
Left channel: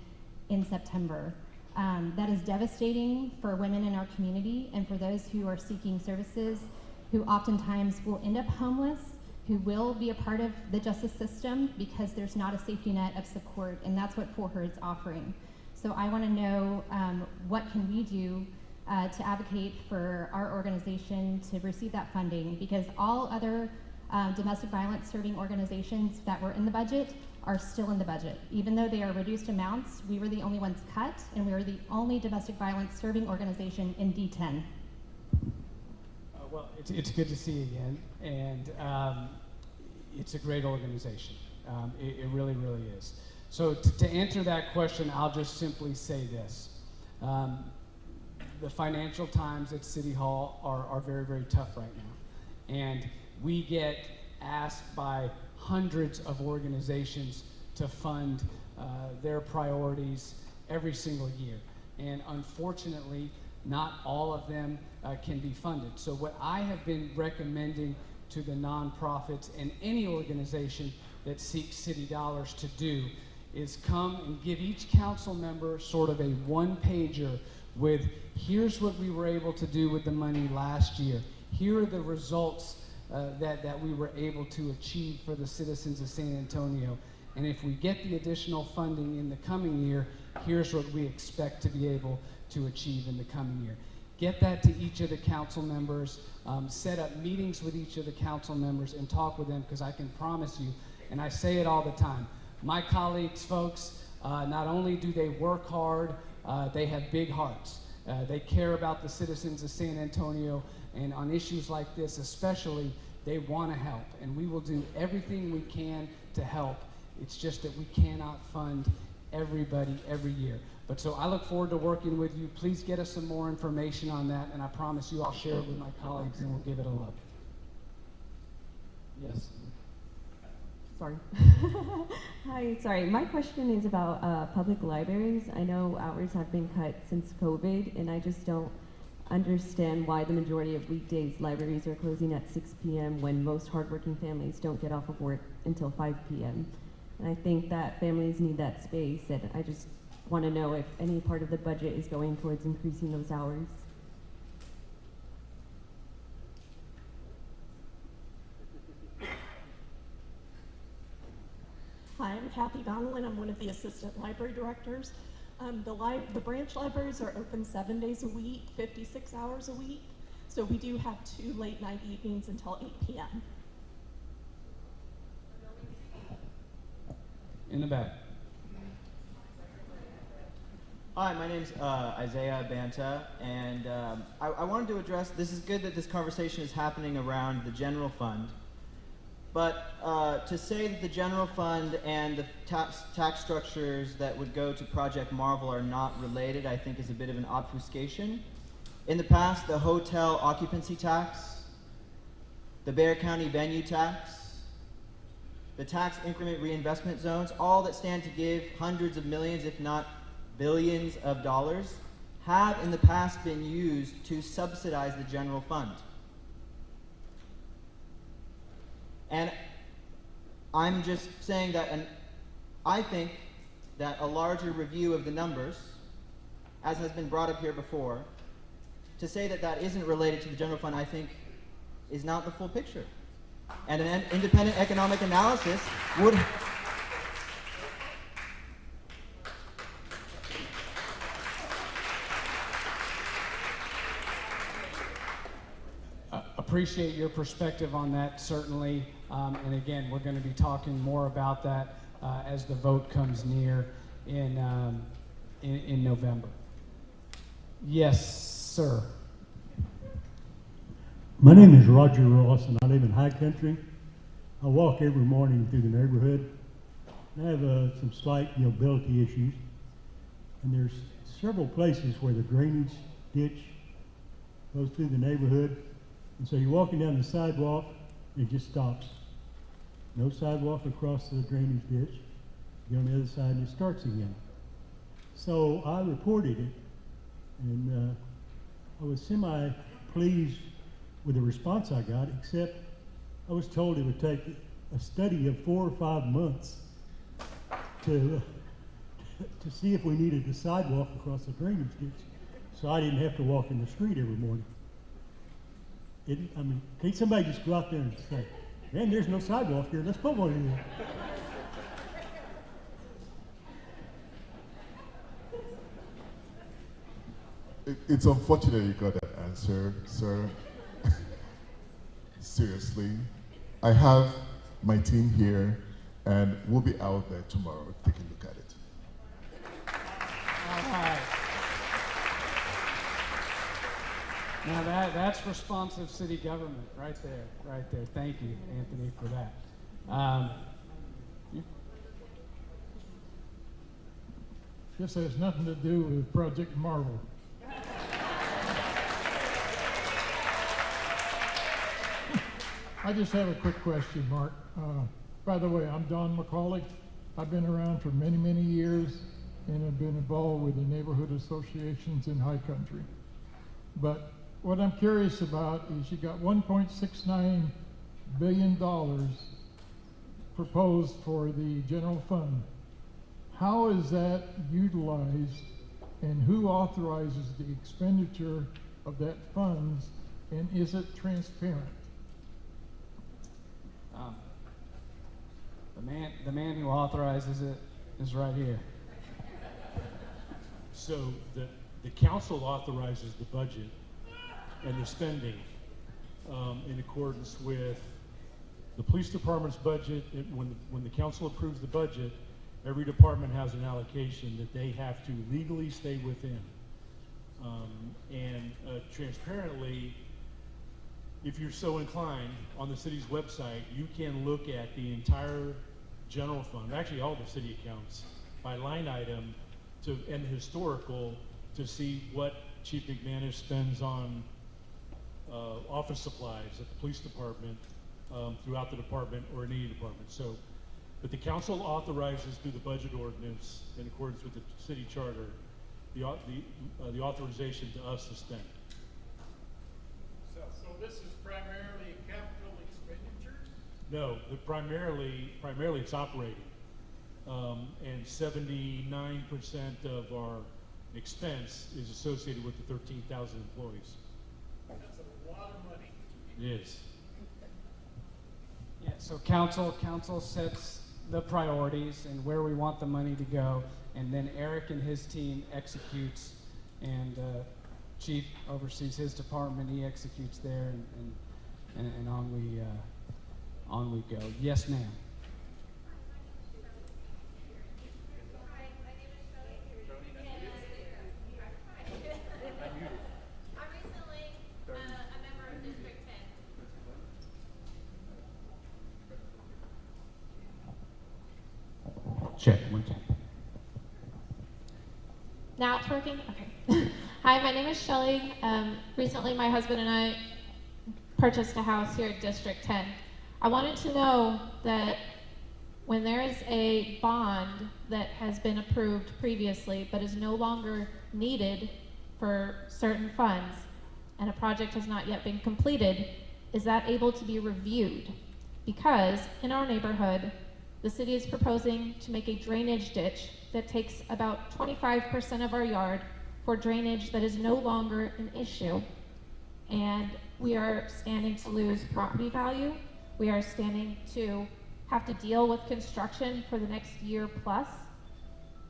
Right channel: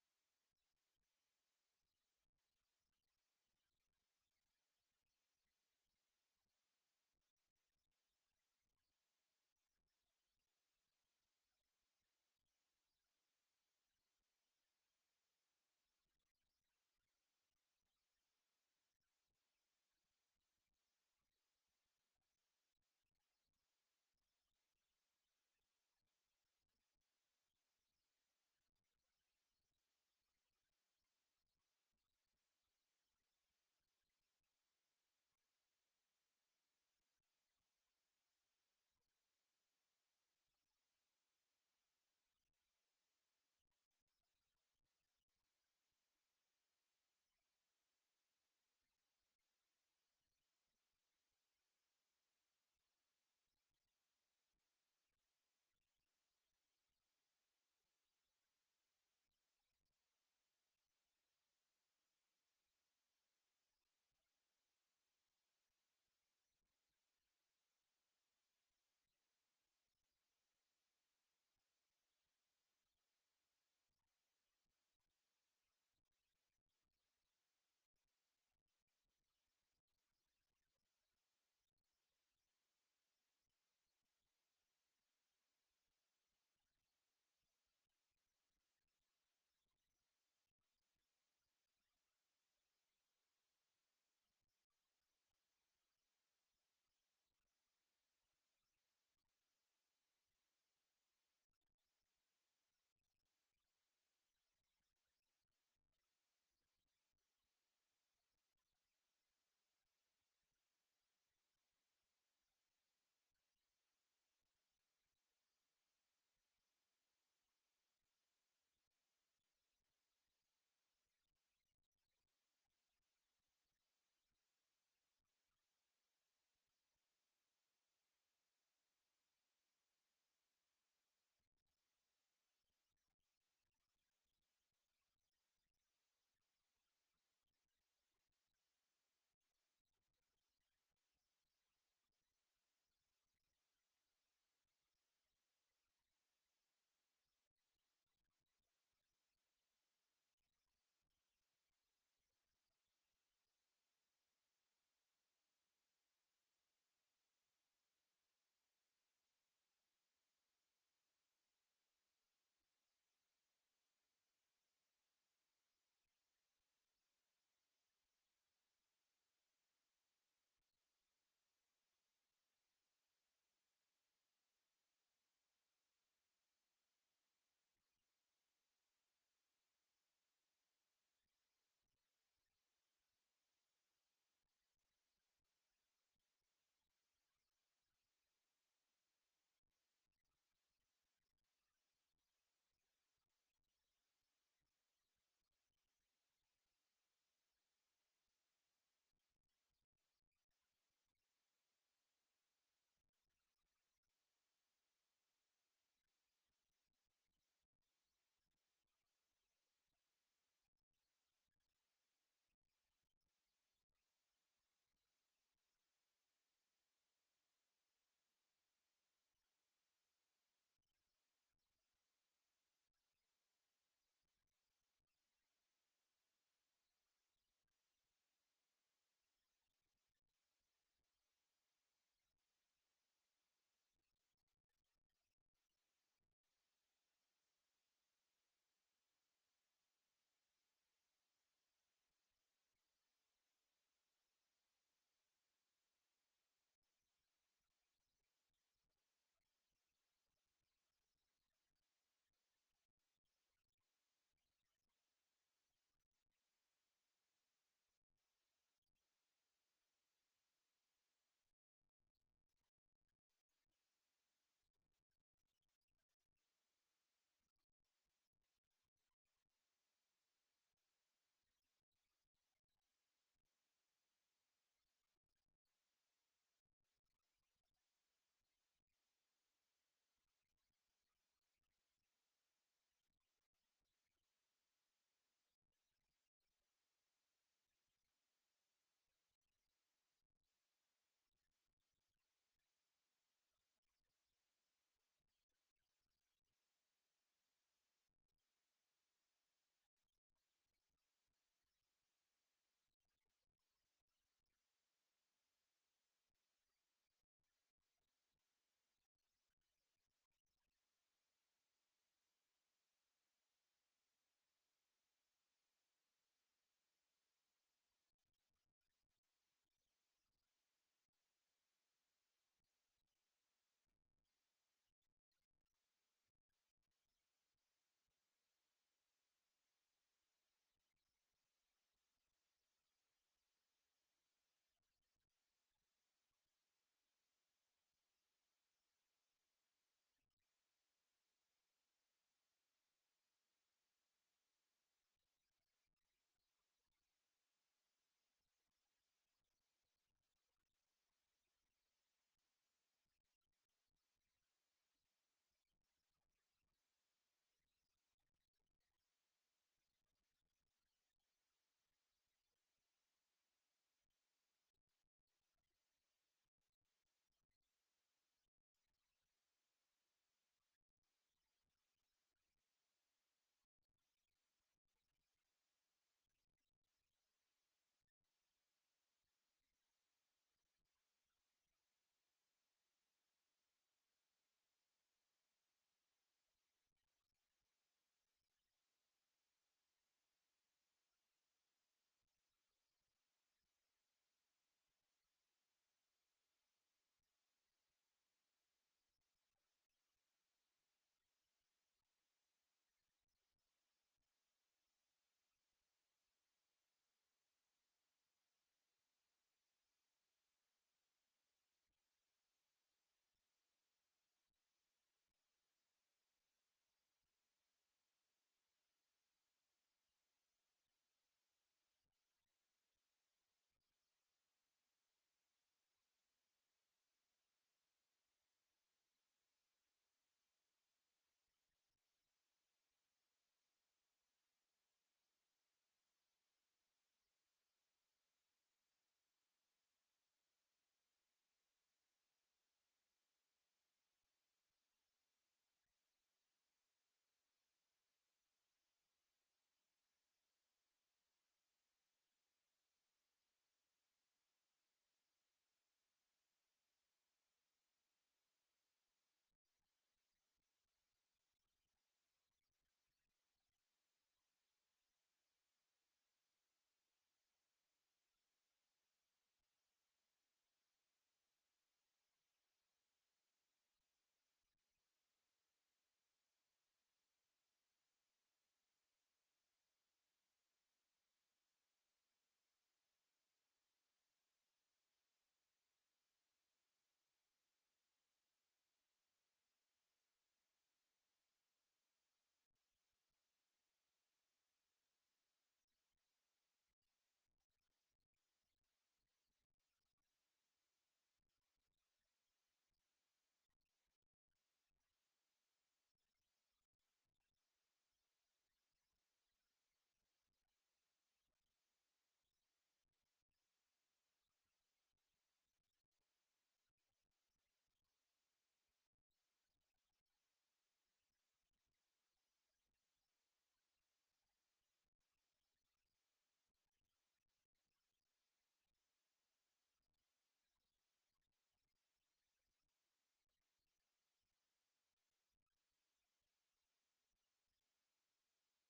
in September. That is devastating for women in our community and for those who are seeking services, who oftentimes will end up homeless, who will be a part of the justice system because there's not a safety net of support, and that's what For Her is offering. So I want to know what can we do to advocate for our organization to receive that funding, because all other domestic violence serving organizations that were in the budget are still in the budget. Even though they are reduced amounts, we were the only ones cut, and we are the only domestic violence serving organization in D10. Well, it's good to see you again, and it's a great organization. It really, really is. So to answer that question, I'll just simply say this. The financial times at City Hall are very, very tough right now. And we get asked by hundreds of organizations to fund their priorities every single year. And unfortunately, not all of them can be funded. So what I have been recommending to the nonprofits and any organization that seeks city dollars to do is come and give each council member sort of a one-pager with, here's what we were able to do with the money last year. Here are the results that we were able to achieve for the citizens of San Antonio. And if we get the additional funding in the coming year, here's what we expect to be able to achieve in the coming year. Get that to each of the council members, set up meetings with each of the council members and talk with them, because I can promise you, and I say it all the time, my colleagues, folks, not only do they work hard, they have big hearts. They care about the citizens of San Antonio, and on issues like this especially, they want to help, and we will do everything we can to help. It's just that we cannot fund everybody every year. But so I look forward to working with you. Please get us some more information on that, and I promise you I'll share it with my colleagues and we'll give it a look. Yes. Sorry. Hi, sorry. My question is about public libraries. I know hours have been cut since COVID, and I just don't understand why the majority of weekdays libraries are closing at 6 p.m. when most hardworking families don't get off of work until 5 p.m. And I think that families need that space, and I just want to know if any part of the budget is going towards increasing those hours. Hi, I'm Kathy Donnellan. I'm one of the assistant library directors. The branch libraries are open 7 days a week, 56 hours a week. So we do have 2 late night evenings until 8 p.m. In the back. Hi, my name's Isaiah Banta, and I wanted to address, this is good that this conversation is happening around the general fund, but to say that the general fund and the tax structures that would go to Project Marvel are not related, I think is a bit of an obfuscation. In the past, the hotel occupancy tax, the Bexar County venue tax, the tax increment reinvestment zones, all that stand to give hundreds of millions, if not billions of dollars, have in the past been used to subsidize the general fund. And I'm just saying that, and I think that a larger review of the numbers, as has been brought up here before, to say that that isn't related to the general fund, I think, is not the full picture. And an independent economic analysis would... Appreciate your perspective on that, certainly. And again, we're going to be talking more about that as the vote comes near in November. Yes, sir. My name is Roger Ross, and I live in High Country. I walk every morning through the neighborhood. I have some slight mobility issues, and there's several places where the drainage ditch goes through the neighborhood, and so you're walking down the sidewalk, and it just stops. No sidewalk across the drainage ditch. You go on the other side, and it starts again. So I reported it, and I was semi-pleased with the response I got, except I was told it would take a study of 4 or 5 months to see if we needed a sidewalk across the drainage ditch, so I didn't have to walk in the street every morning. I mean, can't somebody just go out there and say, man, there's no sidewalk here, let's put one in there. It's unfortunate you got that answer, sir. Seriously. I have my team here, and we'll be out there tomorrow taking a look at it. All right. Now that's responsive city government right there. Thank you, Anthony, for that. This has nothing to do with Project Marvel. I just have a quick question, Mark. By the way, I'm Don McCauley. I've been around for many, many years and have been involved with the neighborhood associations in High Country. But what I'm curious about is you got $1.69 billion proposed for the general fund. How is that utilized, and who authorizes the expenditure of that funds, and is it transparent? The man who authorizes it is right here. So the council authorizes the budget and the spending in accordance with the police department's budget. When the council approves the budget, every department has an allocation that they have to legally stay within. Transparently, if you're so inclined, on the city's website, you can look at the entire general fund, actually all the city accounts, by line item and historical, to see what Chief McManus spends on office supplies at the police department, throughout the department, or in any department. So, but the council authorizes through the budget ordinance, in accordance with the city charter, the authorization to us to spend. So this is primarily capital expenditures? No, primarily it's operating. And 79% of our expense is associated with the 13,000 employees. That's a lot of money. It is. Yeah, so council sets the priorities and where we want the money to go, and then Eric and his team executes, and Chief oversees his department, he executes there, and on we go. Yes, ma'am. Check, one check. Now it's working? Okay. Hi, my name is Shelly. Recently my husband and I purchased a house here at District 10. I wanted to know that when there is a bond that has been approved previously but is no longer needed for certain funds and a project has not yet been completed, is that able to be reviewed? Because in our neighborhood, the city is proposing to make a drainage ditch that takes about 25% of our yard for drainage that is no longer an issue. And we are standing to lose property value. We are standing to have to deal with construction for the next year plus,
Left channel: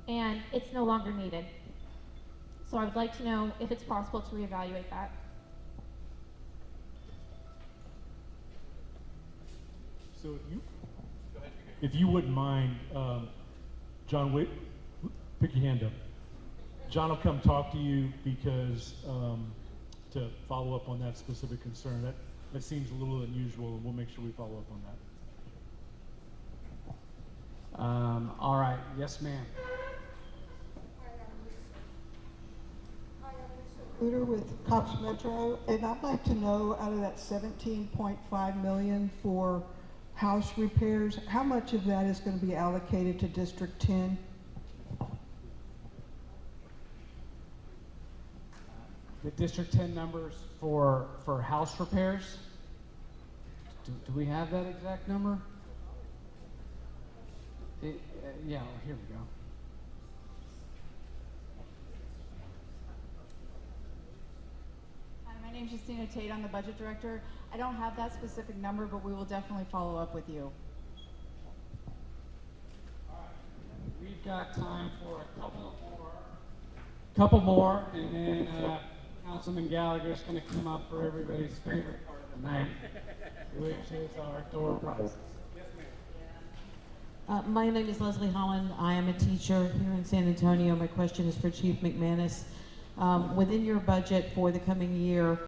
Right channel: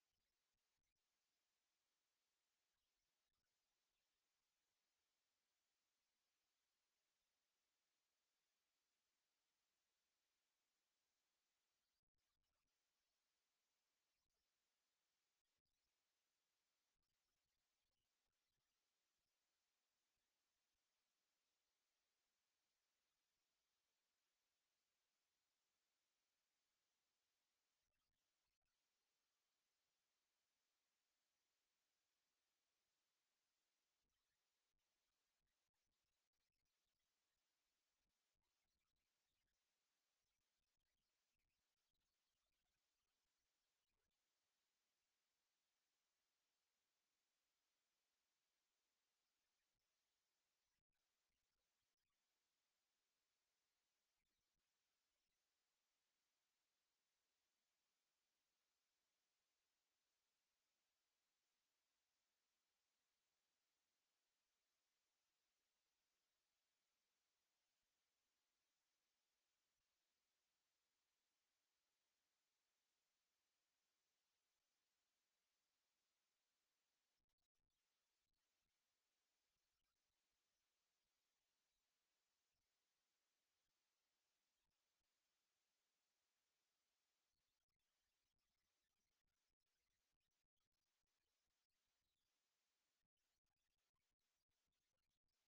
and it's no longer needed. So I would like to know if it's possible to reevaluate that. So if you wouldn't mind, John, wait, pick your hand up. John will come talk to you because to follow up on that specific concern. That seems a little unusual, and we'll make sure we follow up on that. All right. Yes, ma'am. With Cops Metro, and I'd like to know, out of that 17.5 million for house repairs, how much of that is going to be allocated to District 10? The District 10 numbers for house repairs. Do we have that exact number? Yeah, here we go. Hi, my name is Justina Tate. I'm the budget director. I don't have that specific number, but we will definitely follow up with you. We've got time for a couple more, and then Councilman Gallagher is going to come up for everybody's favorite part of the night, which is our door prizes. My name is Leslie Holland. I am a teacher here in San Antonio. My question is for Chief McManus. Within your budget for the coming year,